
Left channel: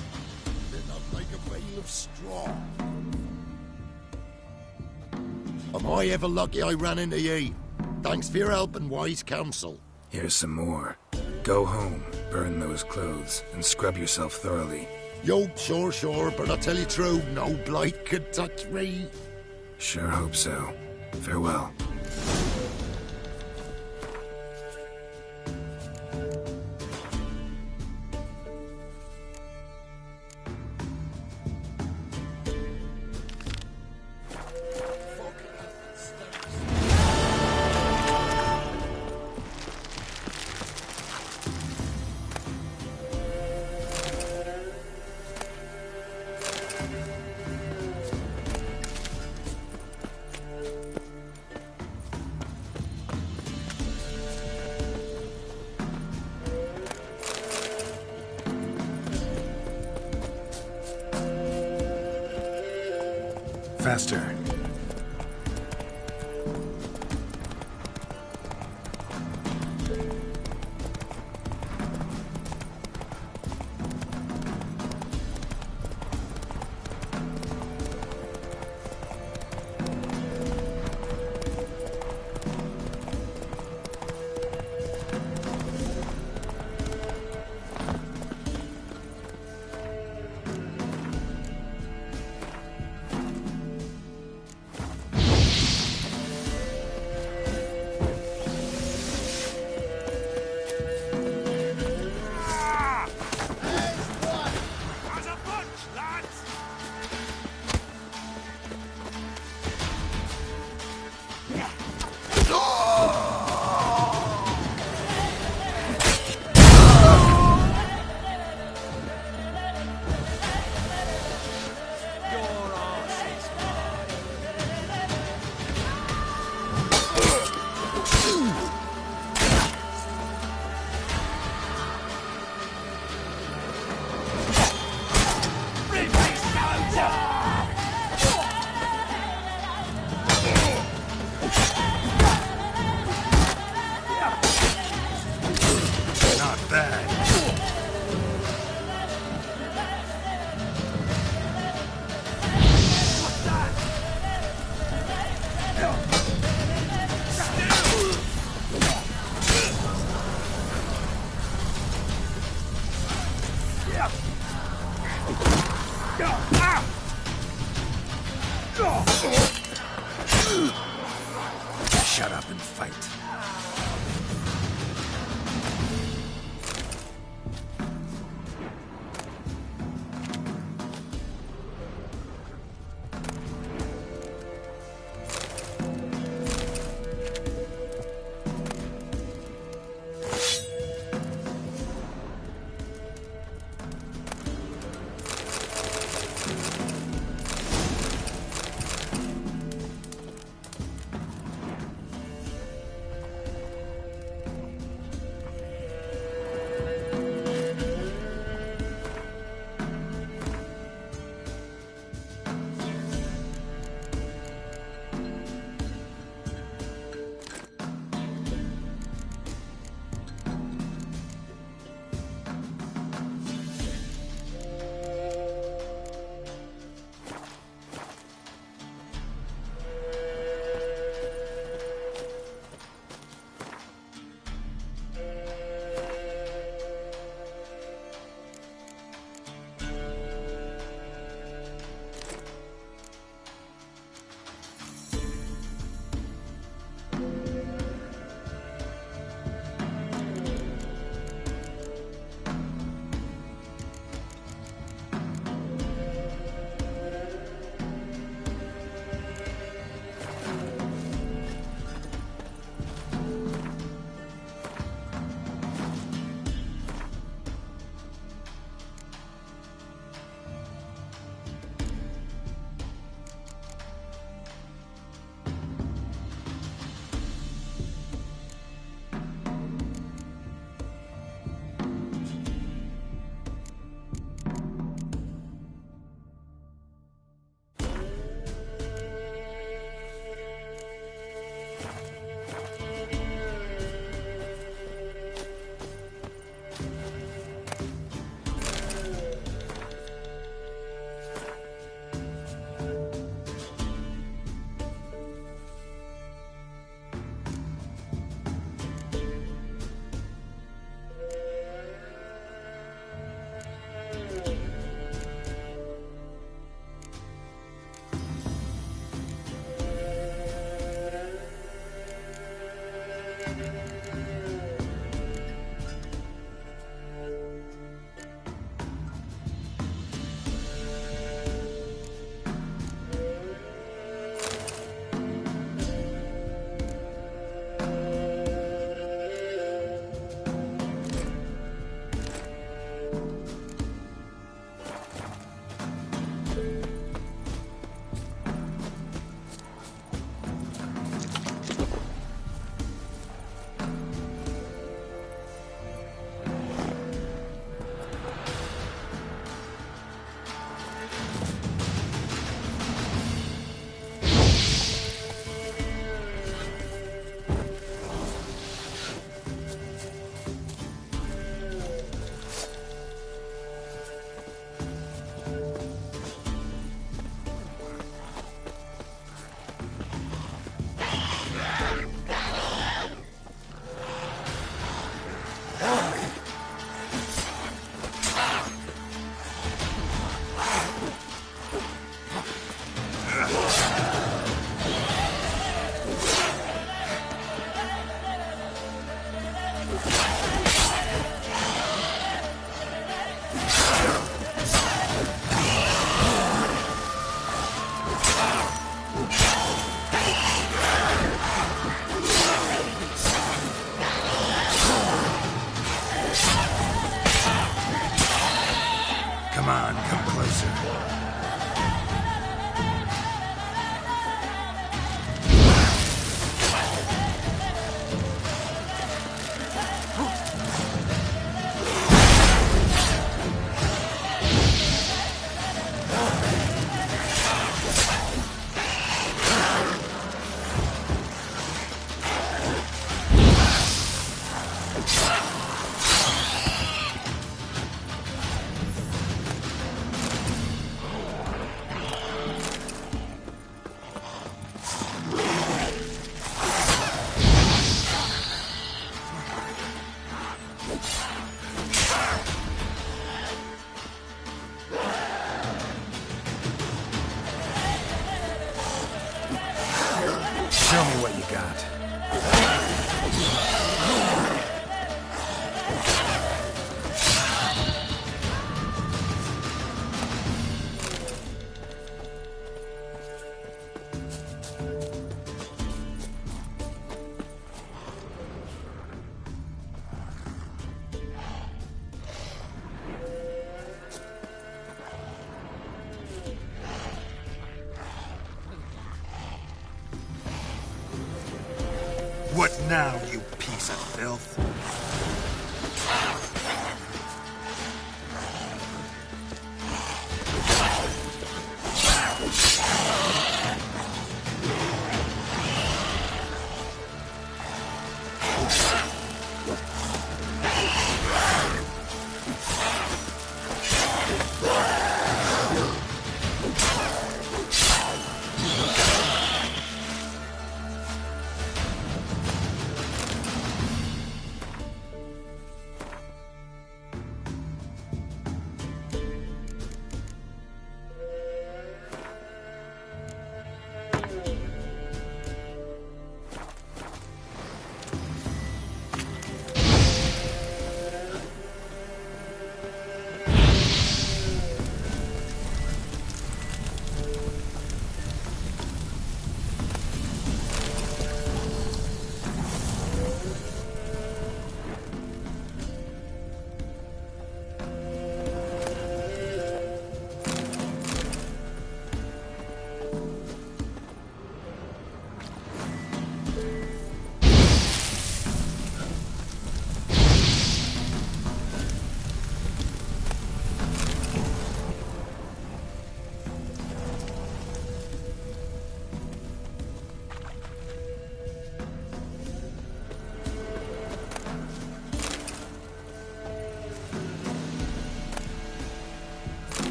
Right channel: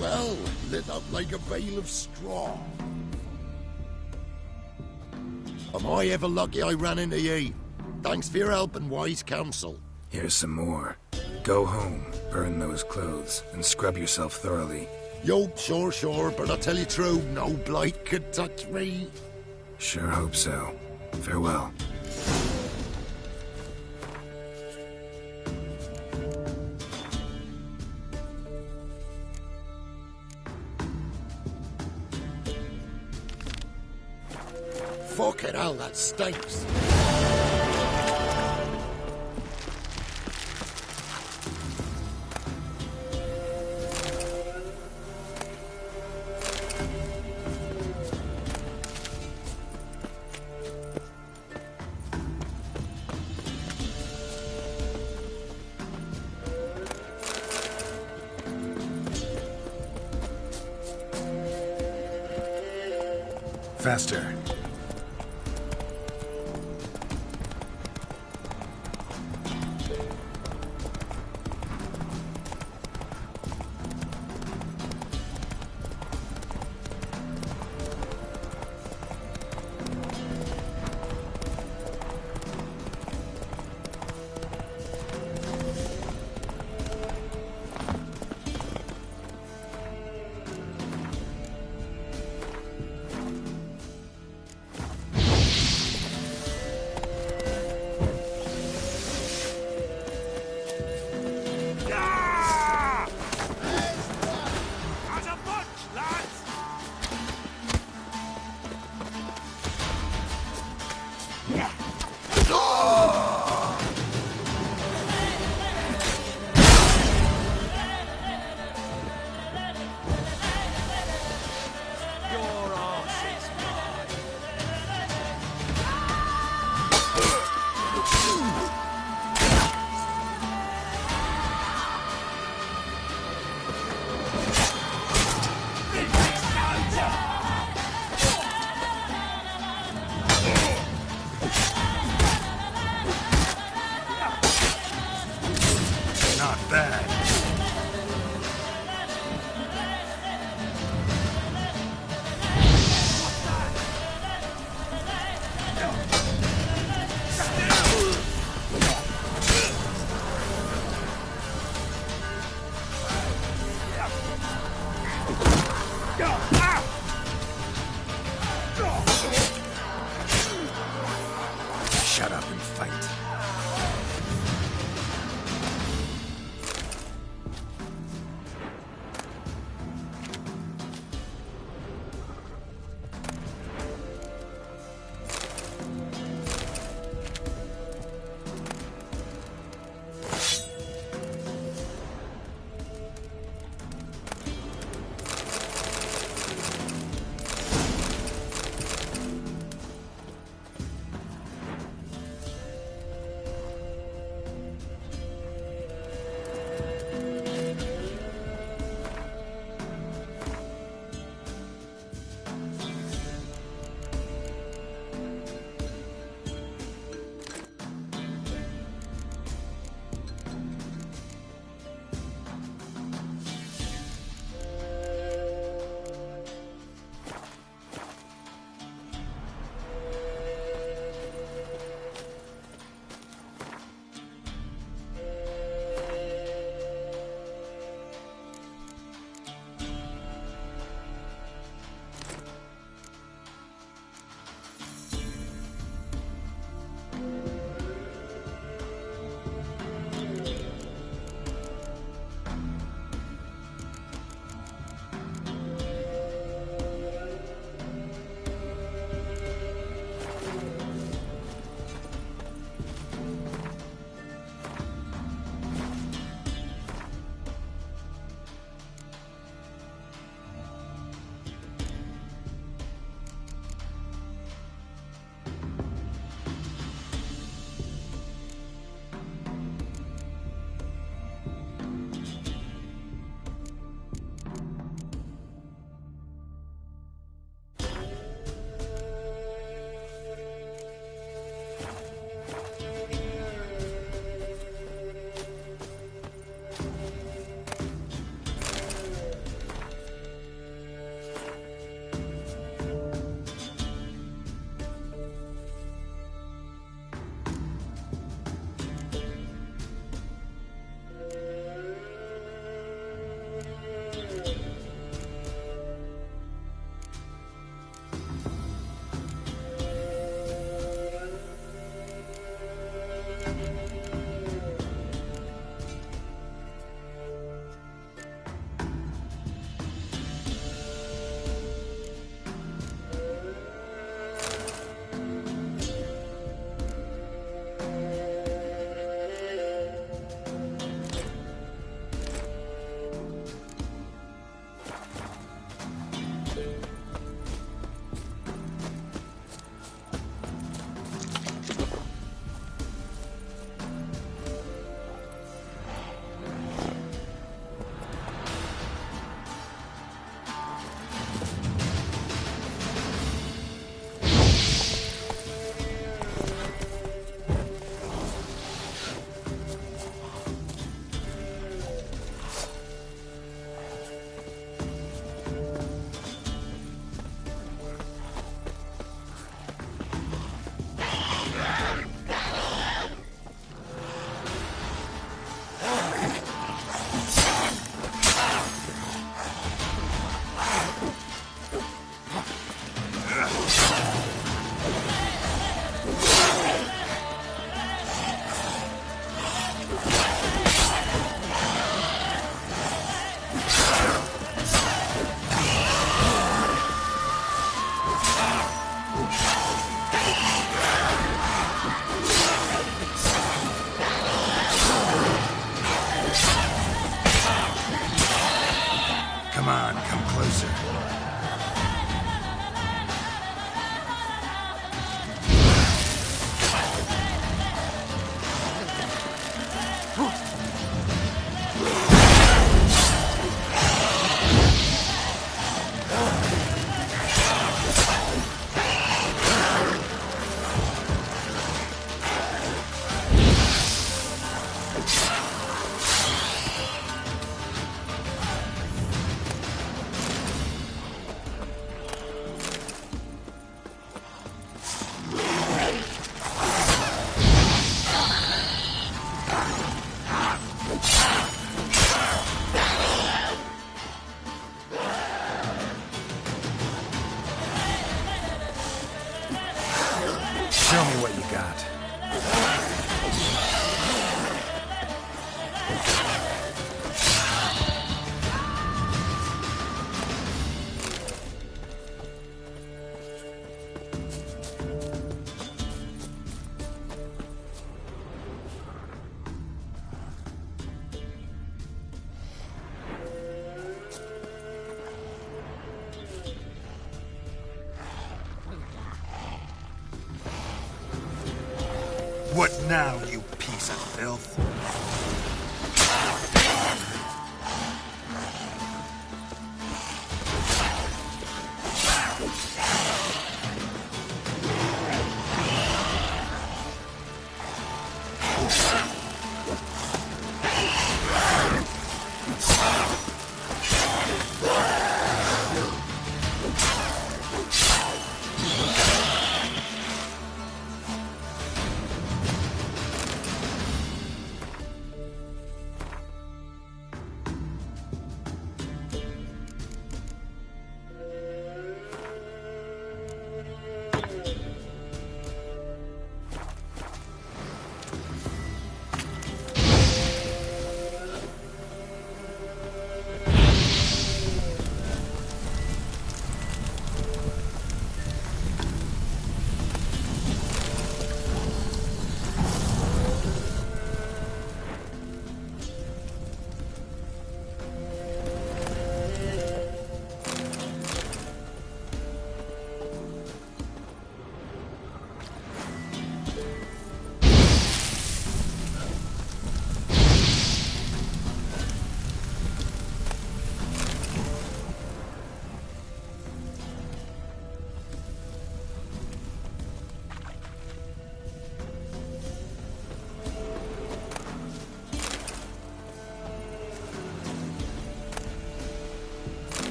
Well, lit up like a bale of straw. Am I ever lucky I ran into ye? Thanks for your help and wise counsel. Here's some more. Go home, burn those clothes, and scrub yourself thoroughly. Yo, sure, but I'll tell you true, no blight could touch me. Sure hope so. Farewell. Fucking hell, that stinks. Faster. Shut up and fight. Come on, come closer. Show me what you got. What now, you piece of filth?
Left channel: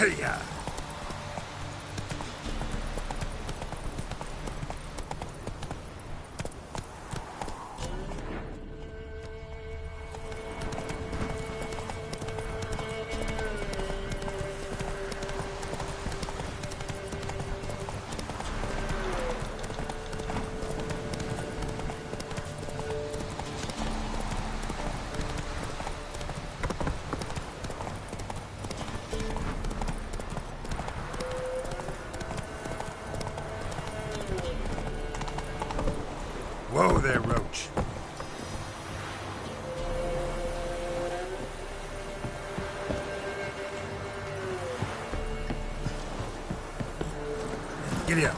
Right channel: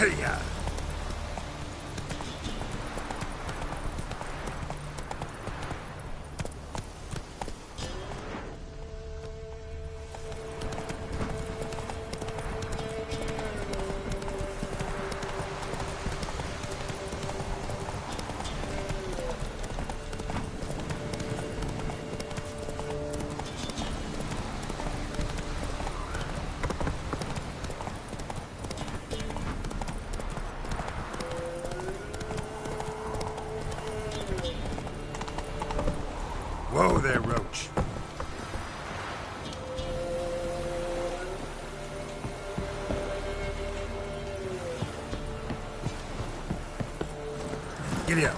Hey-ya! Giddy up.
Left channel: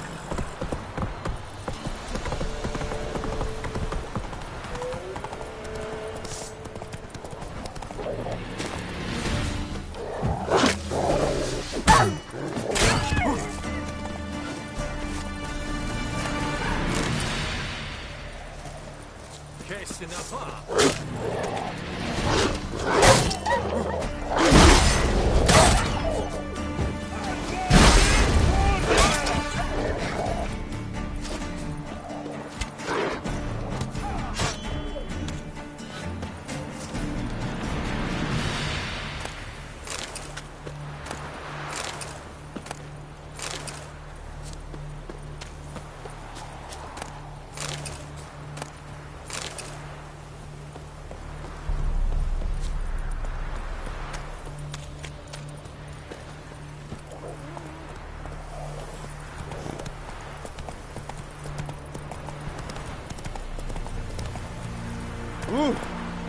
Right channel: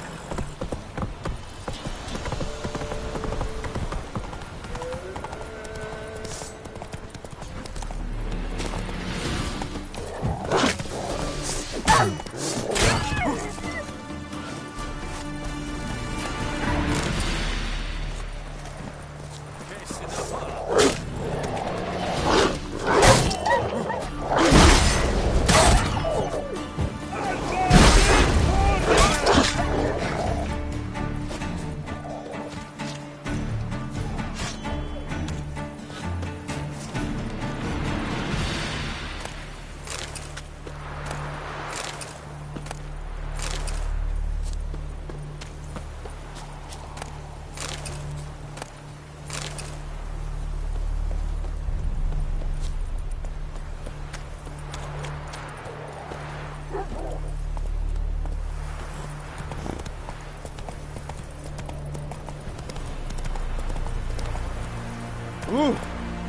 Ooh.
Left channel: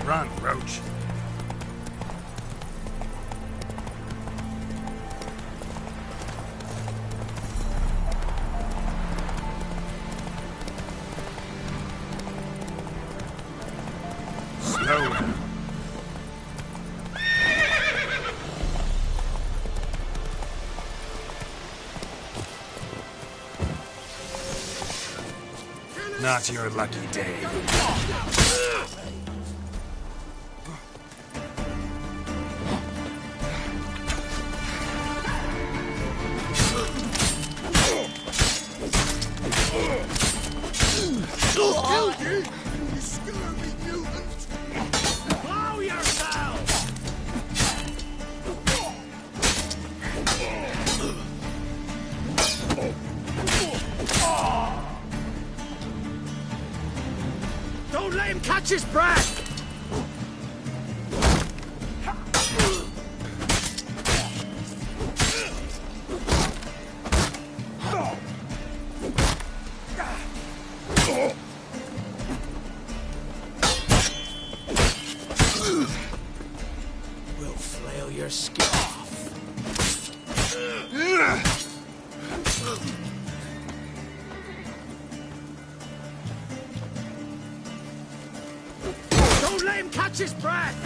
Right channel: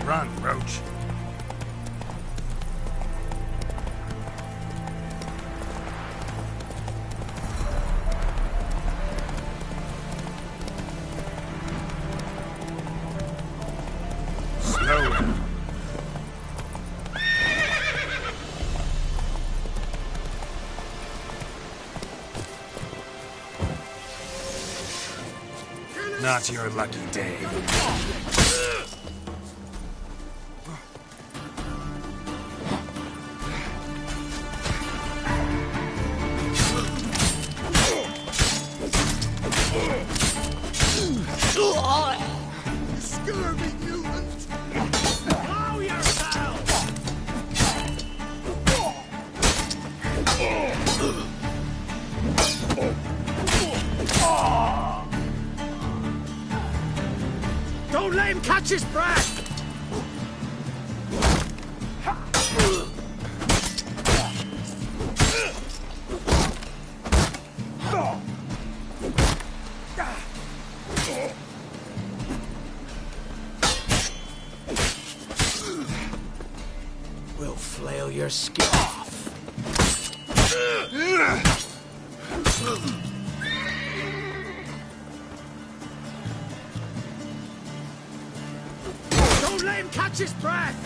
Run, Roach. Slow. Not your lucky day. You scurvy mutant! Blow yourself! Don't let him catch his breath! We'll flail your skin off. Don't let him catch his breath!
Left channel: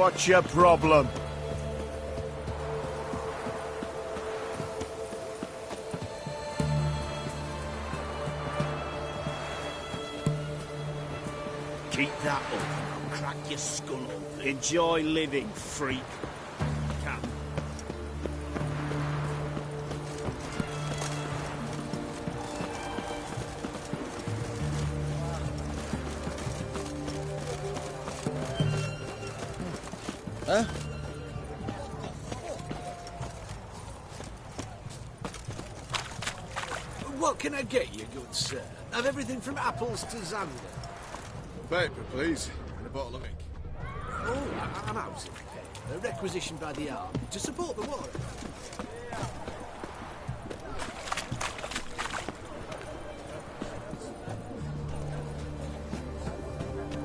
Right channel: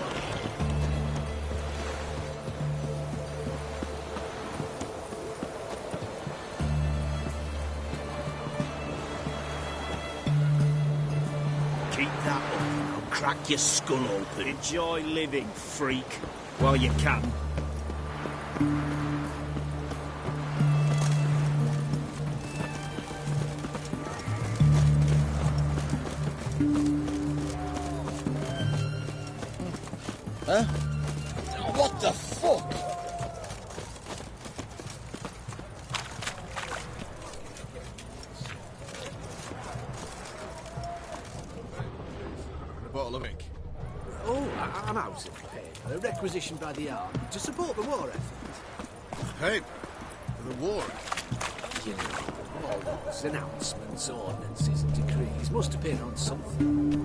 What's your problem? Keep that up and I'll crack your skull open. Enjoy living, freak, while you can. Huh? What the fuck? What can I get you, good sir? Have everything from apples to zam. Paper, please, and a bottle of ink. Oh, I'm out of paper, requisitioned by the army to support the war effort. Hey, the war. Announcements, ordinances, and decrees must appear on something.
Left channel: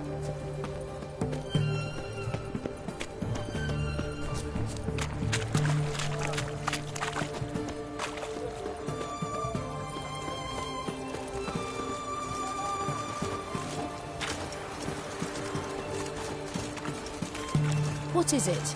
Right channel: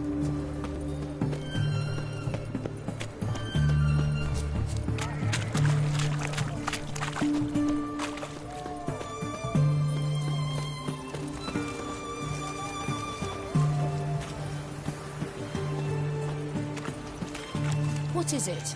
What is it?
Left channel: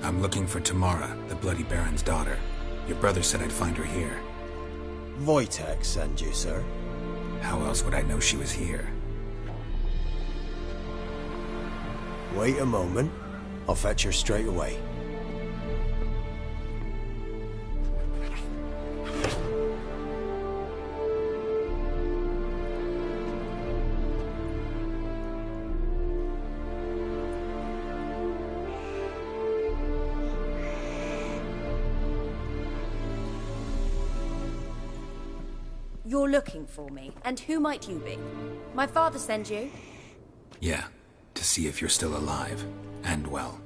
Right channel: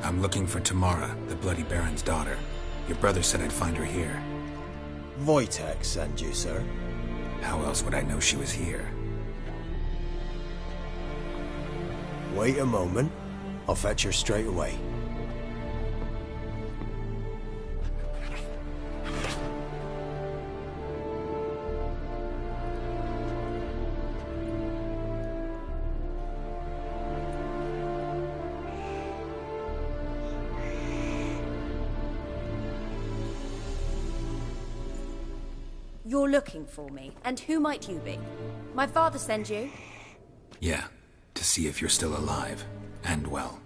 I'm looking for Tamara, the Bloody Baron's daughter. Your brother said I'd find her here. Wojtek sent you, sir. How else would I know she was here? Wait a moment. I'll fetch her straight away. You're looking for me, and who might you be? My father sent you? Yeah, to see if you're still alive. And well.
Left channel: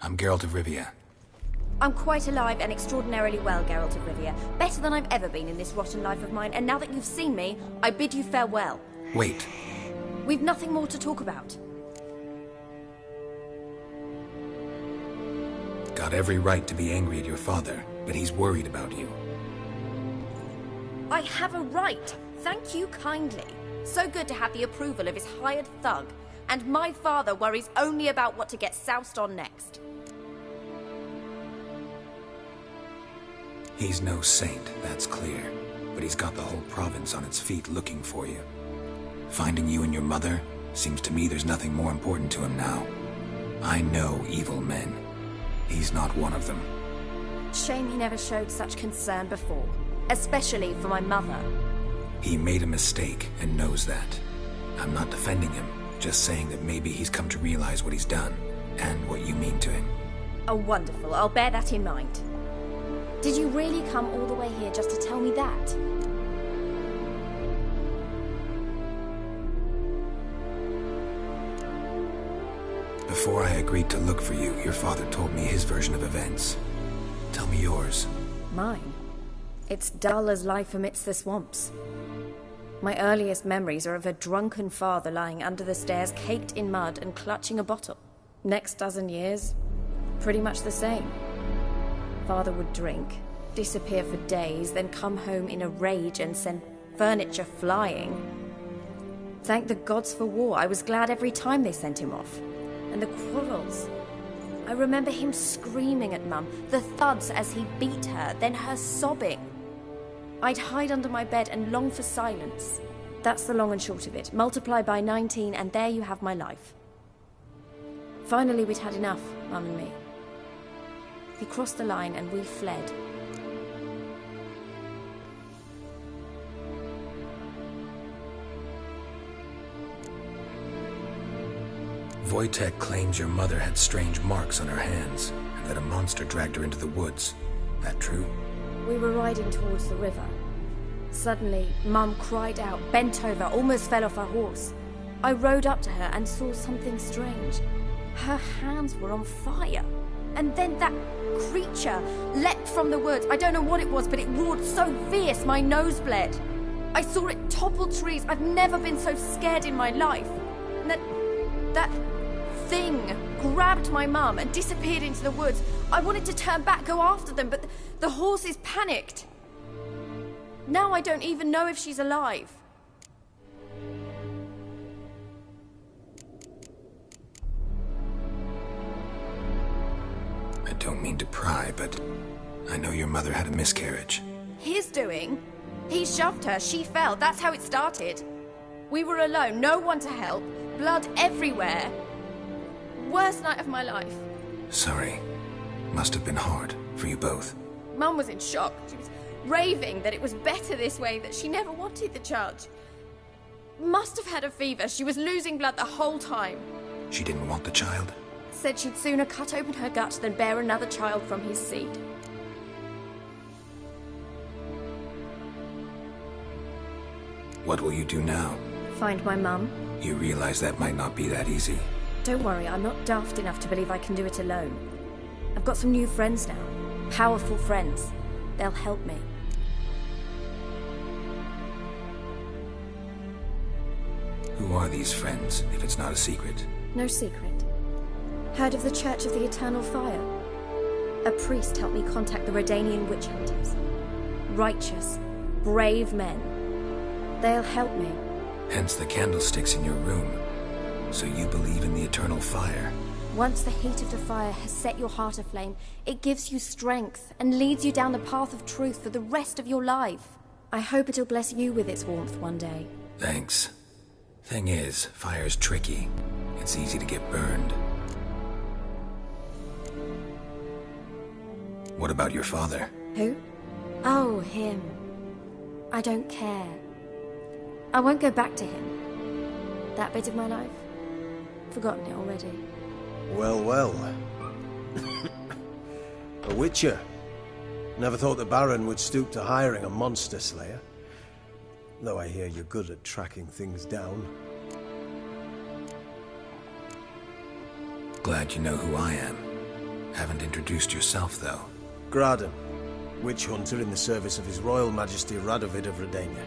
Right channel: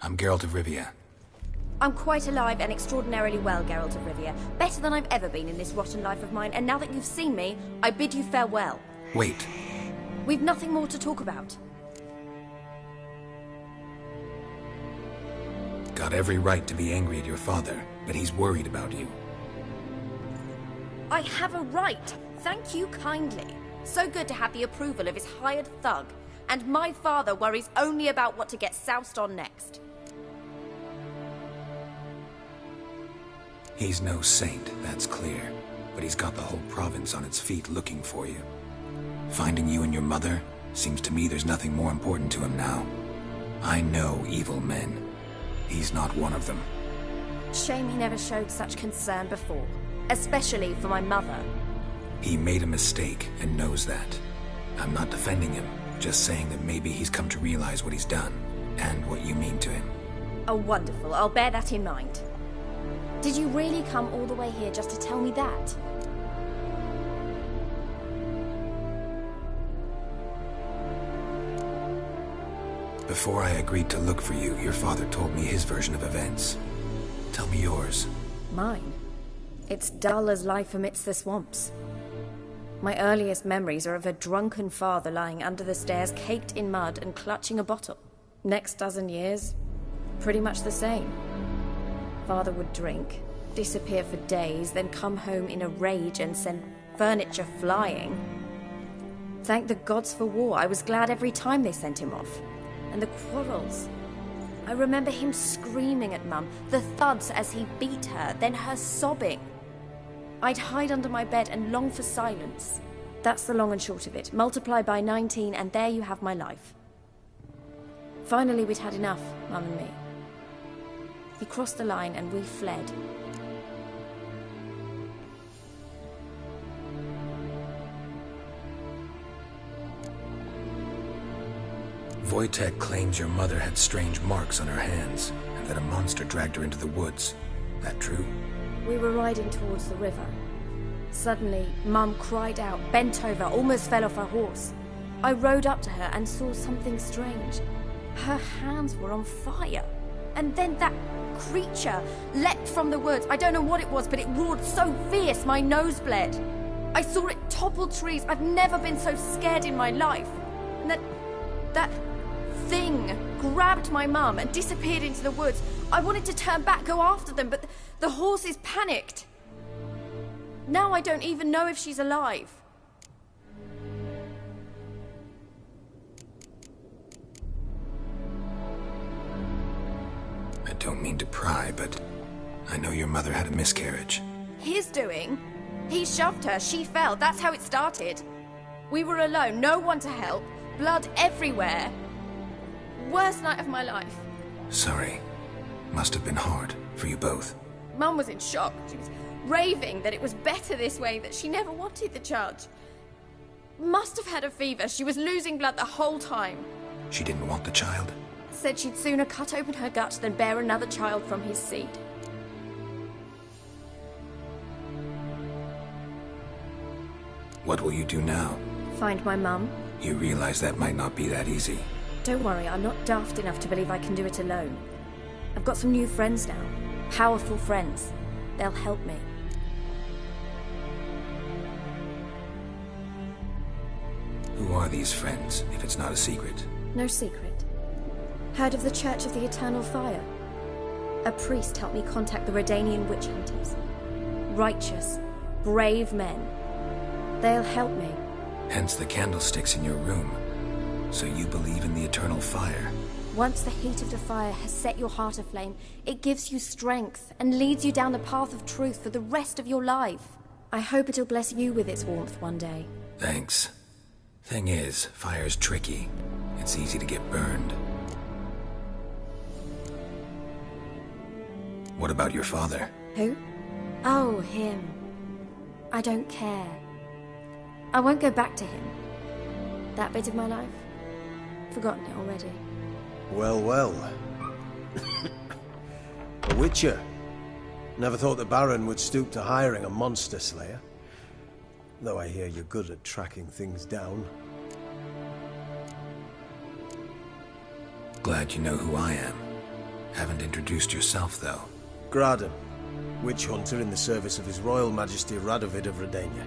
I'm Geralt of Rivia. I'm quite alive and extraordinarily well, Geralt of Rivia. Better than I've ever been in this rotten life of mine, and now that you've seen me, I bid you farewell. Wait. We've nothing more to talk about. Got every right to be angry at your father, but he's worried about you. I have a right. Thank you kindly. So good to have the approval of his hired thug. And my father worries only about what to get soused on next. He's no saint, that's clear. But he's got the whole province on its feet looking for you. Finding you and your mother, seems to me there's nothing more important to him now. I know evil men. He's not one of them. Shame he never showed such concern before. Especially for my mother. He made a mistake and knows that. I'm not defending him, just saying that maybe he's come to realize what he's done, and what you mean to him. Oh, wonderful. I'll bear that in mind. Did you really come all the way here just to tell me that? Before I agreed to look for you, your father told me his version of events. Tell me yours. Mine? It's dull as life amidst the swamps. My earliest memories are of a drunken father lying under the stairs, caked in mud and clutching a bottle. Next dozen years, pretty much the same. Father would drink, disappear for days, then come home in a rage and send furniture flying. Thank the gods for war. I was glad every time they sent him off. And the quarrels. I remember him screaming at Mum, the thuds as he beat her, then her sobbing. I'd hide under my bed and long for silence. That's the long and short of it. Multiply by 19 and there you have my life. Finally we'd had enough, Mum and me. He crossed the line and we fled. Wojtek claims your mother had strange marks on her hands, and that a monster dragged her into the woods. That true? We were riding towards the river. Suddenly, Mum cried out, bent over, almost fell off her horse. I rode up to her and saw something strange. Her hands were on fire. And then that creature leapt from the woods. I don't know what it was, but it roared so fierce my nose bled. I saw it topple trees. I've never been so scared in my life. And that thing grabbed my mum and disappeared into the woods. I wanted to turn back, go after them, but the horses panicked. Now I don't even know if she's alive. I don't mean to pry, but I know your mother had a miscarriage. His doing? He shoved her, she fell, that's how it started. We were alone, no one to help, blood everywhere. Worst night of my life. Sorry. Must have been hard for you both. Mum was in shock. She was raving that it was better this way, that she never wanted the child. Must have had a fever. She was losing blood the whole time. She didn't want the child? Said she'd sooner cut open her gut than bear another child from his seed. What will you do now? Find my mum. You realize that might not be that easy. Don't worry, I'm not daft enough to believe I can do it alone. I've got some new friends now. Powerful friends. They'll help me. Who are these friends, if it's not a secret? No secret. Heard of the Church of the Eternal Fire? A priest helped me contact the Redanian witch hunters. Righteous, brave men. They'll help me. Hence the candlesticks in your room. So you believe in the eternal fire? Once the heat of the fire has set your heart aflame, it gives you strength and leads you down the path of truth for the rest of your life. I hope it'll bless you with its warmth one day. Thanks. Thing is, fire's tricky. It's easy to get burned. What about your father? Who? Oh, him. I don't care. I won't go back to him. That bit of my life? Forgotten it already. Well, well. A witcher. Never thought the Baron would stoop to hiring a monster slayer. Though I hear you're good at tracking things down. Glad you know who I am. Haven't introduced yourself, though. Graden, witch hunter in the service of His Royal Majesty Radovid of Redania.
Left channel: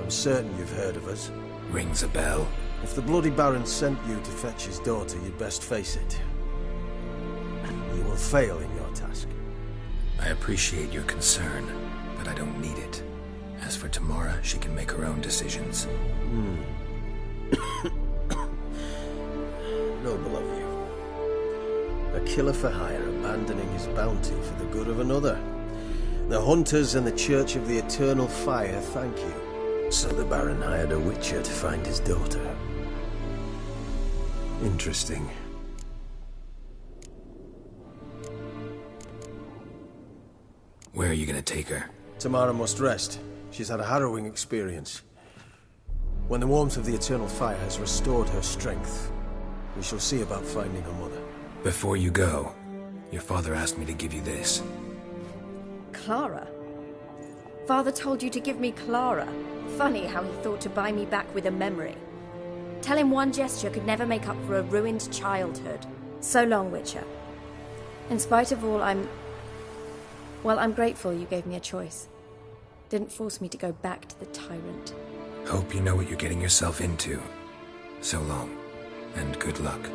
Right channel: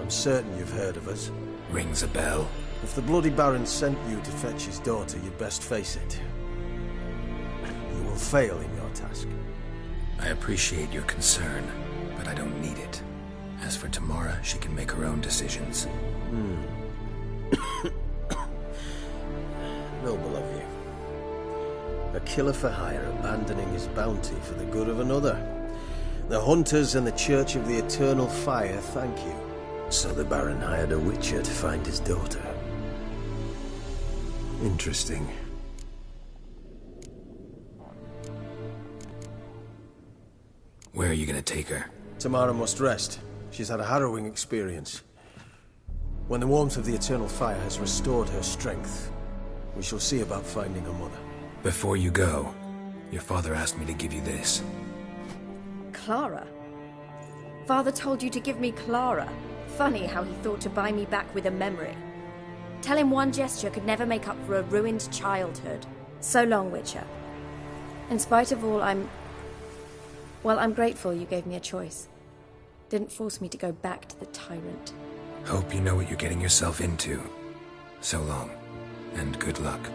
I'm certain you've heard of us. Rings a bell. If the bloody Baron sent you to fetch his daughter, you'd best face it. You will fail in your task. I appreciate your concern, but I don't need it. As for Tamara, she can make her own decisions. Noble of you. A killer for hire abandoning his bounty for the good of another. The hunters and the Church of the Eternal Fire thank you. So the Baron hired a witcher to find his daughter. Interesting. Where are you gonna take her? Tamara must rest. She's had a harrowing experience. When the warmth of the Eternal Fire has restored her strength, we shall see about finding her mother. Before you go, your father asked me to give you this. Clara? Father told you to give me Clara. Funny how he thought to buy me back with a memory. Tell him one gesture could never make up for a ruined childhood. So long, Witcher. In spite of all, I'm grateful you gave me a choice. Didn't force me to go back to the tyrant. Hope you know what you're getting yourself into. So long, and good luck.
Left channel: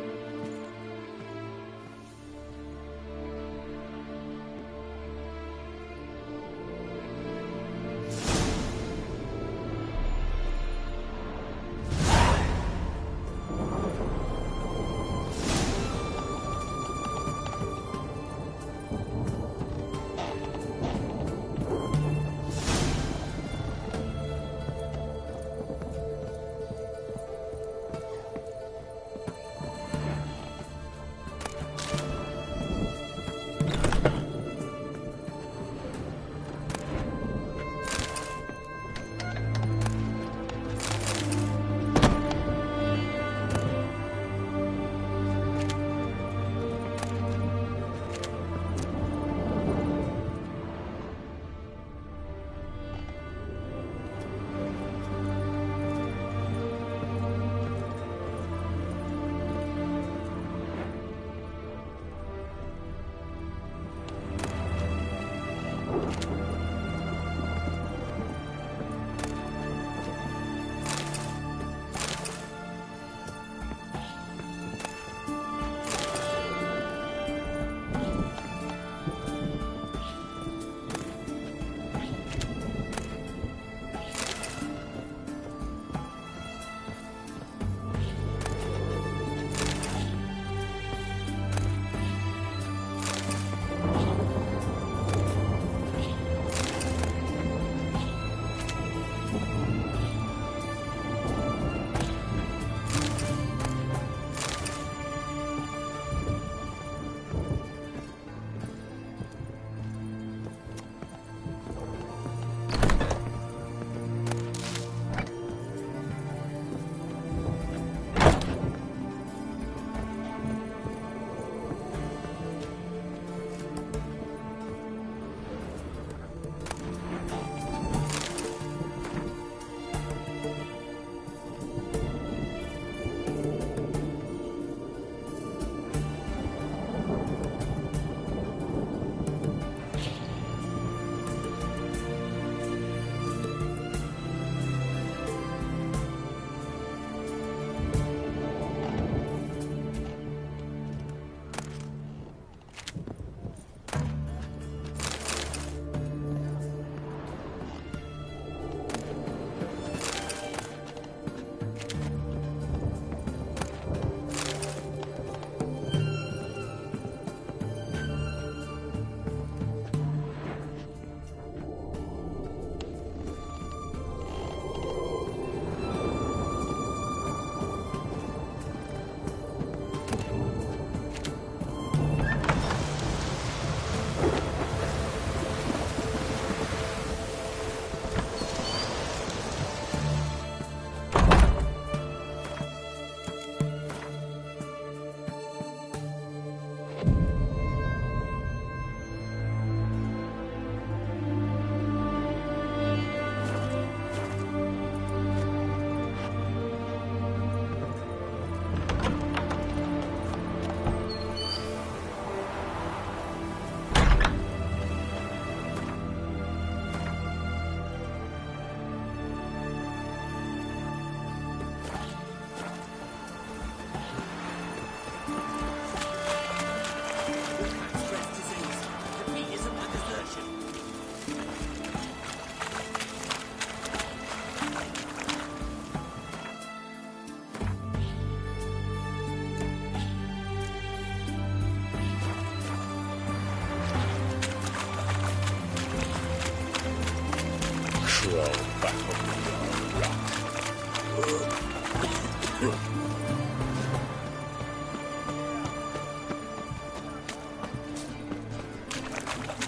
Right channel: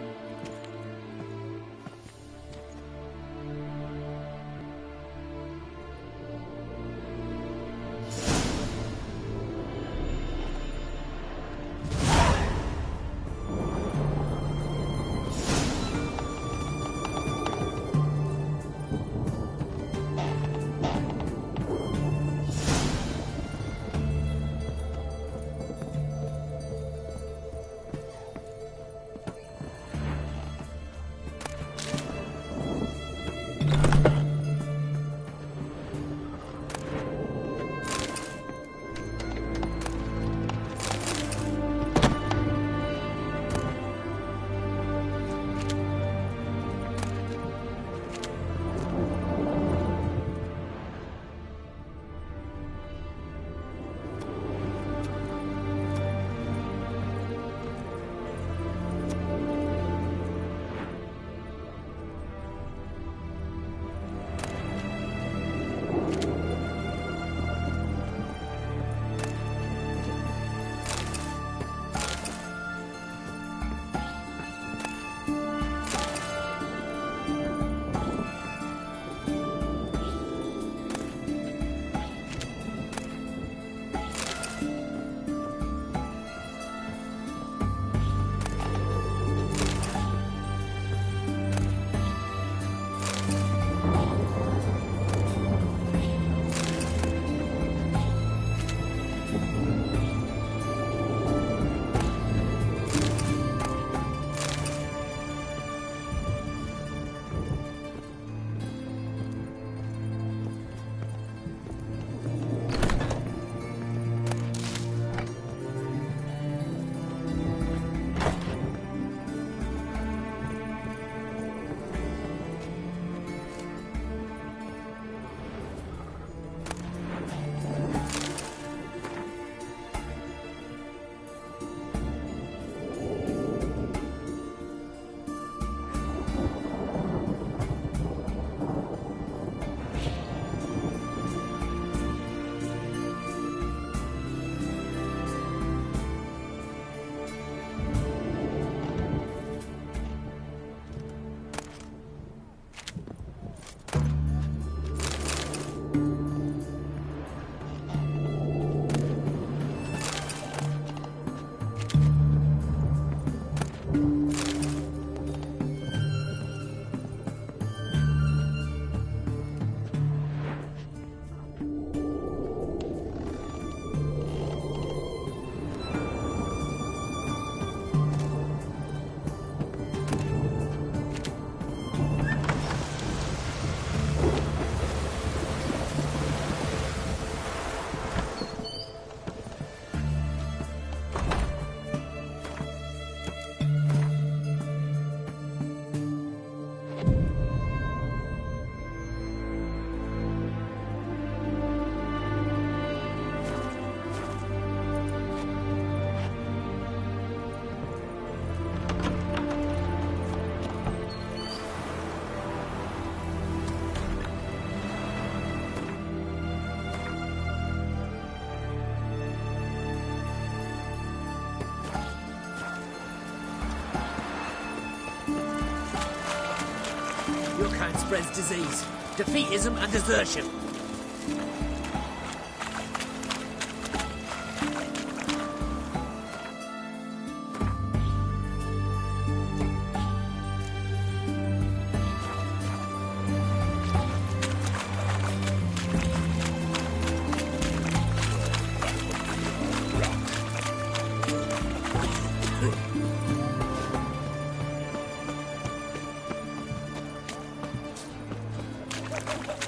disease, defeatism and desertion.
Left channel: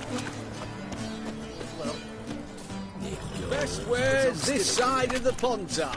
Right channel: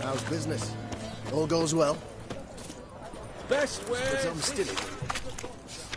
How's business? All goes well? Best But wares I'm this still- side of the ponds are.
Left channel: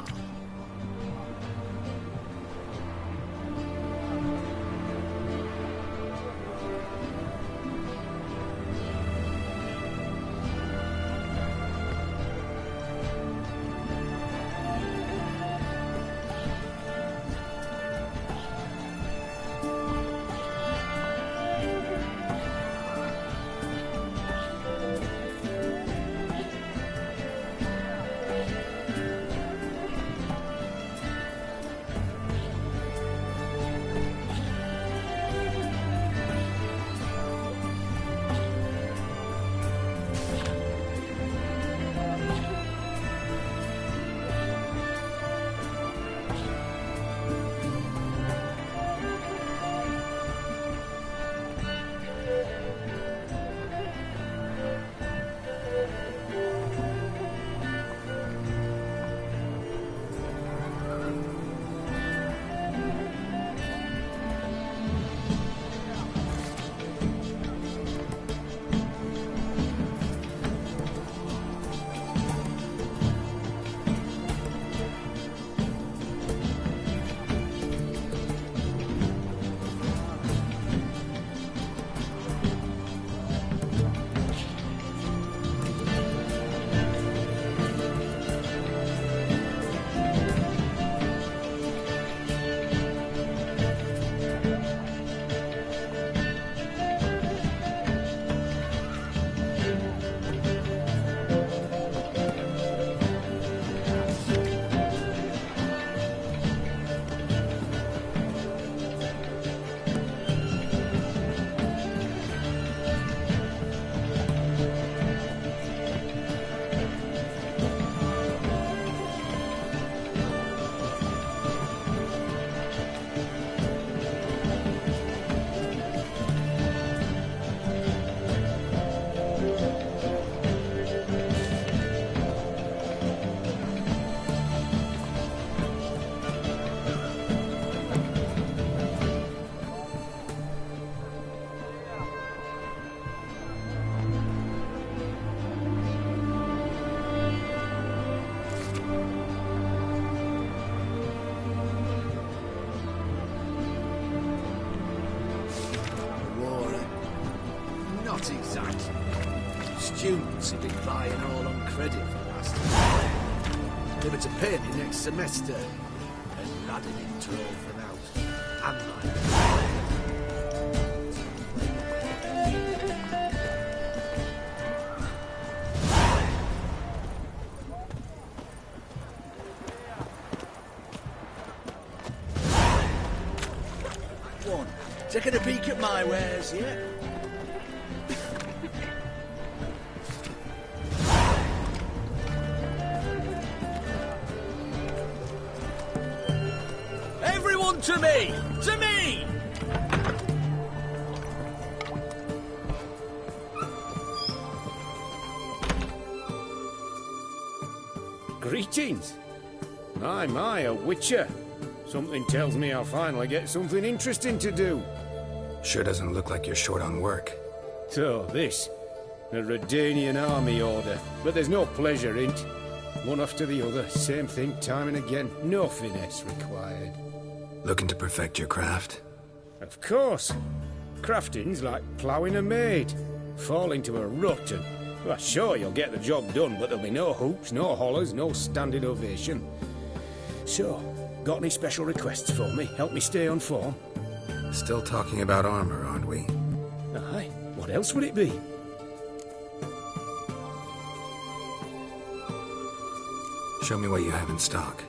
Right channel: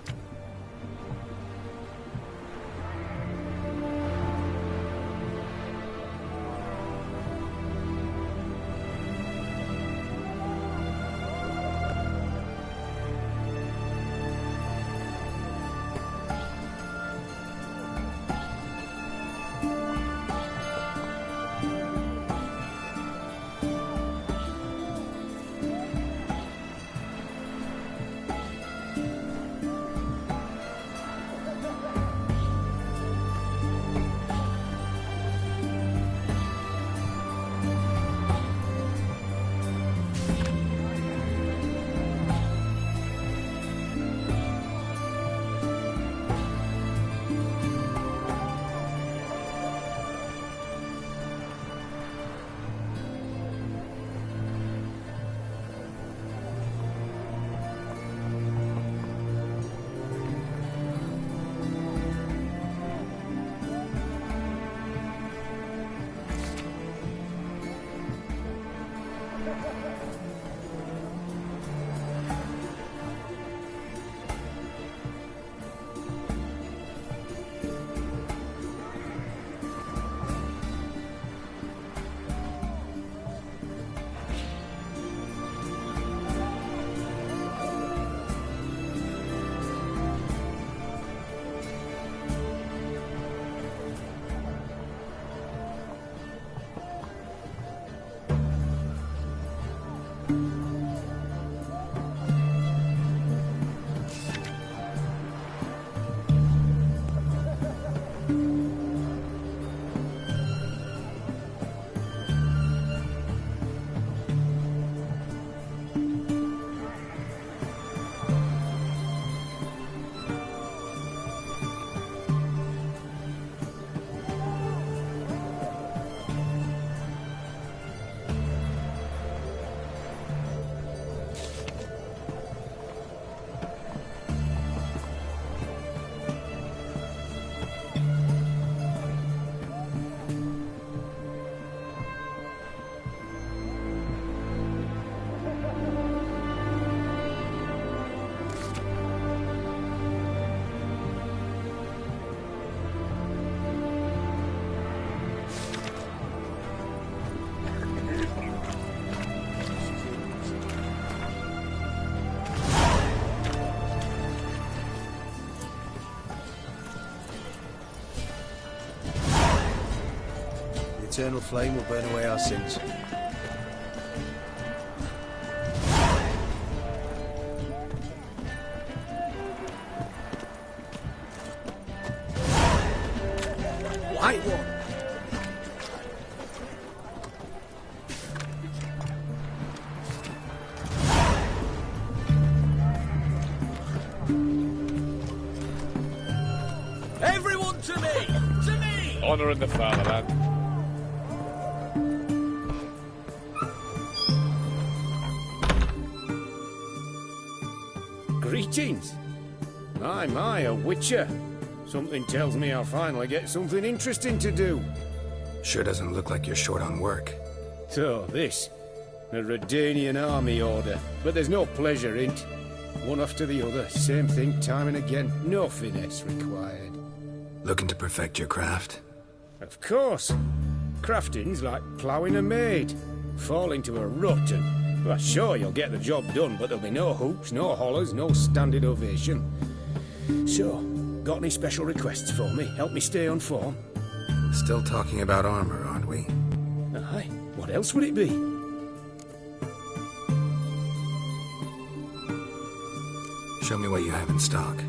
Students have been buying all on credit for the last year. They were to pay the next semester. Lad in tour for now. Eternal flame will burn away our sins. White one, taking a peek at my wares, yeah? Everyone to me! To me! Honor in the fatherland. Greetings. My, a witcher. Something tells me I'll finally get something interesting to do. Sure doesn't look like you're short on work. So, this. A Redanian army order. But there's no pleasure in it. One after the other, same thing time and again. No finesse required. Looking to perfect your craft? Of course. Crafting's like ploughing a maid. Fall into a rut and... Well, sure, you'll get the job done, but there'll be no hoops, no hollers, no standing ovation. So, got any special requests for me? Help me stay on form? Still talking about armor, aren't we? Aye. What else would it be? Show me what you have in stock.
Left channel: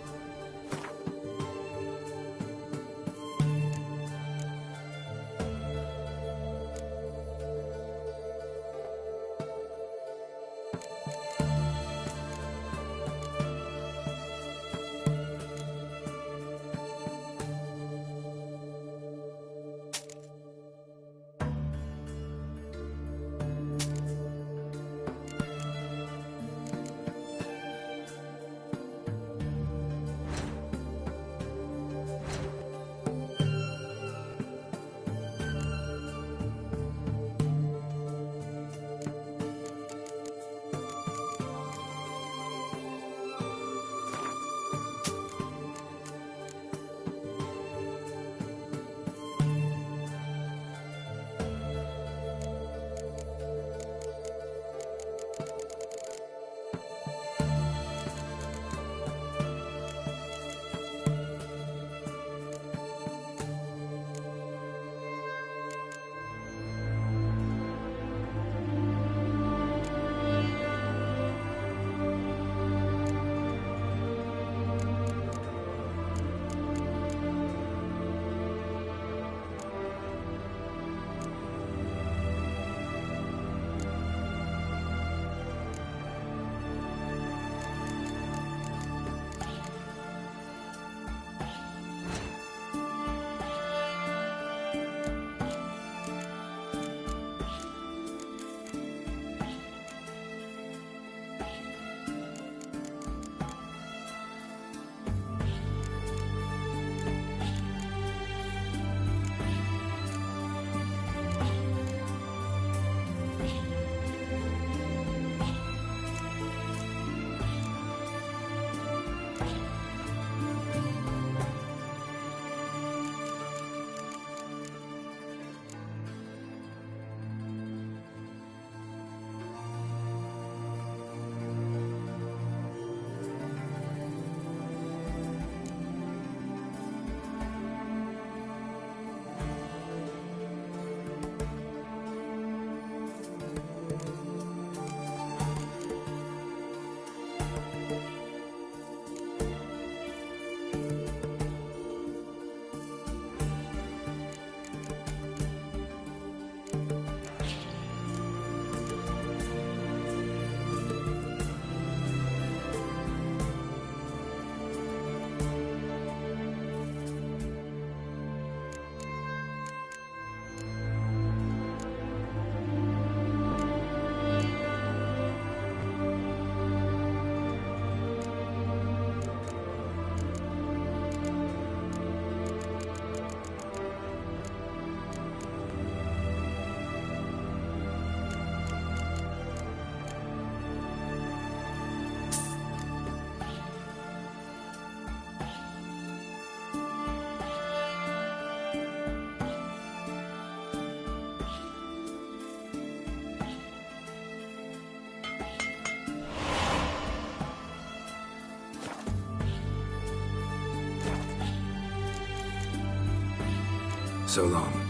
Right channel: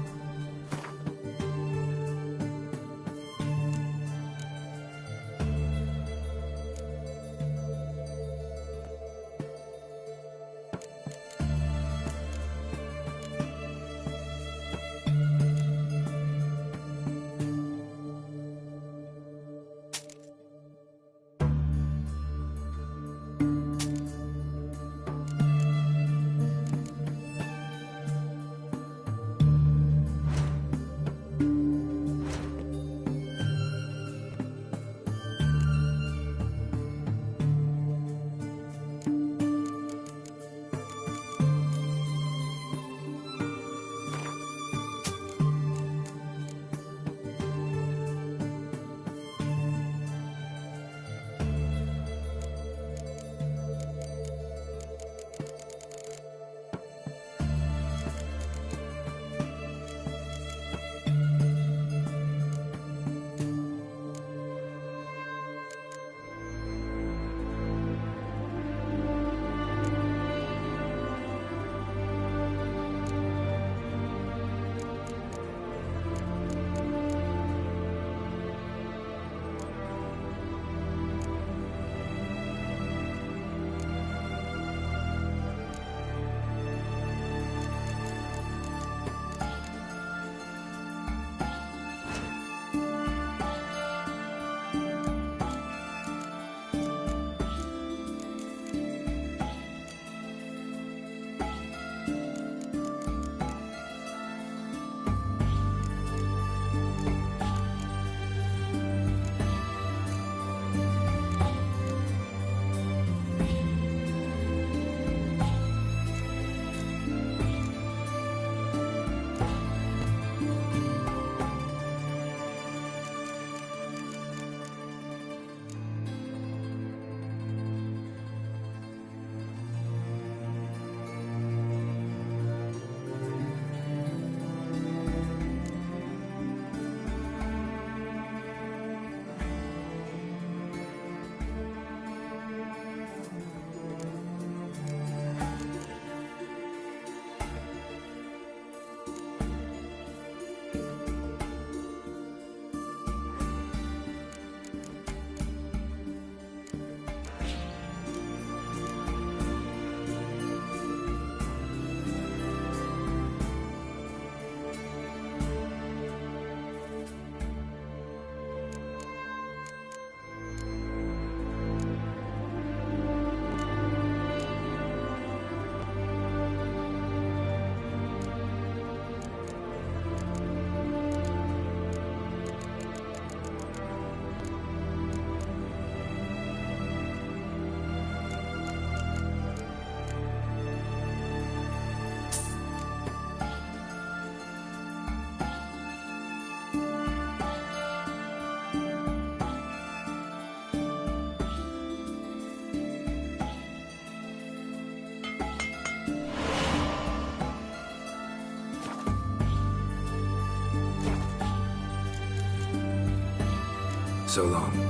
So long.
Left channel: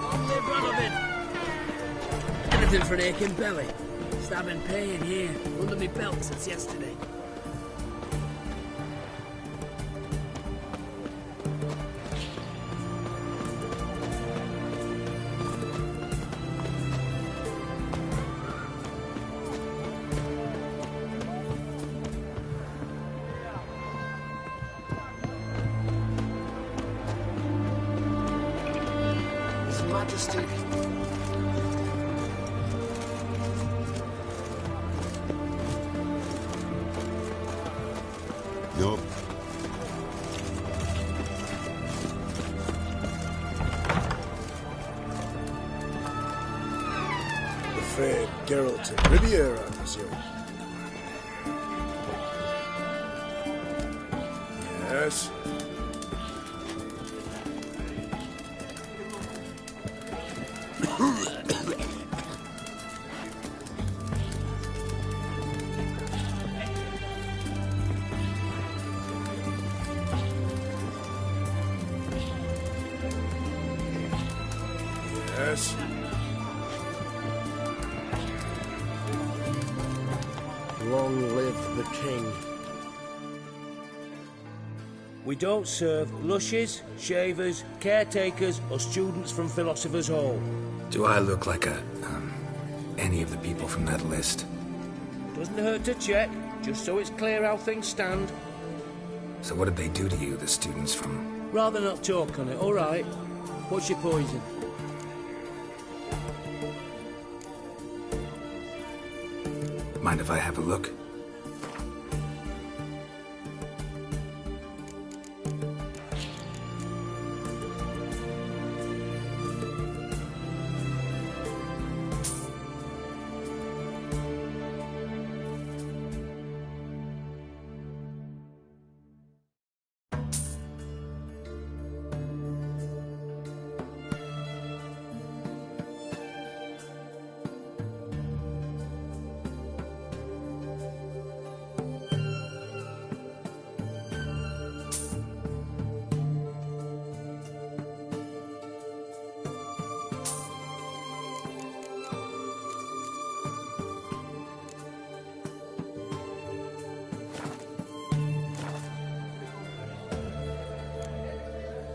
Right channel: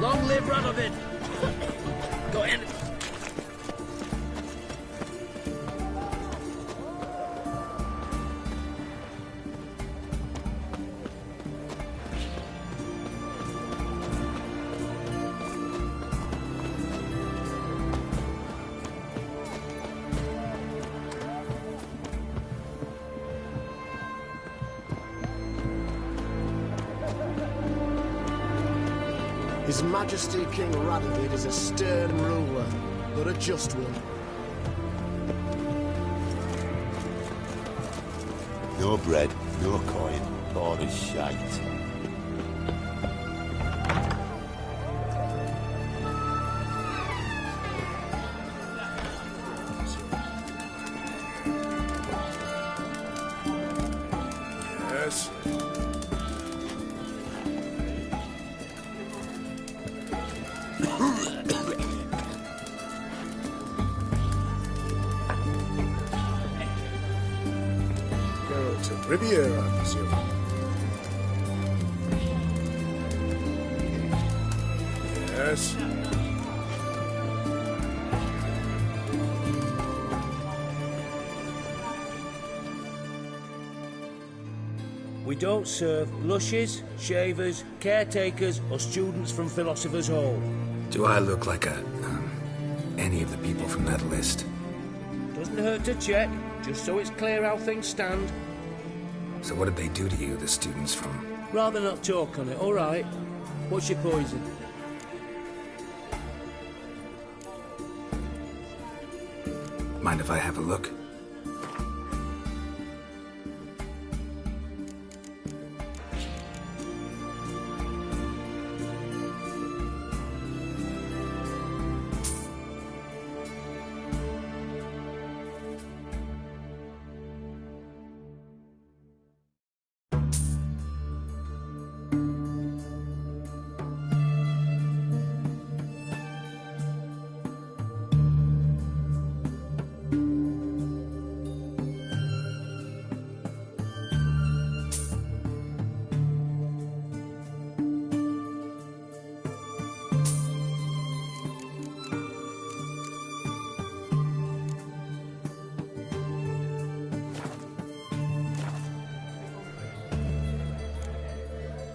Long live Radovid! Got anything for an aching belly? Stabbing pain here, under me belt since yesterday. His Majesty King Radovid is a stern ruler, but a just one. No bread, no coin, more is shite. The fair Geralt of Riviera, monsieur. Yes? Riviera, monsieur. Yes? Long live the king. We don't serve lushes, shavers, caretakers, or students from Philosopher's Hall. Do I look like any of the people from that list? Doesn't hurt to check, just so it's clear how things stand. So what did they do to you, the students from... Rather not talk on it, all right? What's your poison? Mind if I have a look?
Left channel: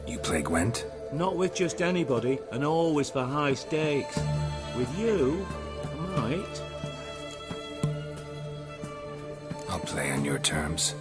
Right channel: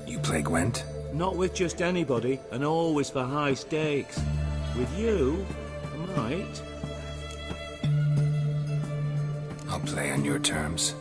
You play Gwent? Not with just anybody, and always for high stakes. With you, I might. I'll play on your terms.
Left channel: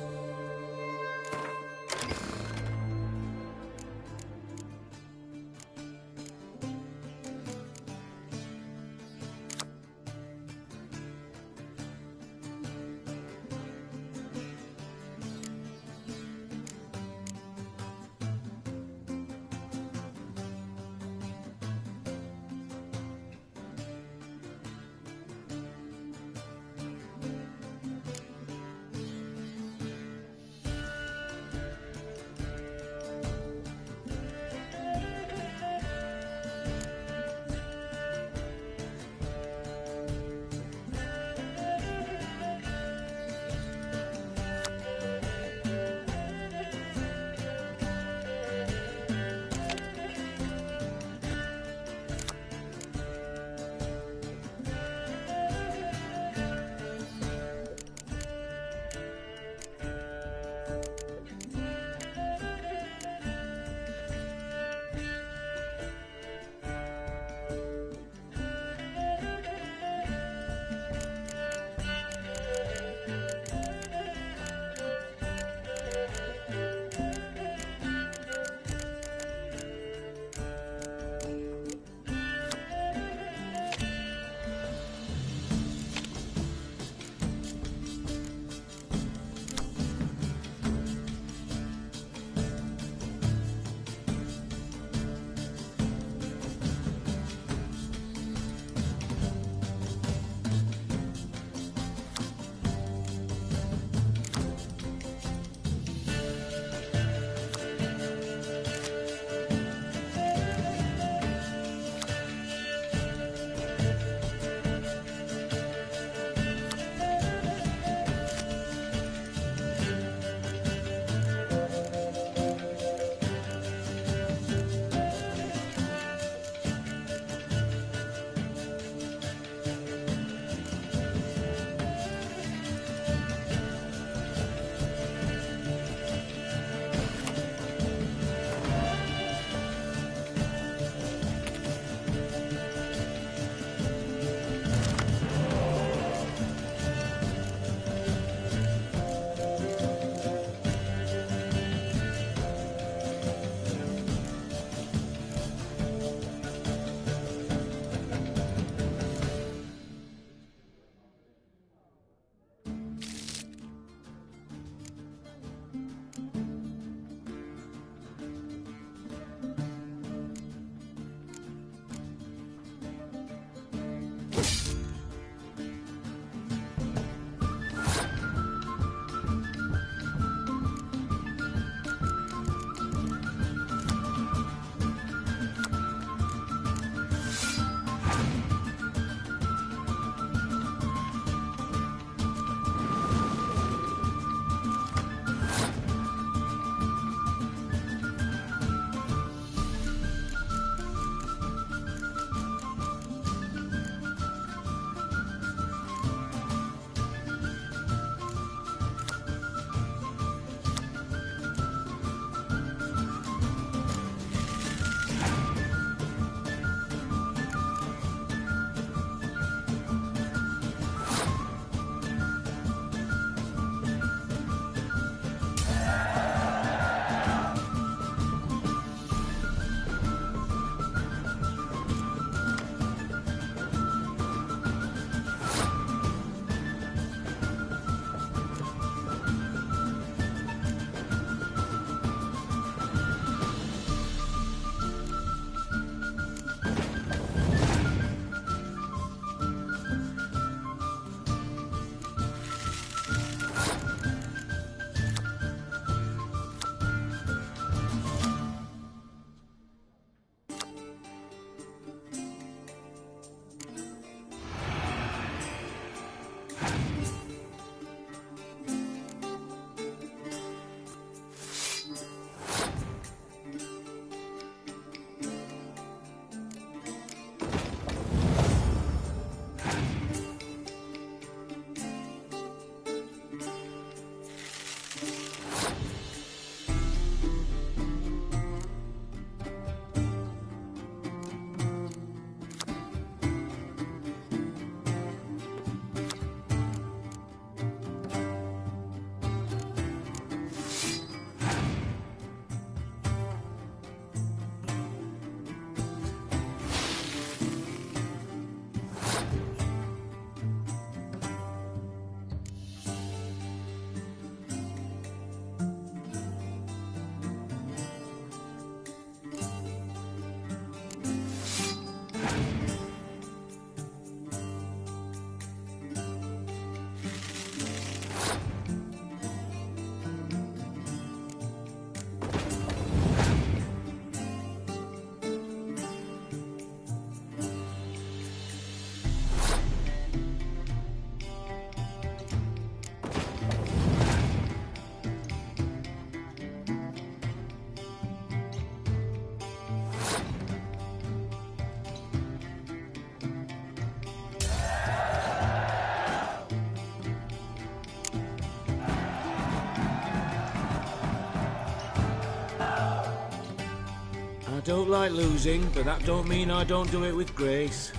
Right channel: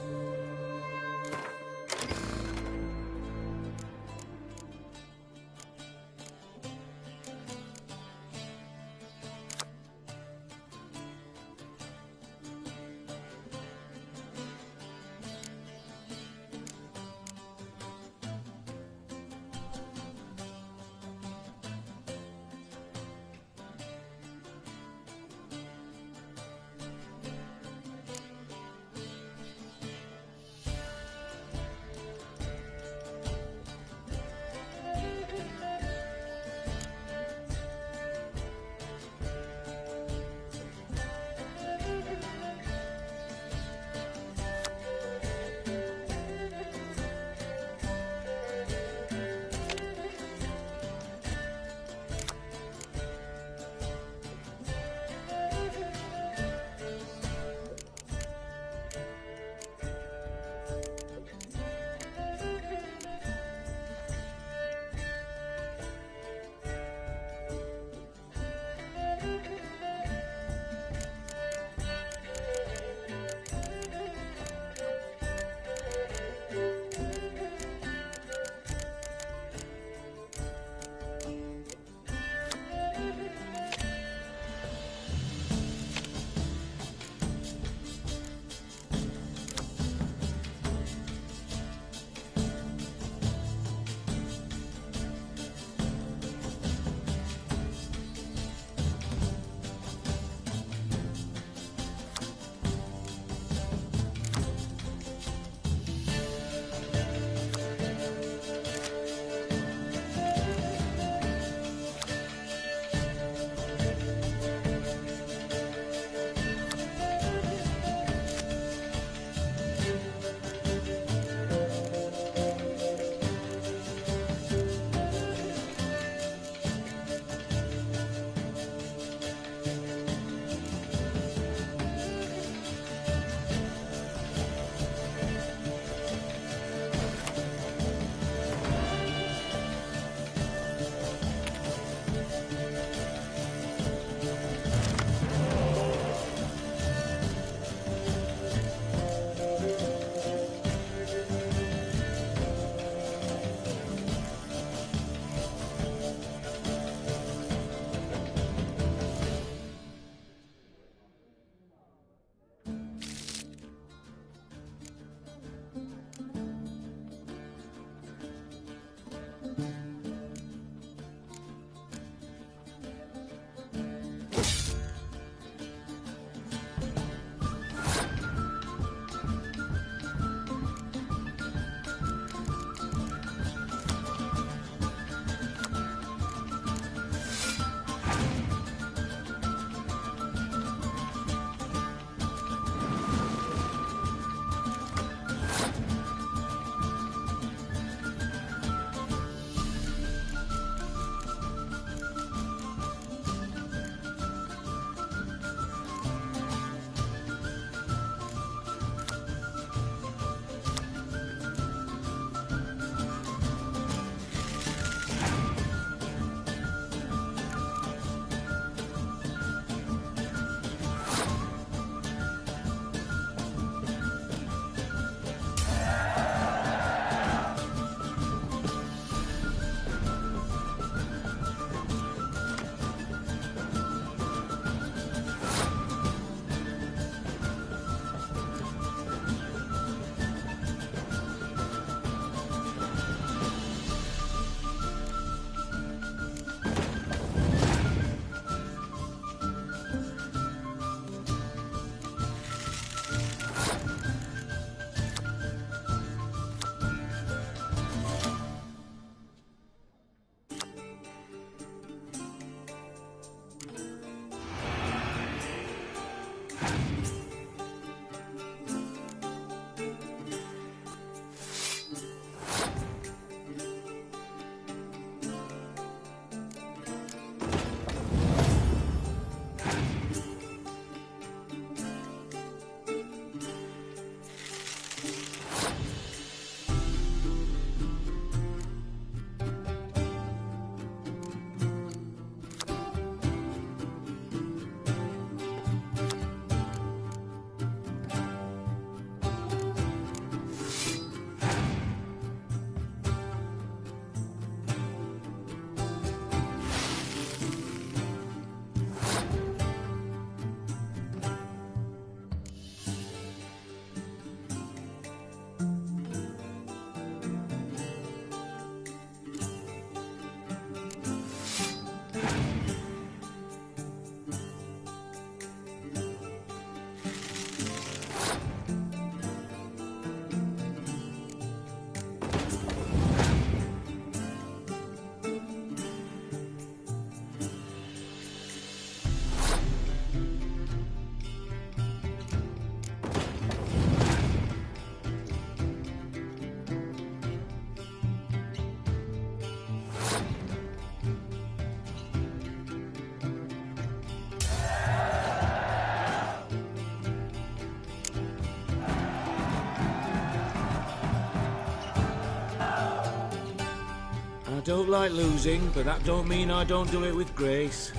I don't like losing, but that don't mean I don't do it with grace.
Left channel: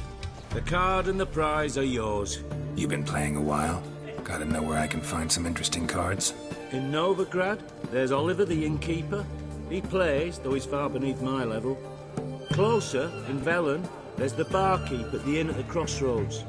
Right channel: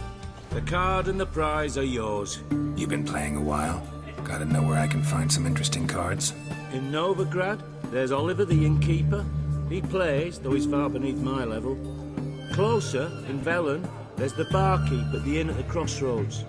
The card and the prize are yours. You've been playing a while? Gotta know where I can find some interesting cards. In Novigrad, there's Oliver the innkeeper. He plays, though he's far beneath my level. Closer, in Velen, there's the barkeep at the inn at the crossroads.